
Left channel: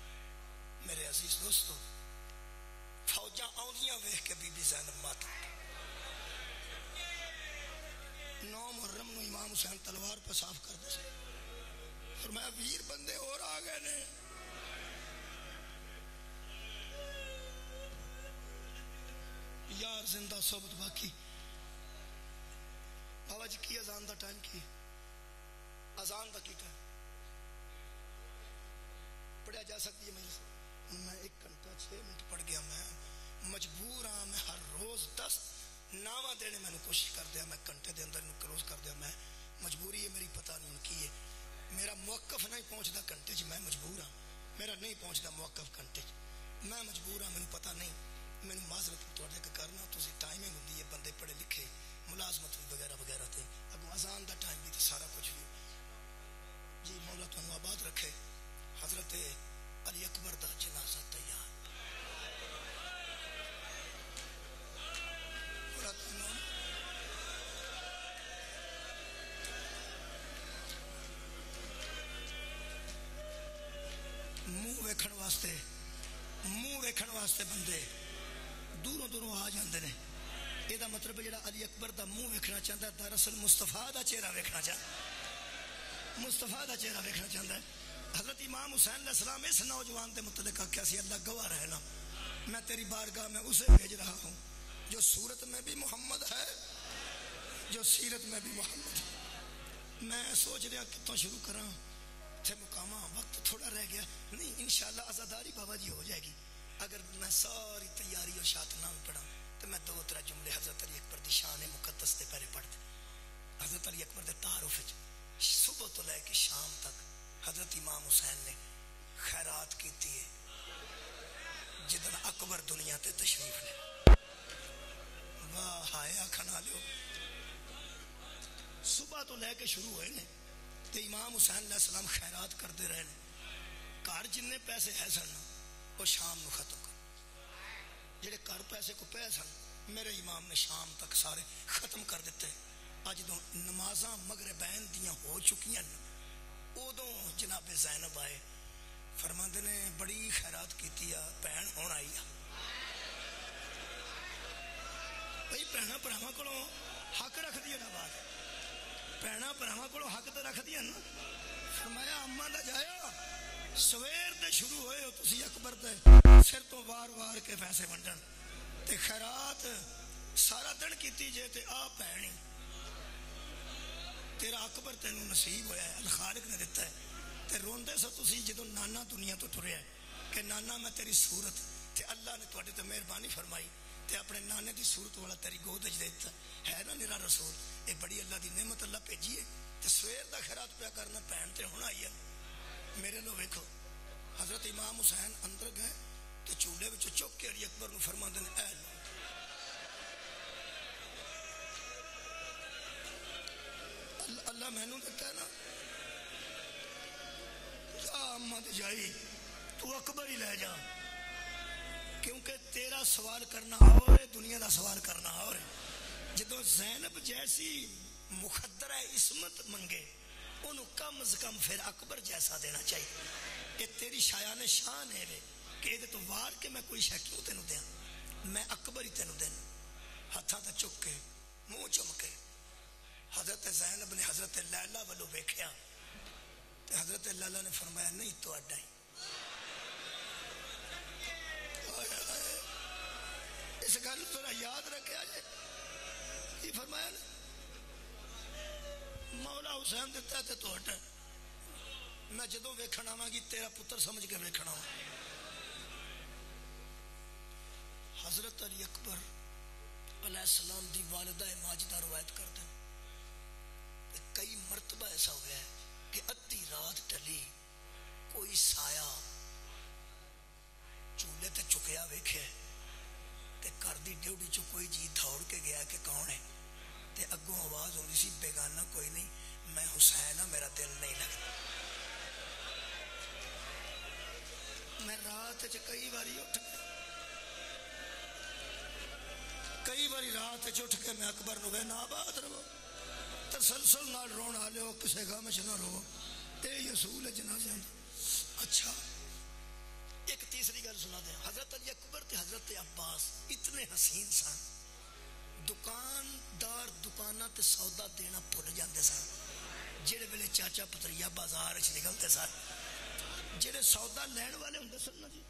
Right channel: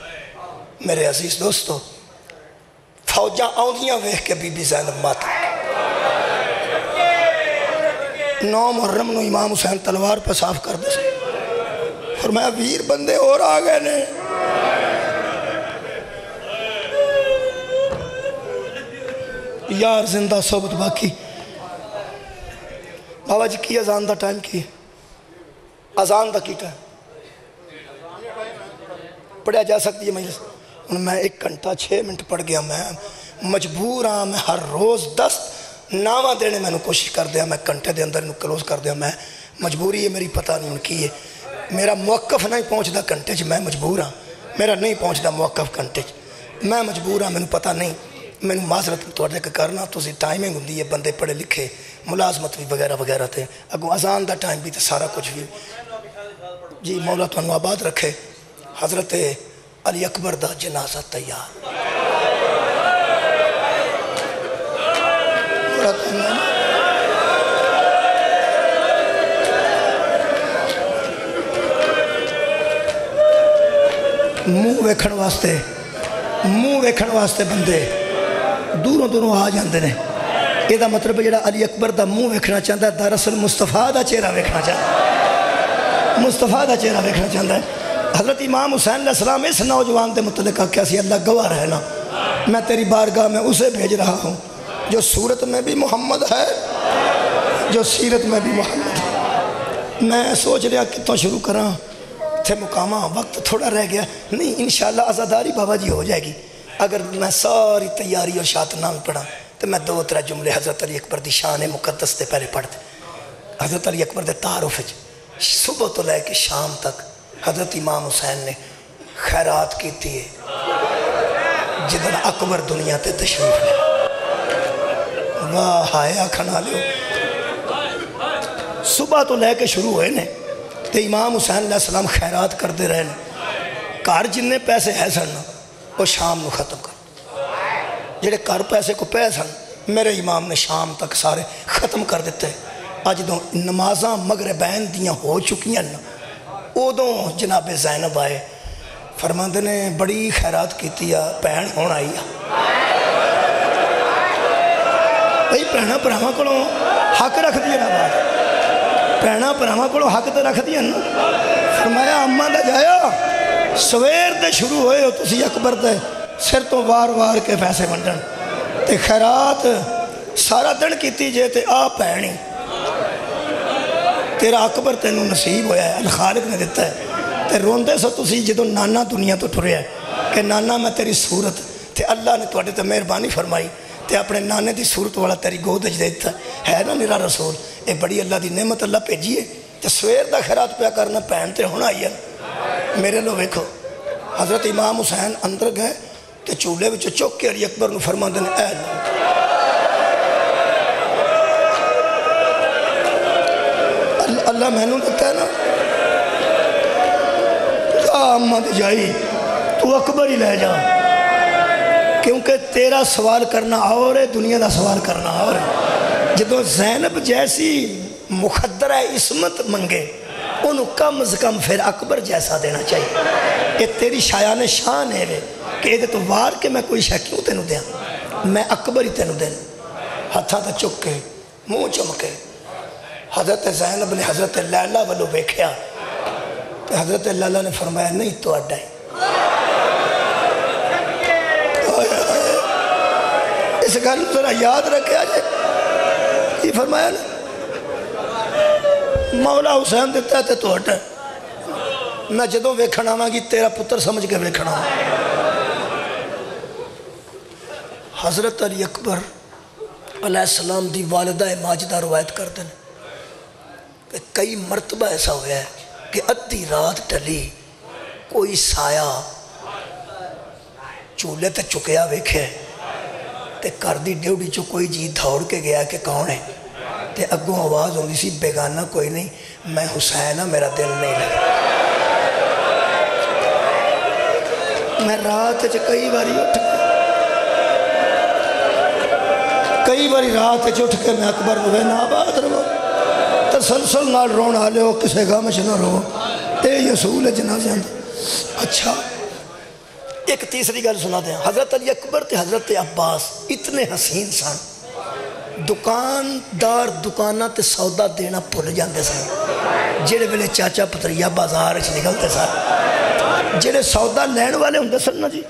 میرے عزیز دوستو، فوجاں آؤندیاں ویخ کے بی بی زینب ماتم۔ 9 محرم نو امام حسین تلوار پہ صاف کر دے سے، فرمایا ویر بندے اور آگئے نے۔ یار زندہ صحبت باقی۔ بابا جی کی اذان دا ٹائم کی؟ اذان دا کی ٹائم پڑھا جا سکتی ہے مجلس؟ میں 1 گھنٹہ 6 منٹ پڑھ گیا، میں مجبور ہاں، میں ہر روز 10 نامہ دینے میں کوشش کر دیا، میں گھنٹے دے اندر کلوز کر دیا، میں مجبوری ہے میری، پتہ نہیں ان کی ہے، میرا موقف نہیں پہنچتا گھنٹے چ، میں مجبور ہاں، میرا نہیں پہنچتا موقف گھنٹے چ، میں مجبور ہاں، میں پتہ نہیں، میں معذرت توڑے کے کرنا تو ٹائمنگ ہوندی ہے، بندے پڑھے لکھے ملازمت بھی وغیرہ وغیرہ تھے، اگوں اذان دا ٹائم بھی تو سارا کچھ بھی۔ جی مولا تو آباد رکھے۔ حضرت علی اکبر دا جنازہ تیار۔ منہ ویکھن واسطے بندے دوروں دوروں آ جاندے نے۔ یہ دا مطلب جڑا علی اکبر دا منہ ویکھنا چاہتا ہے، دراصل مصطفیٰ دا چہرہ ویکھنا چاہتا ہے، مصطفیٰ دا چہرہ ویکھنا چاہتا ہے۔ حضرت امام حسین علیہ السلام اس نوجوان دے متعلق کہا کہ اللہ گواہ رہنا، میں تیری بارگاہ میں اسے بھیج رہا ہوں جو صورت میں بھی محمد ہے، جو سیرت میں بھی محمد ہے۔ میں سوچ رہا کتوں شروع کراں، تھے مقامہ وقت تھوڑا رہ گیا، نہیں انشاءاللہ عزاداری بابا جی ہو جائے گی۔ اگر میں ساری تیاری اور شاعت نام پڑھا تو میں 2-3 جملے حضرت علی اکبر دی شان مقدس تے پہلے پڑھ دے۔ حضرت علی اکبر دے تعارف صبح تو لے کے شام تک حضرت امام حسین نے خیرات کی تھی جدن اکبر دنیا تے تشریف لے۔ واہ ہائے آکھنا لیو، صبح تو لے کے شروع ہوئے نے تے امام حسین علیہ السلام خیرات کر دے رہے نے، کار جننے پیسے ہے سن وہ شام نو ختم کر، جڑے کار پیسے کو پہ سن میرے امام نے شام تک سارے ختم کر دیتے۔ آج دو نمازاں مغربین دیاں ہو چکیاں، ادوں جناب زینب آئے، فرماندے نے بڑی خیرات کیتی ہے، بہن ہون آئی ہے۔ بھئی بہناں بھراواں کولوں حق رکھ دیا نا، بات بہناں بھراواں کولوں حق تے رکھ دیا نا۔ فرمایا اماں دا جایا سویر دے شروع ہوئے ہو تسی اکبر دے سر تو وار وار کے پیسے ونڈن تے خیرات سارا دن کیتی جے تے آ بہنی تیرا اکبر تینوں نصیب ہویا ہے، الخالق نے دیتا ہے۔ تے روندے سو تسی جدو نانا دنیا تو ٹریا ہے کہ نانا میں تیری صورت تے اللہ نے توڑے تے مہربانی فرمائی تے اپنے نانے دی صورت والا تیری گود اج دیتا ہے نا میرا رسول۔ اے بڑی اللہ دی نعمت اللہ بھیجی ہے تے سویر دا خیرات پیا کرنا پہن تے ہونا آئی ہے۔ میرے لو ویکھو حضرت امام حسین اندر گئے تے چولہے وچ چوک کے علی اکبر نو فرماندے نے اے اللہ میں نو دیتا ہے نا، اماں دے جائی تو اکبر ہی لے جا، کیونکہ تیرا سوال کرنا اور ہے، دنیا دا سوال کرنا اور ہے۔ جدو زینب جیسی مخدرہ عصمت منگے انہوں کم از کم پھر اکبر جیسا دینا چاہیے۔ یہ تیری شایان شان ہے وے کہ یہ تو وار کے میں کوئی شے کیوں تینوں دیا، میں اکبر ہی تینوں دین۔ ہتھاں تے چکے منہ چمکے حضرت زینب نے حضرت لیلہ والو بیکھیا، حضرت لیلہ نے فرمایا نہیں تو اڈا ہی۔ اس گل ذرا یاد رکھے آجے، یہ فرمایا نا مولا حسین دیتا ہے تو اڈا ہے، میں جدوں ویکھنا آواں گی تیرا پتر سمجھ کے ویکھنا آواں۔ حضرت علی اکبر علیہ السلام دی والدہ ماجدہ روایت کر دیں، کہ کئی مرتبہ ایسا ہوا ہے کہ ادھی رات ٹلی کوئی سایہ چولہے تے چکیا ویکھے تے گھر دی ڈیوٹی چو کوئی جی دوڑ کے گیا کہ کون ہے تے اگوں آواز ہوندی سی بیگانہ کوئی نہیں میں حسین ہاں میرا دل نہیں لگا میں رات کئی باری اٹھ کے میں اکبر نوے نا آباد رہو تسلسل نال رون آلے ہو کسے غم چ نہ رہو اے یسول جنازے اندر اچھا ایک تیسری گل سنا دیں حضرت علی اکبر تے حضرت عباس اتنے حسین سن دکاندار دکانہ تے سودا دینا بھول جاندے سن جڑے ویلے چاچا پتریا بازار وچ نکلتے سن جڑے سودا لین والے ہوندے سن نا جی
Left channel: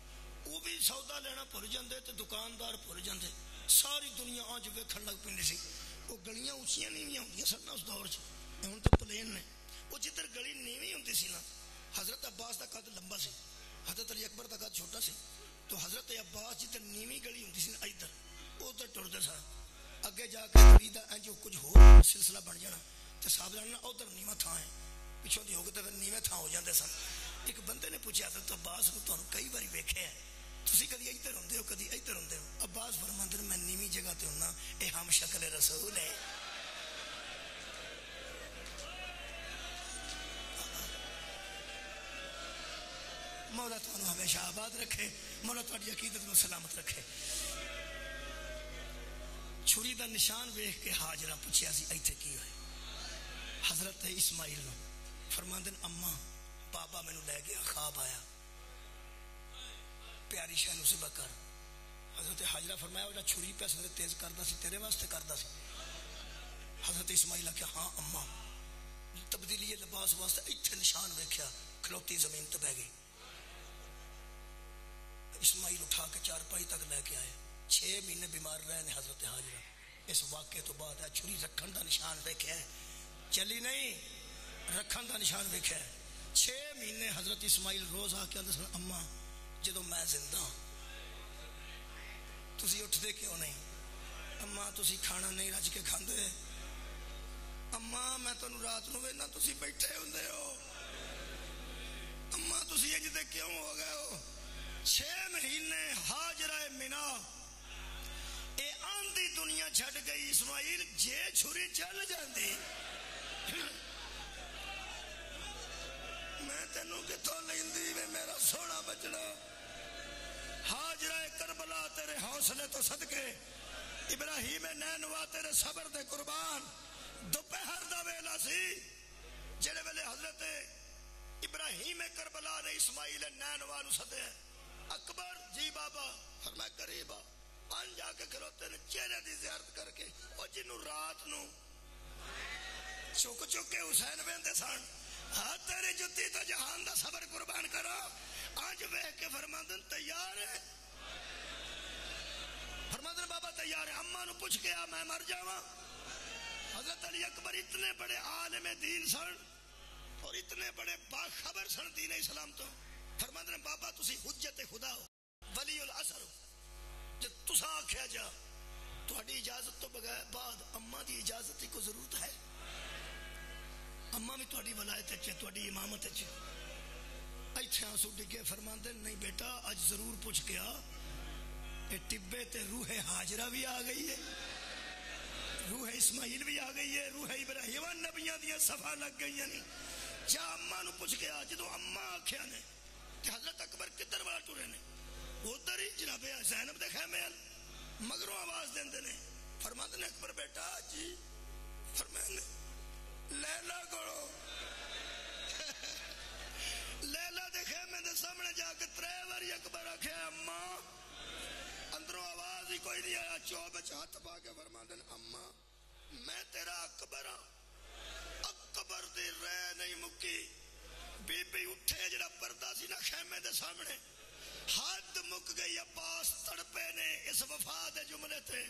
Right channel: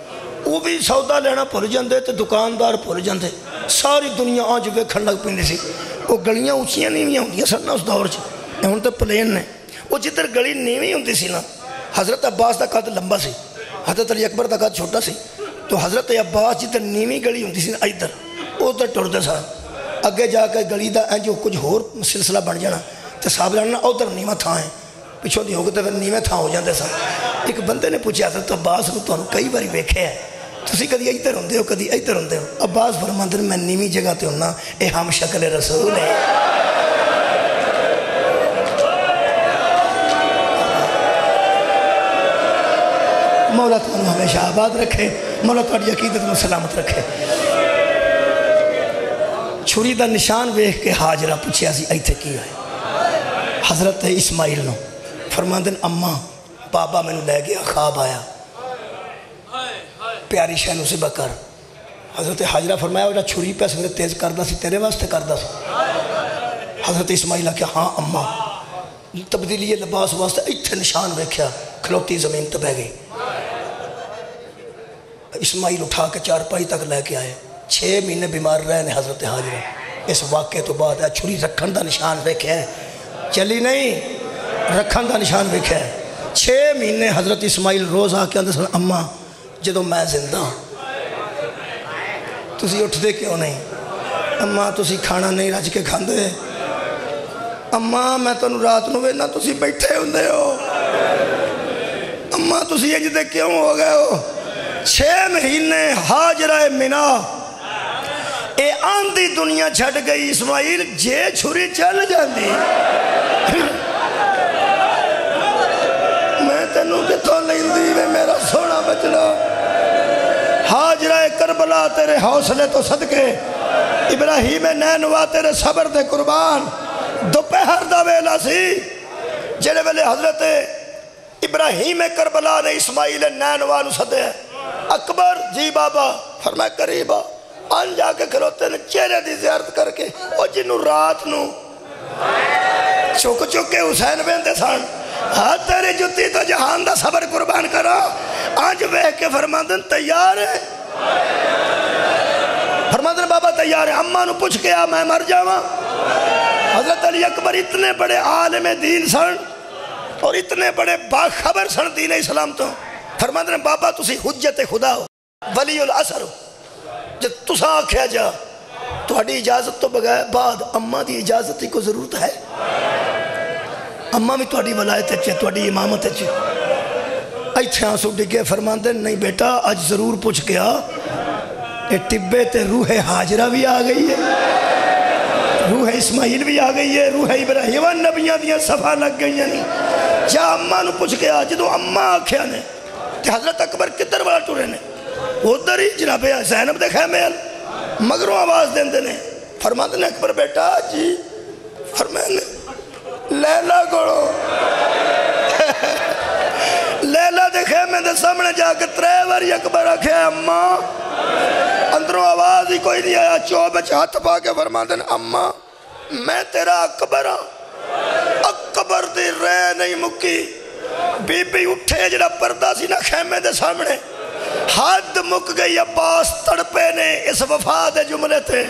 وہ بھی سودا لینا بھول جاندے تے دکاندار بھول جاندے ساری دنیا آج ویکھن لگ پیندی سی وہ گلیاں اونچیاں نیویاں ہوندیاں سن نا اس دور چ ہن تے پلین نے وہ جدھر گلی نیوی ہوندی سی نا حضرت عباس دا قد لمبا سی حضرت علی اکبر دا قد چھوٹا سی تو حضرت عباس جدھر نیوی گلی ہوندی سی نا ادھر ادھر ٹردے سن اگے جا کے گلی دا جو کچھ ہور سلسلہ بن جانا تے صاحب جاننا ادھر نیواں تھاں ہے پچھوں دی ہو کے تے پھر نیویں تھاں ہو جاندے سن ایک بندے نے پوچھا حضرت عباس کو تانوں کئی باری ویکھیا ہے تسی کدی ادھر ہوندے ہو کدی ادھر ہوندے ہو عباس فرماندے میں نیویں جگہ تے ہونا اے ہم شکل رسول ہے مولا تانوں ہمیشہ آباد رکھے مولا تہاڈی عقیدت نوں سلامت رکھے چھری دا نشان ویکھ کے حاجرہ پوچھیا سی ایتھے کی ہوئے حضرت اسماعیل نو فرماندے اماں بابا میں لے گیا خواب آیا پیاری شہ نو ذبح کر حضرت حاجرہ فرمایا وہ چھری پہ سنگے تیز کردہ سی تیرے واسطے کردہ سی حضرت اسماعیل کہا ہاں اماں تبدیلی لباس واسطے ایتھے نشان ویکھیا کھلوتی زمین تے بہ گئی اسماعیل اٹھا کے چارپائی تک لے کے آئے 6 مہینے بیمار رہے نے حضرت حاجرہ اس واقعے تو بعد ہے چھری رکھن دا نشان ویکھیا ہے چلی نہیں رکھن دا نشان ویکھیا ہے 6 مہینے حضرت اسماعیل روز آ کے آندے سن اماں جدو میں زندہ تسی اٹھ دے کیوں نہیں اماں تسی کھانا نہیں رج کے کھاندے اماں میں تنوں رات نو وینا تسی بیٹھے ہوندے ہو اماں تسی انج دے کیوں ہو گئے ہو 6 مہینے حاجرہ منا اے آندھی دنیا چھڑ گئی اسماعیل جے چھری چل جاندی میں تینوں کتوں لیندی میں میرا سونا بچڑا حاجرہ کربلا تیرے حوصلے تو صدقے ابراہیم نینوا تیرے صبر دے قربان دوپہر دا ویلا سی جڑے ویلے حضرت ابراہیم کربلا نے اسماعیل نینوا نو سدے اکبر جی بابا فرمایا قریبا آن جا کے کھلوتے نے چہرے دی زیارت کر کے اور جنہوں رات نو چک کے حسین بیندے سان ہاں تیرے جتی تو جہان دا صبر قربان کرا آج بہ کے فرماندن تیار ہے فرماندن بابا تیار ہے اماں نو پوچھ کے آ میں مر جاواں حضرت علی اکبر اتنے بڑے عالم دین سن اور اتنے بڑے باخبر سن دین اسلام تو فرماندن بابا تسی حجت خدا ہو ولی العصر ہو جب تسا آکھیا جا تہاڈی اجازت تو بغیر بعد اماں دی اجازت ہی کو ضرورت ہے اماں بھی تہاڈی ولایت ہے تہاڈی امامت ہے ایتھے آنسو ڈگے فرماندے نہیں بیٹا اج ضرور پوچھ کے آ اے ٹبے تے روح حاجرہ بھی آ گئی ہے روح اسماعیل بھی آ گئی ہے روح ابراہیم نبیاں دیاں صفحہ لگ گئی ہیں جا اماں نو پوچھ کے آ جدو اماں آکھیا نے تے حضرت اکبر کدھر والا ٹورے نے ادھر ہی جناب زینب دے خیمے مگروں آواز دیندے نے فرماندے نے اکبر بیٹا جی فرماندے لیلہ گوڑو لیلہ دے خیمے دے سامنے جا کے 3 باری اکبر آکھے اماں اندروں آواز ہی کوئی نہیں آیا چوبچ ہاتھ پا کے فرماندے نے اماں میں تیرا اکبر ہاں اکبر دی رہ نہیں مکی بی بی اٹھے جڑا پردہ سی نہ خیمے دے سامنے حد مک گئی عباس تڑپے نے اس وفا دے جملے تھے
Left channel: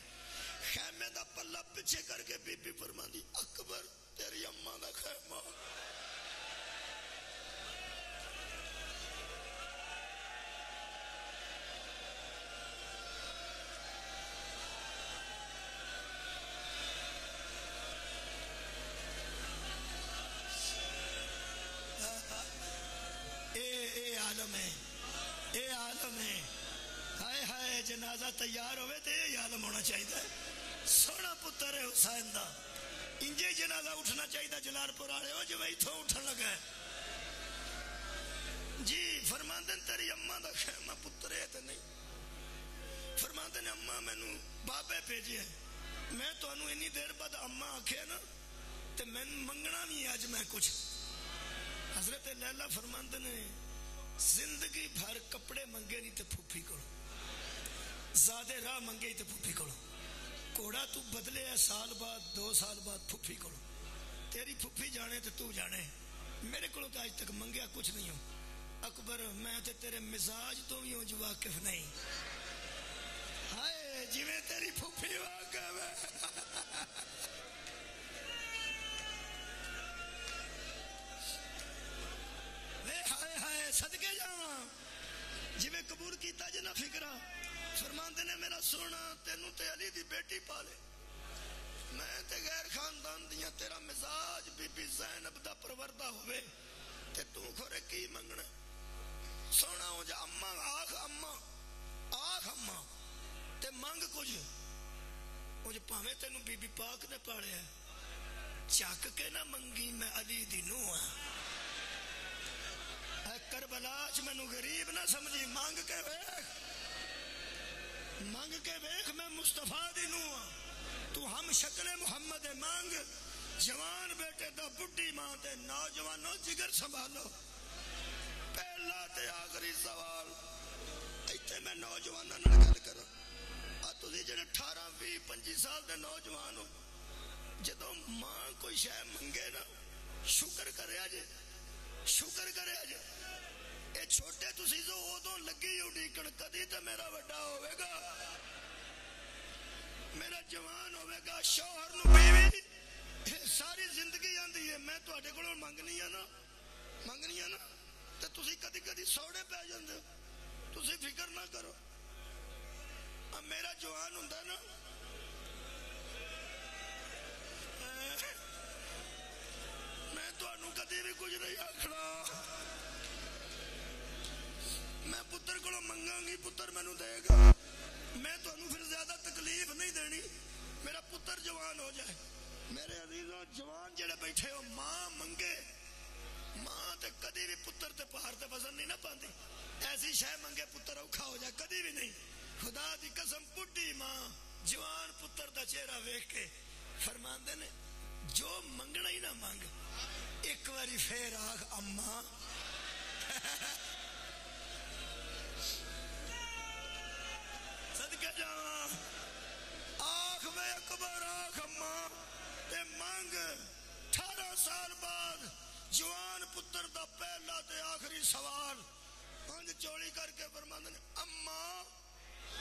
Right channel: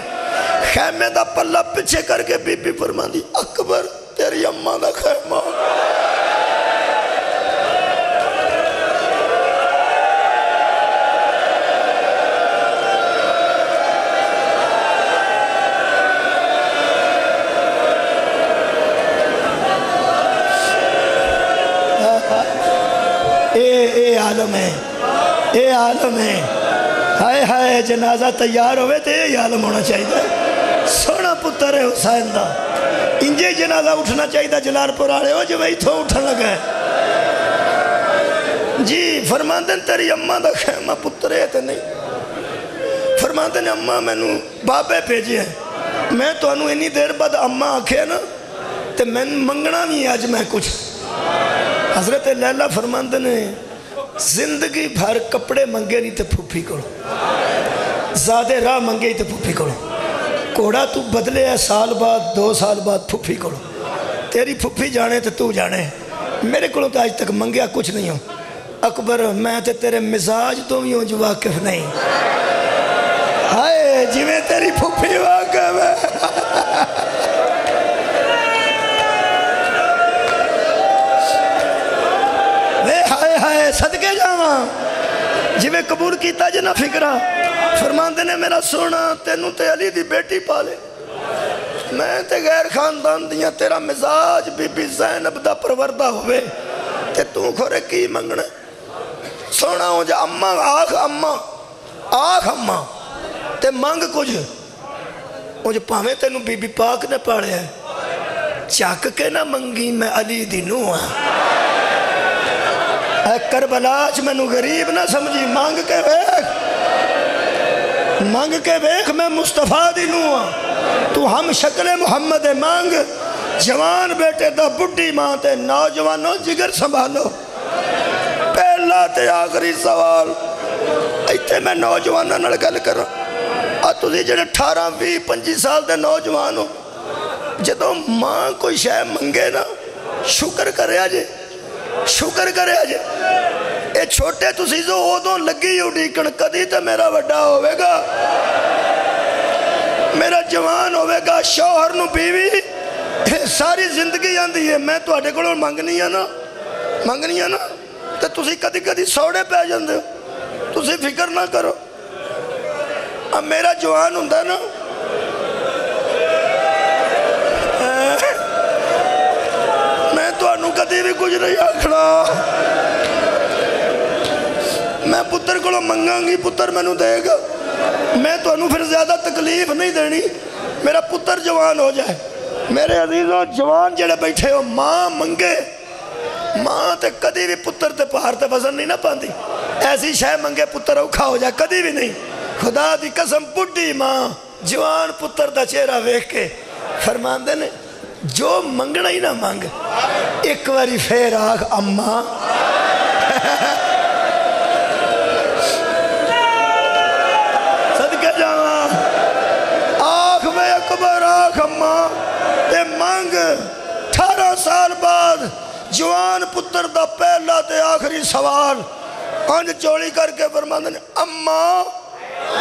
خیمے دا پلہ پچھے کر کے بی بی فرمان دی اکبر تیری اماں دا خیمہ اے عالم ہے، اے عالم ہے۔ ہائے ہائے جنازہ تیار ہوئے تو اے عالم ہونا چاہیے۔ سونا پتر ہے حسین دا، انجے جنازہ اٹھنا چاہیے جلال پور والے ہو جو میں اتھوں اٹھن لگا ہے۔ جی فرماندن تیری اماں دا خیمہ پتر ہے تے نہیں، فرماندن اماں میں نو بابے بھیجے ہیں، میں تو انہوں انی دیر بعد اماں آکھے نا تے میں منگنا نہیں آج میں کچھ۔ حضرت لیلہ فرماندن زندگی بھر کپڑے منگے نہیں تے پھوپھی کرو، زیادہ راہ منگے تے پھوپھی کرو، کوڑا تو بدلے ہے سال بعد 2 سال بعد پھوپھی کرو، تیری پھوپھی جانے تے تو جانے، میرے کو تو آج تک منگیا کچھ نہیں ہوں۔ اکبر میں تے تیرے مزاج تو بھی ہوں جو واقف نہیں، ہائے جی میں تیری پھوپھی واقف ہے۔ ہائے ہائے صدقے جاواں جی میں قبول کیتا جنا فکرہ۔ فرماندے نے میرا سونا تینوں تے علی دی بیٹی پالے، میں تے غیر خاندان دیاں، تیرا مزاج بی بی زینب دا پروردہ ہوئے تے تو کھورے کی منگنا سونا ہو جا اماں آخ اماں تے منگ کچھ مجھے پاہمیں تینوں بی بی پاک نے پاڑے ہیں، چاک کے نہ منگی میں علی دی نوہ، اے کربلاج میں نو غریب نہ سمجھی، مانگ کے بیک میں مصطفیٰ دی نوہ، تو ہم شکل محمد مانگ، جوان بیٹے دا بڑی ماں تے نوجوانوں جگر سنبھالو۔ پہلا تے آخری سوال ایتے میں نوجوانوں نڑ گل کر رہا، تُسی جڑے 18 20 25 سال دے نوجوان ہو، جدوں ماں کوئی شے منگے نا شکر کرے آجے، شکر کرے آجے۔ اے چھوٹے تُسی جو اودوں لگی اڈیکن کدی تے میرا وڈا ہوئے گا، میرا جوان ہوئے گا، شوہر نو بیوی ساری زندگی آندھی ہے، میں تو آٹے کو منگنی ہے نا تو تُسی کدی کدی سوڑے پہ جاندے ہو، تُسی فکر نہ کرو۔ اب میرا جوان ہوندہ نا میں تو انہوں کدی بھی کچھ نہیں آکھنا، میں پتر کو منگاں گی، پتر میں نو دے گا، میں تو انہوں پھر زیادہ تکلیف نہیں دینی، میرا پتر جوان ہو جائے۔ میرے عزیزوں جوان جڑے بیٹھے ہو، ماں منگے، ماں تے کدی بھی پتر تے پہاڑ تے وزن نہیں نہ پاندی، ایسی شے منگے پتر اوکھا ہو جائے کدی بھی نہیں۔ خدا دی قسم بڑی ماں جوان پتر دا چہرہ ویکھ کے فرماندے نے جو منگنا ہی نہ مانگ، ایک واری پھر آخ اماں، صدقے جاواں آخ میں اکبر آخ اماں تے مانگ۔ 18 سال بعد جوان پتر دا پہلا تے آخری سوال انج چوڑی کر کے فرماندے نے اماں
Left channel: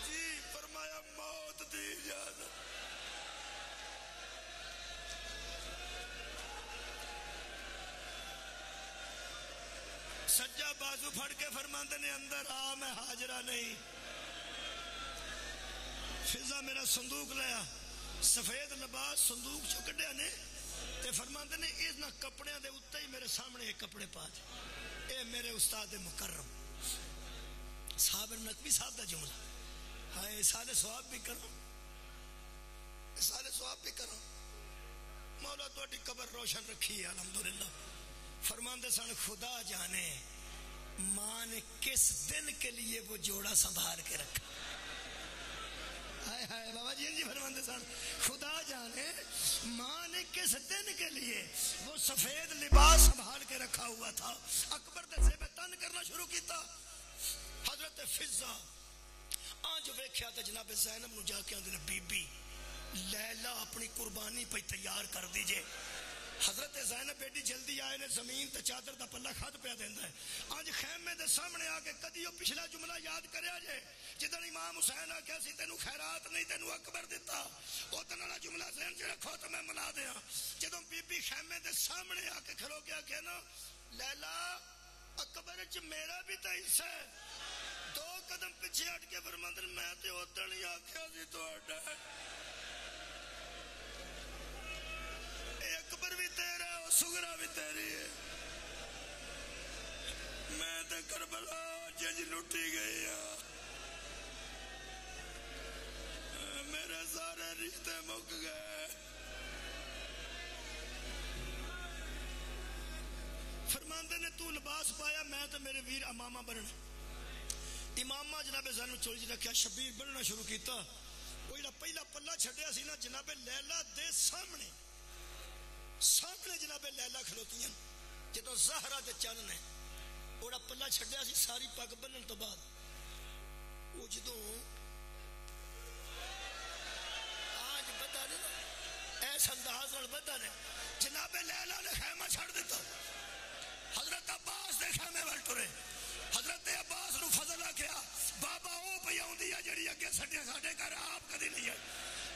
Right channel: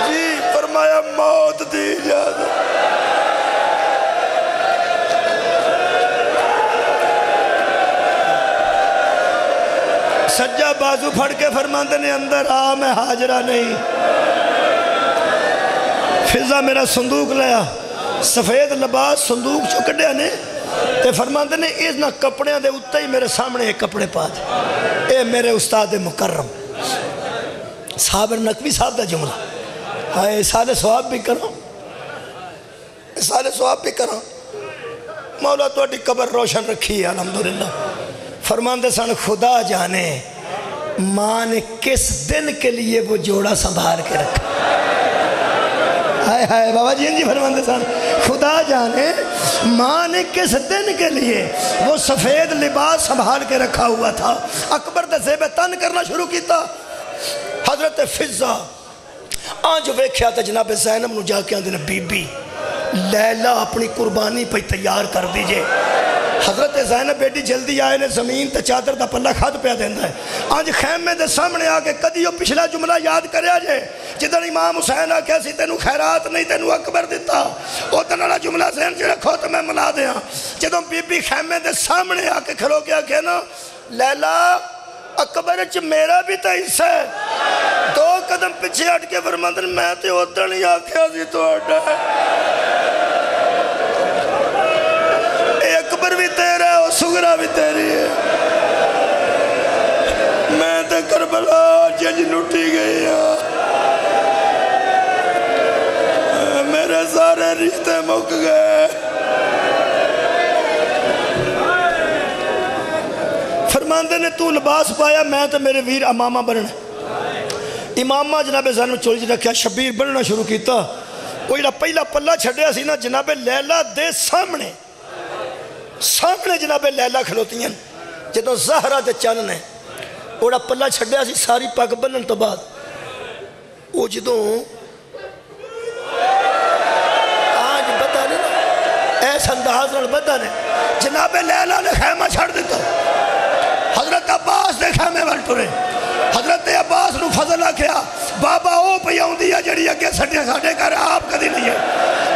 جی، فرمایا موت دی اجازت۔ سجا بازو پھڑ کے فرماندے نے اندر آ میں حاجرہ نہیں۔ فضا میرا صندوق لیا، سفید لباس صندوق چکڑیا نے تے فرماندے نے اس نہ کپڑیاں دے اتے ہی میرے سامنے ایک کپڑے پا دے، اے میرے استاد مکرم صابر نقوی صاحب دا جملہ، ہائے سال ثواب بھی کرو، سال ثواب بھی کرو، مولا تو اٹھی قبر روشن رکھی ہے الحمدللہ۔ فرماندے سن خدا جانے ماں نے کس دن کے لیے وہ جوڑا سنبھال کے رکھا، ہائے ہائے بابا جی فرماندے سن خدا جانے ماں نے کس دن کے لیے وہ سفید لباس سنبھال کے رکھا ہوا تھا۔ اکبر دے زیب تن کرنا شروع کیتا، حضرت فضا آنج ویکھیا تے جناب زینب نو جا کے آندے بی بی لیلہ اپنی قربانی پہ تیار کر دیجئے۔ حضرت زینب بیٹی جلدی آئے نے زمین تے چادر دا پلہ خط پہ دیندہ ہے، آنج خیمے دے سامنے آکے کدیو پچھلا جملہ یاد کرے آجے جدن امام حسین آکے سی تینو خیرات نہیں تینو اکبر دیتا، او تنالا جملہ ذہن سے رکھو تو میں ملا دیا۔ جدن بی بی خیمے دے سامنے آکے کھلو گیا کہ نا لیلہ اکبر چ میرا بھی تا حصہ ہے، 2 قدم پیچھے ہٹ کے فرماندن میں تے ادھر نہیں آکھیا سی تو اڈا ہے، اکبر بھی تیرا ہے اور سگرہ بھی تیری ہے، میں کربلا جج لٹی گئی میرے سارے رشتے مک گئے فرماندے نے تو لباس پایا میں تو میرے ویر امامہ بننا امامہ جناب زینب چولی جی رکھیا شبیر بننا شروع کیتا وہ جڑا پہلا پلہ چھڑیا سی نا جناب لیلہ دے سامنے جناب لیلہ کھلوتی ہیں جدو زہرہ دے چانن ہے وہ جڑا پلہ چھڑیا سی ساری پاک بنن تو بعد وہ جدو آج بتا نے ایسا انداز نال بتا نے جناب لیلہ نے خیمہ چھڑ دیتا حضرت عباس دے خیمے وال ٹرے حضرت عباس نو فضل آکھیا بابا او پہ آؤں دیا جڑی اگے ساڑھے کر آپ کدی نہیں ہے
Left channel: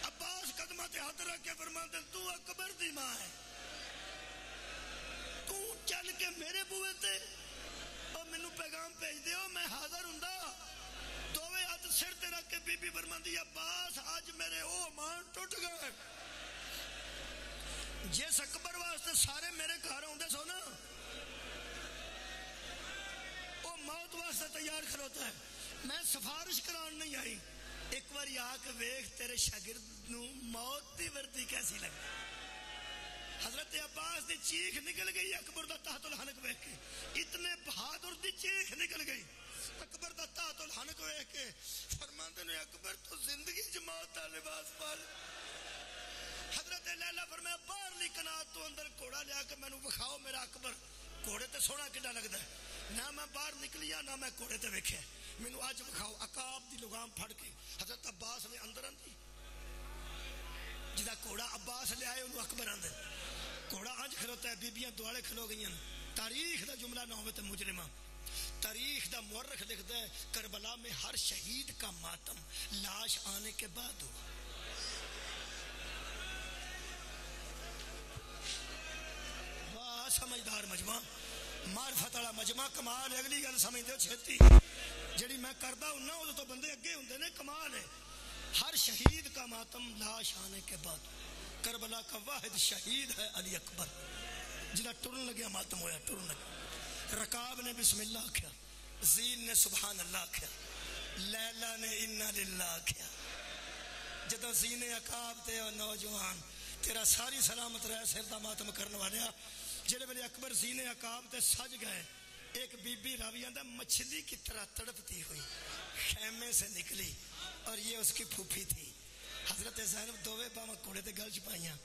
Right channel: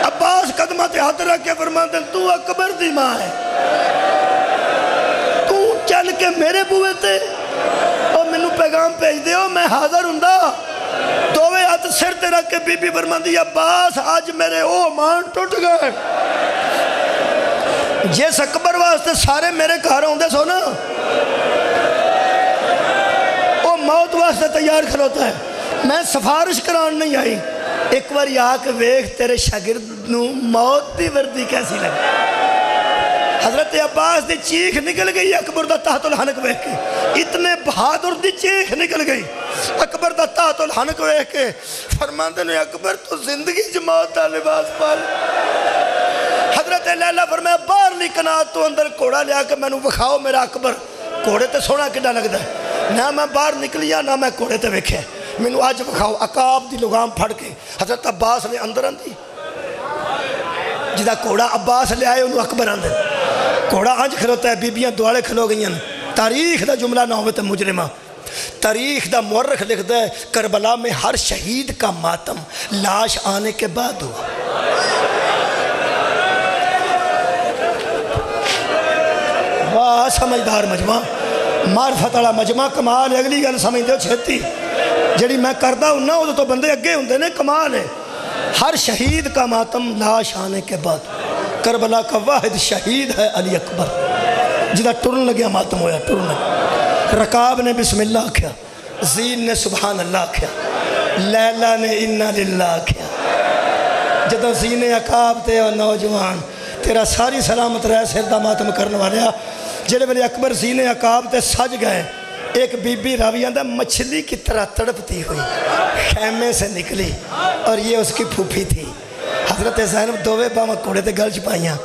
عباس قدمہ تے ہاتھ رکھ کے فرماتے تو اکبر دی ماں ہے تو چل کے میرے بوئے تے اور منو پیغام بھیج دیو میں حاضر ہوندا دووے ہاتھ سر تے رکھ کے بی بی فرماندی عباس آج میرے او مان ٹوٹ گئے جس اکبر واسطے سارے میرے گھر ہوندے سو نا وہ موت واسطے تیار کھلوتا ہے میں سفارش کران نہیں آئی ایک بار آکے ویکھ تیرے شاگرد نو موت دی وردی کیسی لگی حضرت عباس دی چیخ نکل گئی اکبر دا تحت الحنک ویکھ کے اتنے بہادر دی چیخ نکل گئی اکبر دا تحت الحنک ویکھ کے فرماندے نے اکبر تو زندگی جماعت دا لباس پال حضرت لیلہ فرمایا باہر لی کنات تو اندر کوڑا لیا کہ میں نو بکھاؤ میرا اکبر کوڑے تے سونا کڈا لگتا ہے نہ میں باہر نکلیا نہ میں کوڑے تے ویکھے میں نو آج بکھاؤ عقاب دی لگام پھڑ کے حضرت عباس نے اندر اندی جدا کوڑا عباس لے آئے انہوں اکبر اندر کوڑا آنج کھلوتا ہے بیبیاں دوالے کھلو گئی ہیں تاریخ دا جملہ نوبت مجرمہ تاریخ دا مورخ لکھتا ہے کربلا میں ہر شہید کا ماتم لاش آنے کے بعد ہوا واہ سمجھدار مجمع معرفت والا مجمع کمال ہے اگلی گل سمجھ دو چھتی جڑی میں کردہ ہوں نا وہ تو بندے اگے ہوں نے کمال ہے ہر شہید کا ماتم لاش آنے کے بعد کربلا کا واحد شہید ہے علی اکبر جدہ ٹرن لگیا ماتم ہویا ٹرن لگیا رکاب نے بسم اللہ کیا زین نے سبحان اللہ کیا لیلہ نے انہا للہ کیا جدہ زین عقاب تے اور نوجوان تیرا ساری سلامت رہے سردہ ماتم کرنے والے جڑے بلے اکبر زین عقاب تے سج گئے ایک بی بی راویہ دا مچھلی کی طرح تڑپتی ہوئی خیمے سے نکلی اور یہ اس کی پھوپھی تھی حضرت زینب دووے باما کوڑے تے گل چپائیاں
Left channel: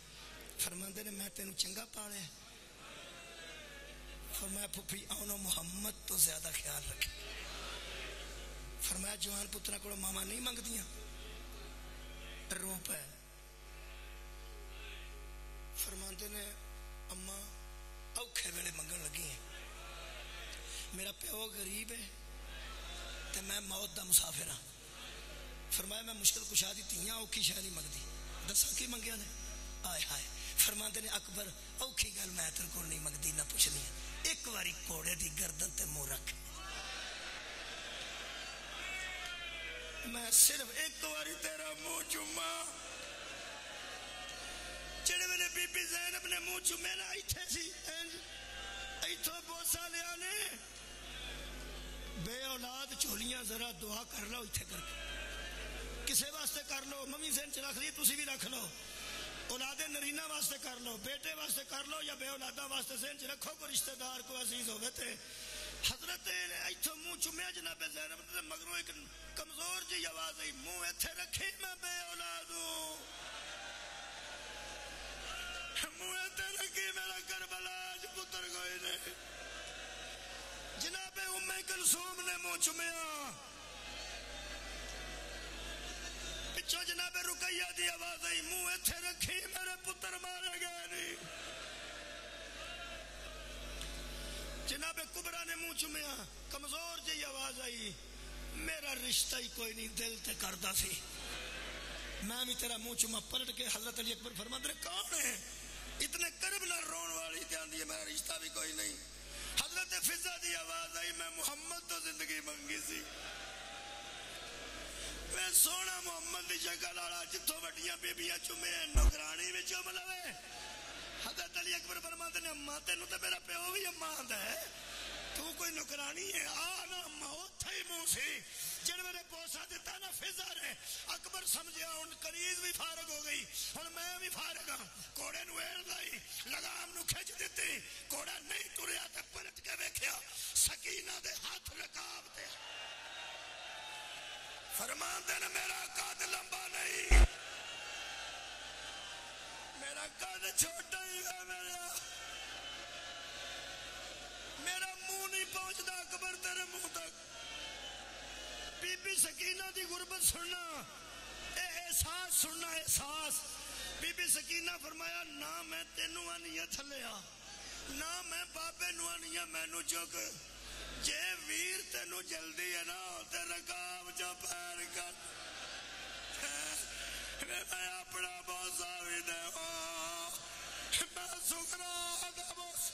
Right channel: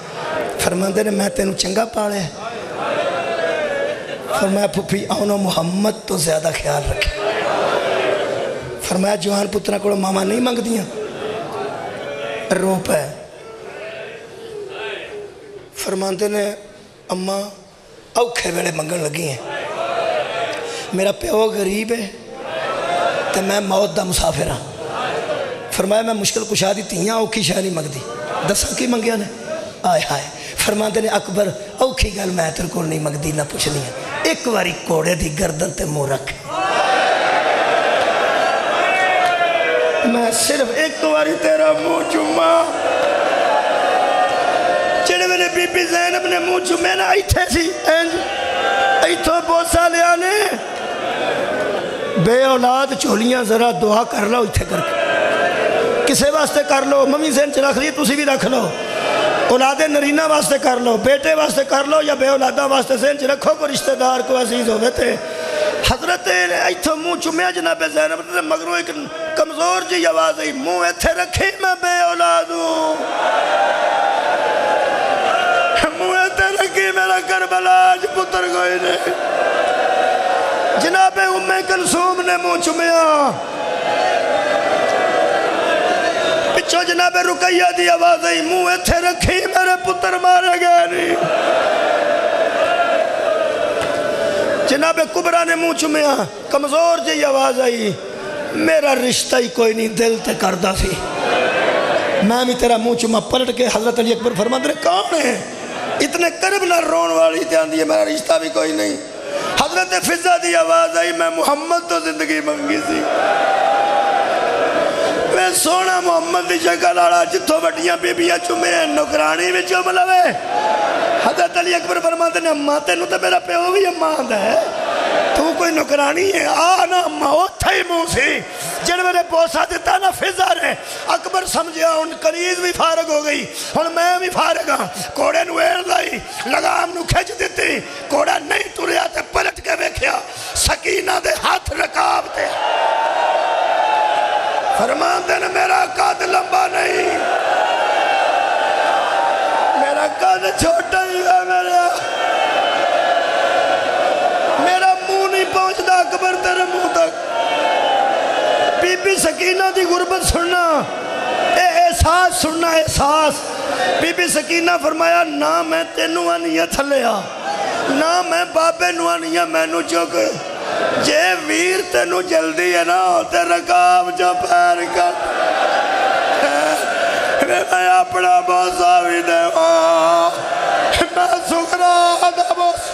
فرماندے نے میں تینوں چنگا پاڑے فرمایا پھوپھی آنو محمد تو زیادہ خیال رکھے فرمایا جوان پترہ کوڑا ماما نہیں مانگ دیاں روپ ہے فرماندے نے اماں اوکھے ویڑے منگن لگی ہیں میرا پیو غریب ہے تو میں موت دا مسافر ہاں فرمایا میں مشکل کشا دی تیاں اوکھی شاہ نہیں مگ دی دساں کی منگیا نے آئے ہائے فرماندے نے اکبر اوکھی گل میں تر کو نہیں مگ دی نہ پوچھنی ہے ایک واری کوڑے دی گردن تے منہ رکھ میں صرف ایک واری تیرا منہ چوما چڑے میرے بی بی زینب نے منہ چومے نا ایتھے سی ایتھو بوسا لیا نے بے اولاد چولیاں ذرا دعا کر لو ایتھے کر کے کسے واسطے کر لو ممی زین چ رکھ لی تسی بھی رکھ لو اولاد نرینہ واسطے کر لو بیٹے واسطے کر لو یا بے اولادہ واسطے زین چ رکھو کو رشتہ دار کو عزیز ہوئے تھے حضرت ایتھو منہ چومیا جناب زینب نے مگروں ایک کمزور جی آواز ہے منہ ایتھے رکھی میں بے اولاد ہوں منہ ایتھے رکھی میرا کربلا آج پتر گئے نے جناب ام کلثوم نے منہ چومیا پچھو جناب رقیہ دی آواز ہے منہ ایتھے رکھی میرے پتر مارے گئے نہیں جناب کبرا نے منہ چومیا کمزور جی آواز آئی میرا رشتہ ہی کوئی نہیں دل تے کردہ سی میں بھی تیرا منہ چوما پلٹ کے حضرت علی اکبر فرماتے ہیں کون ہے اتنے قرب نہ رون والی دھیان دیئے میرا رشتہ بھی کوئی نہیں حضرت فضہ دی آواز آئی میں محمد تو زندگی منگی سی میں سونا محمد دی شکل آڑا جتھو بڑیاں بیبیاں چومے ہیں نکرانی میں چوم لوے حضرت علی اکبر فرماتے ہیں اماں تینوں تو میرا پیو بھی اماں ہے تو کوئی نکرانی ہے آ نا موت ہی منہ سی جن میرے پوسا دیتا نا فضا نے اکبر سمجھیا ان کنیز بھی فارغ ہو گئی ہن میں بھی فارغ ہاں کوڑے نو ایڑ لائی لگام نو کھچ دیتی کوڑا نہیں تریا تے پلٹ کے ویکھیا سکینہ دے ہاتھ رکاب تے فرمان دے نا میرا قد لمبا نہیں میرا قد چھوٹا ہی ہے میرا منہ نہیں پہنچتا اکبر تیرے منہ تک بی بی سکینہ دی غربت سننا احساس سننا احساس بی بی سکینہ فرمایا نہ میں تینوں آنیا تھلیا نہ میں بابے نو آنیا میں نو چک جے ویر تینوں جلدی ہے نا تے رکاب جو پیر کٹ میں اپنا بوسا بھی دے میں سکرا دا بوس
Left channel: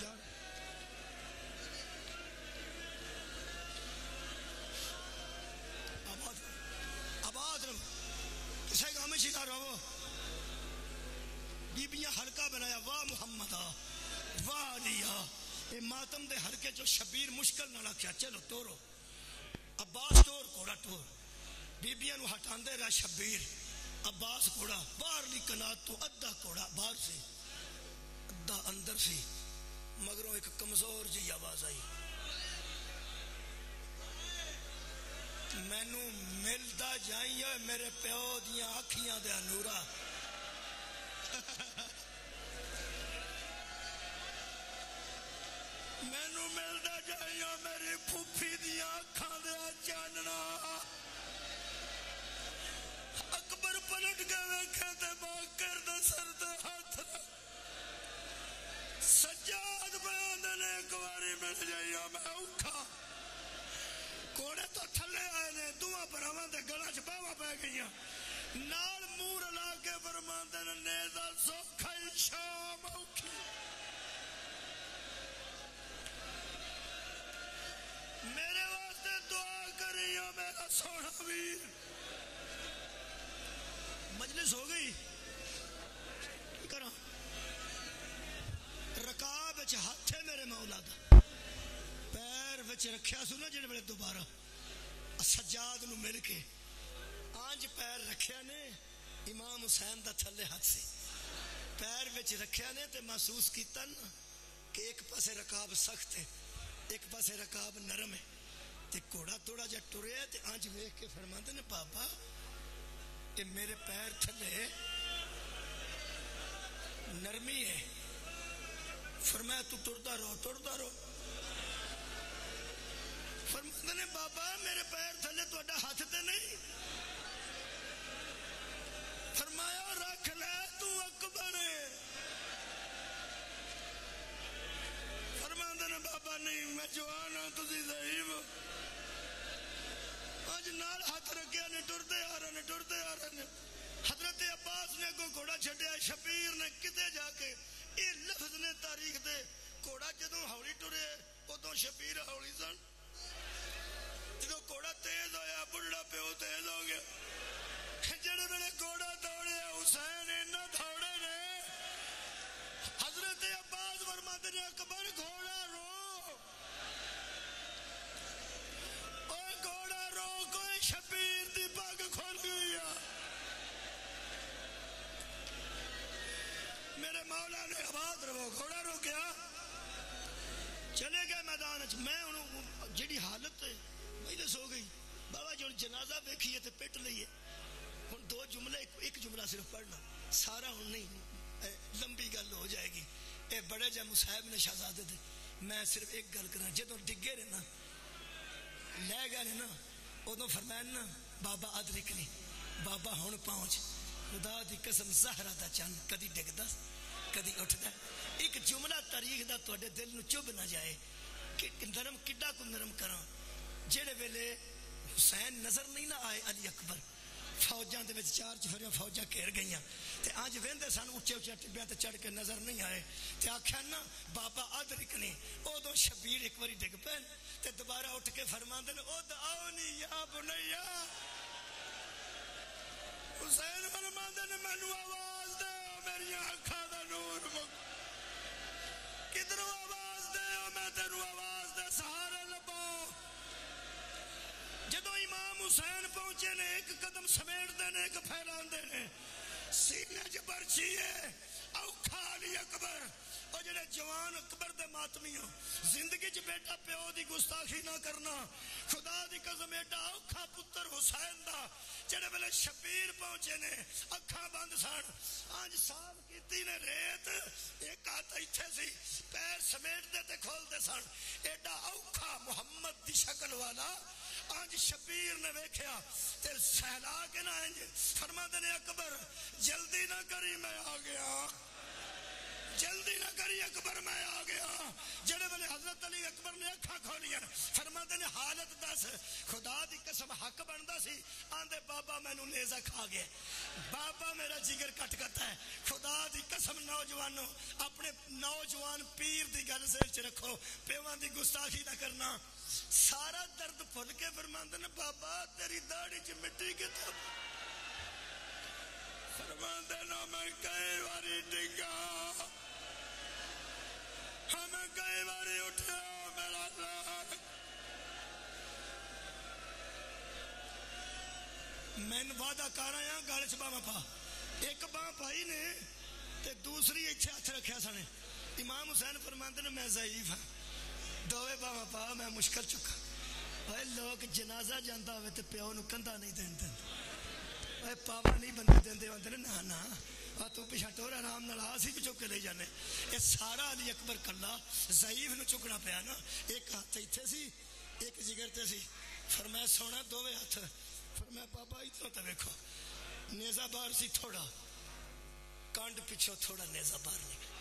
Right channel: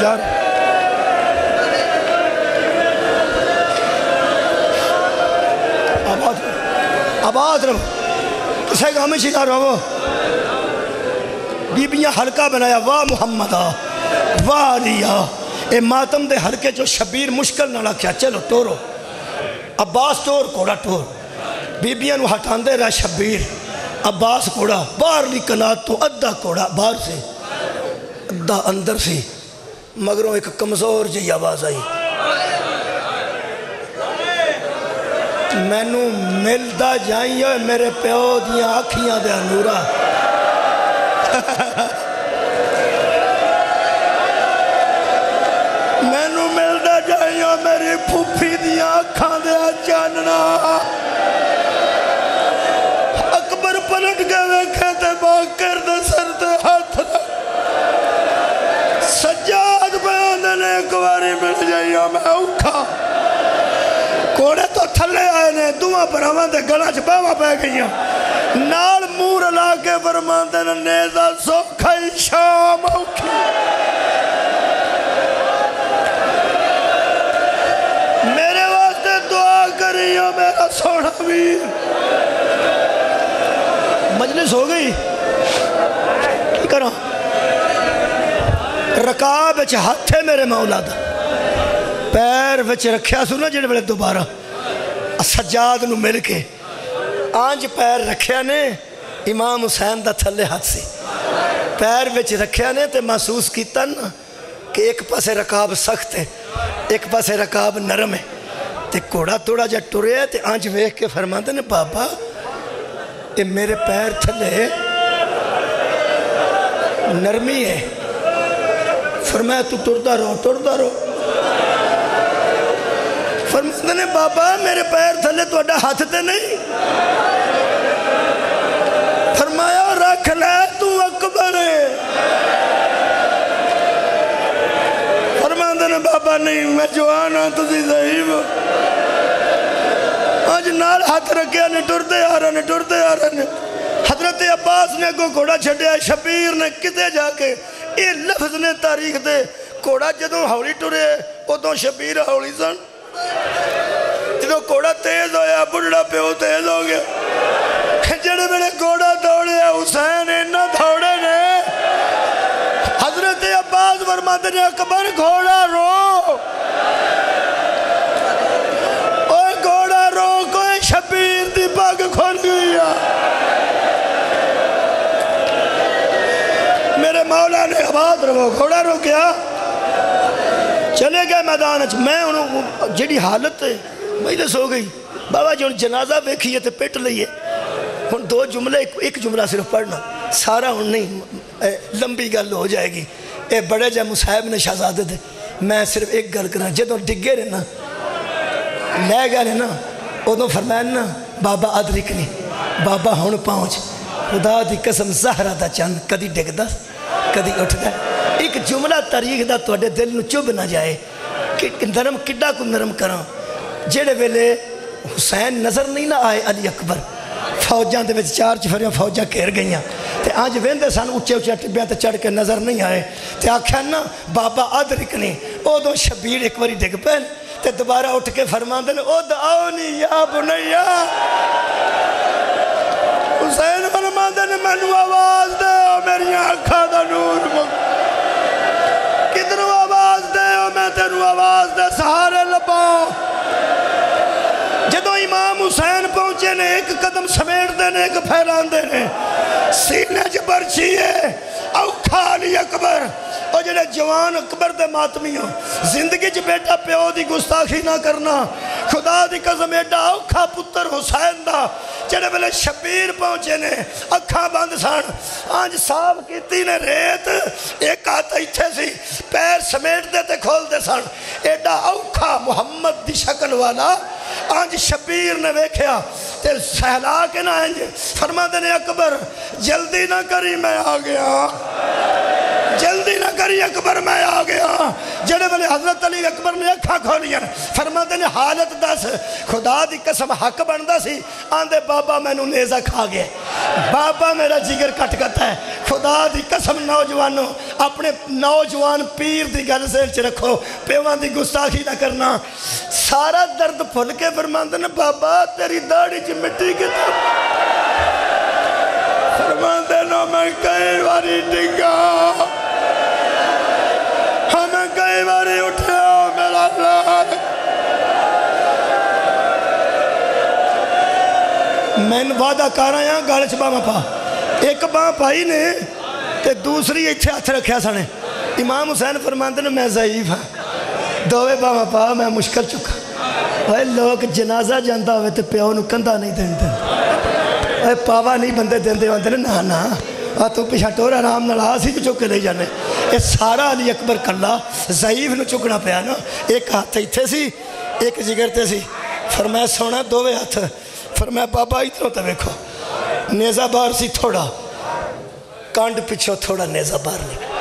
جان آباد رہو کسے گا ہمیں شکار رہو بیبیاں حلقہ بنایا واہ محمدہ واہ علیہ اے ماتم دے حلقے جو شبیر مشکل نہ لکھیا چلو ٹورو عباس ٹور کوڑا ٹور بیبیاں نو ہٹان دے رہا شبیر عباس کوڑا باہر لی کنات تو ادھا کوڑا باہر سے ادھا اندر سے مگروں ایک کمزور جی آواز آئی میں نو ملدہ جائیں ہوئے میرے پیو دیاں آکھیاں دے انورا میں نو ملدہ جائیں ہوئے میری پھوپھی دیاں آکھاں دے جاننا اکبر پلٹ کے ویکھے تے باکر دے سر دے ہاتھ سجاد بیاندے نے ایک باری مل جائیں میں اوکھا کوڑے تو تھلے آئے نے دعا پر ہمیں دے گڑا چپاوا پہ گئیاں نال مور لا کے فرمان دے نیزہ سوکھائی شام اوکھی میرے واسطے دعا کریاں میرا سوڑا ویر مجلس ہو گئی کی کرا رکاب اچھ ہاتھے میرے مولا دا پیر وچ رکھیا سنا جڑے بڑے دوبارہ سجاد نو مل کے آنج پیر رکھیا نے امام حسین دا تھلے ہاتھ سے پیر وچ رکھیا نے تے محسوس کیتا نا کہ ایک پاسے رکاب سخت ہے ایک پاسے رکاب نرم ہے تے کوڑا توڑا جا ٹورے ہے تے آنج ویکھ کے فرماتے نے بابا اے میرے پیر تھلے نرمی ہے فرمایا تو ٹردہ رو فرماتے نے بابا میرے پیر تھلے تو اڈا ہاتھ تے نہیں فرمایا رکھ لے تو اکبر ہے فرماتے نے بابا نہیں میں جوان ہوں تسی ضعیف ہو آج نال ہاتھ رکھیا نے ٹردے آ رہا نے حضرت عباس نے کو گھوڑا چھڑیا شبیر نے کتے جا کے یہ لفظ نے تاریخ دے گھوڑا جدوں ہولی ٹرے ادوں شبیر ہولی سن جدوں گھوڑا تیز ہویا بڑھڑا پیو تیز ہو گیا جڑے میرے گھوڑا دوڑے حسین انہاں دوڑے نے حضرت عباس فرماتے نے اکبر گھوڑا رو اوہ گھوڑا رو کوئی شبیر دی پاک کھول گیا میرے مولا نے آباد رہو گھوڑا رو کیا چلے گئے میدان میں انہوں جڑی حالت ہے مجلس ہو گئی بابا جو جنازہ بیکھئے تھے پیٹ لئیے ان دو جملے ایک جملہ صرف پڑھنا سارا ان نہیں لمبی گل ہو جائے گی اے بڑے جا مصاحب نے شہزادے تھے میں صرف ایک گل کرنا جدوں ڈگے رہنا لے گئے رہنا ادوں فرمایا نا بابا ادرکنی بابا ہون پہنچ خدا دی قسم زہرہ دا چند کدی ڈگ دا کدی اٹھ دا ایک جملہ تاریخ دا توڑے دل نو چوب نہ جائے کہ نرم کڈا کو نرم کرا جیڑے ویلے حسین نظر نہیں نہ آئے علی اکبر فوجان دے وچ چار چفریاں فوجاں کھیر گئیاں تے آج ویندے سان اچھے اچھے ٹبیاں تے چڑھ کے نظر نہیں آئے تے آکھیا نا بابا ادرکنی او دو شبیر ایک باری ڈگ پین تے دوبارہ اٹھ کے فرمان دے او دعونی یا بنیا حسین فرمان دے مینوں آواز دے میری آنکھاں دا نور کدھروں آواز تینوں آواز دے سہارے لباں جدوں امام حسین پہنچے نے ایک قدم سمیٹ دے نے ایک پھیلان دے نے سینے چ برچی ہے اوکھا علی اکبر اور جڑے جوان اکبر دے ماتمی ہو زندگی چ بیٹا پیو دی گستاخی نہ کرنا خدا دی قسم ایڈا اوکھا پتر حسین دا جڑے ویلے شبیر پہنچے نے اکھاں بند سن آنج صاف کیتی نے ریت ایک ہاتھ ایتھے سی پیر سمیٹ دے تے کھول دے سن ایڈا اوکھا محمد دی شکل والا آنج شبیر نے ویکھیا تے سہلا کے نہ آنج فرما دے نے اکبر جلدی نہ کری میں آ گیا جلدی نہ کری اکبر میں آ گیا جڑے والے حضرت علی اکبر نے اکھا کھولیا فرما دے نے حالت دس خدا دی قسم حق بندا سی آندے بابا میں نو نیزہ کھا گیا بابا میرا جگر کٹ کرتا ہے خدا دی قسم نوجوانوں اپنے نوجوان پیر دی گل ذہن چ رکھو پیوان دی گستاخی نہ کرنا سارا درد پھل کے فرما دے نے بابا تیری داڑھی چ مٹی کتنا فرما دے نو میں کئی واری ڈگا ہمیں کئی باری اٹھا میرا اللہ میں وعدہ کر رہا ہوں گالچ باں پا ایک باں پائی نے تے دوسری ایتھے ہاتھ رکھیا سنے امام حسین فرماندے نے میں ضعیف ہاں دووے باں پا میں مشکل چکا اے لوگ جنازہ جاندا ہوئے تے پیو نو کندھا نہیں دیندے اے پاوا نہیں بندے دیندے ہوندے نے نا نا تو پیچھا ٹور آرام نال آسی کو چک کے لے جانے اے سارا علی اکبر کلا ضعیف نو چکنا پیا نا ایک ہاتھ ایتھے سی ایک جگر تے سی فرمایا سونا دووے ہاتھ فرمایا بابا اتنا تے ویکھو نیزہ بار سی تھوڑا کانڈ پچھو تھوڑا نیزہ بار نکل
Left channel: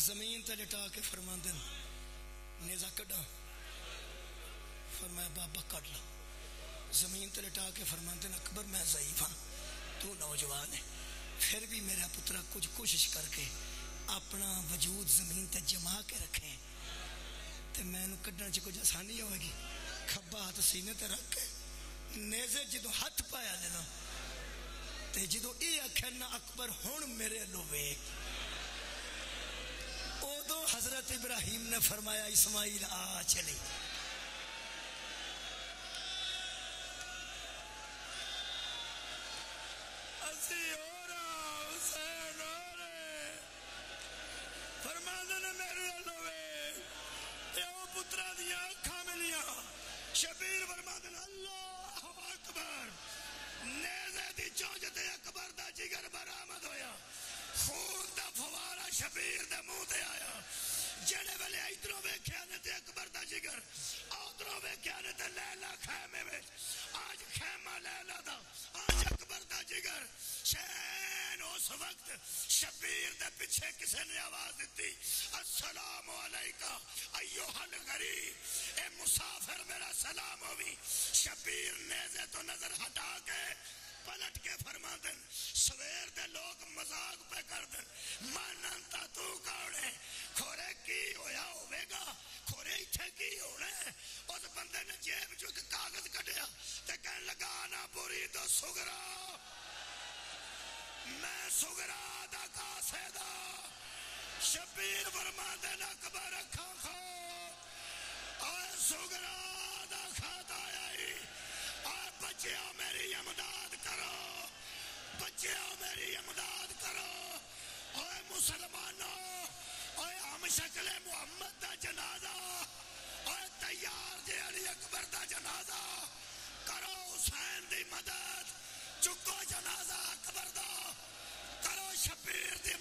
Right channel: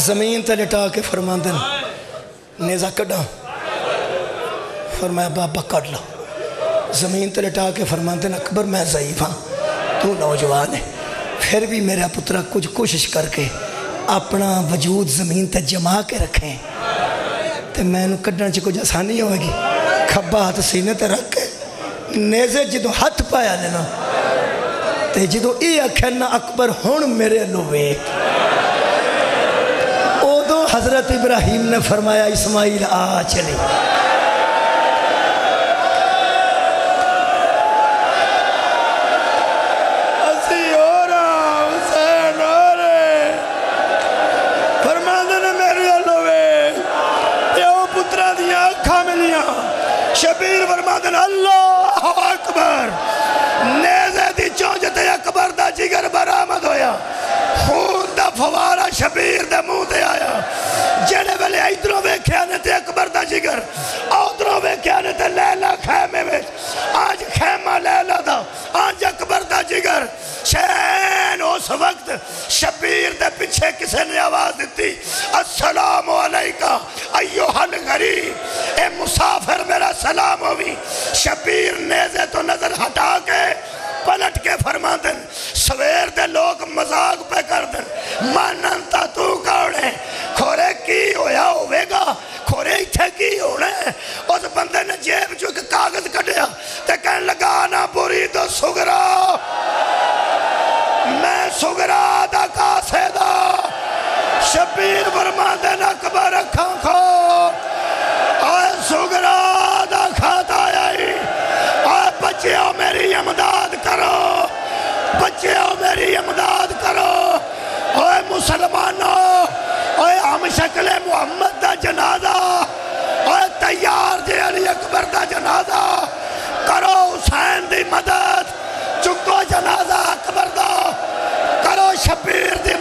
زمین تے لٹا کے فرماندن نیزہ کڈا فرمایا بابا کڈ لو زمین تے لٹا کے فرماندن اکبر میں ضعیف ہاں تو نوجوان ہے پھر بھی میرا پترہ کچھ کوشش کر کے اپنا وجود زمین تے جما کے رکھیں تے میں نو کڈن چ کچھ آسانی ہوئے گی کھبا ہاتھ سینے تے رکھ کے نیزے جدو ہاتھ پایا لینا تے جدو ای اکھنا اکبر ہون میرے لوے اودو حضرت ابراہیم نے فرمایا اسماعیل آ چلی شبیر فرمادن اللہ اکبر نیزے دی چونجتے اکبر دا جگر برآمد ہویا خون دا فوارا شبیر دے منہ تے آیا جڑے ویلے ادھروں ویکھے آنے تے اکبر دا جگر ادھروں ویکھے آنے تے لیلہ خیمے میں آج خیمہ لیلہ دا آج اکبر دا جگر شین اس وقت شبیر دے پیچھے کسے نے آواز دیتی السلام علیکہ ایوہ الغریب اے مسافر میرا سلام ہوئی شبیر نیزے تو نظر ہٹا کے پلٹ کے فرماندن سویر دے لوگ مزاق پہ کردن ماننتا تو کاؤنے کھورے کی ہویا ہوئے گا کھورے ایتھے کی ہونے اس بندے نے جیب جو کہ کاغذ کٹیا تے کہنے لگا آنا بوری تو سگرا میں سگرا دا کاسے دا شبیر فرماندن اکبر اکھاں کھو آئے سگرا دا کھاتا آئی آئے بچیوں میری امداد کرو بچیوں میری امداد کرو آئے مسلمانوں آئے ہم شکل محمد دا جنازہ آئے تیار جے علی اکبر دا جنازہ کرو حسین دی مدد چکو جنازہ اکبر دا کرو شبیر دی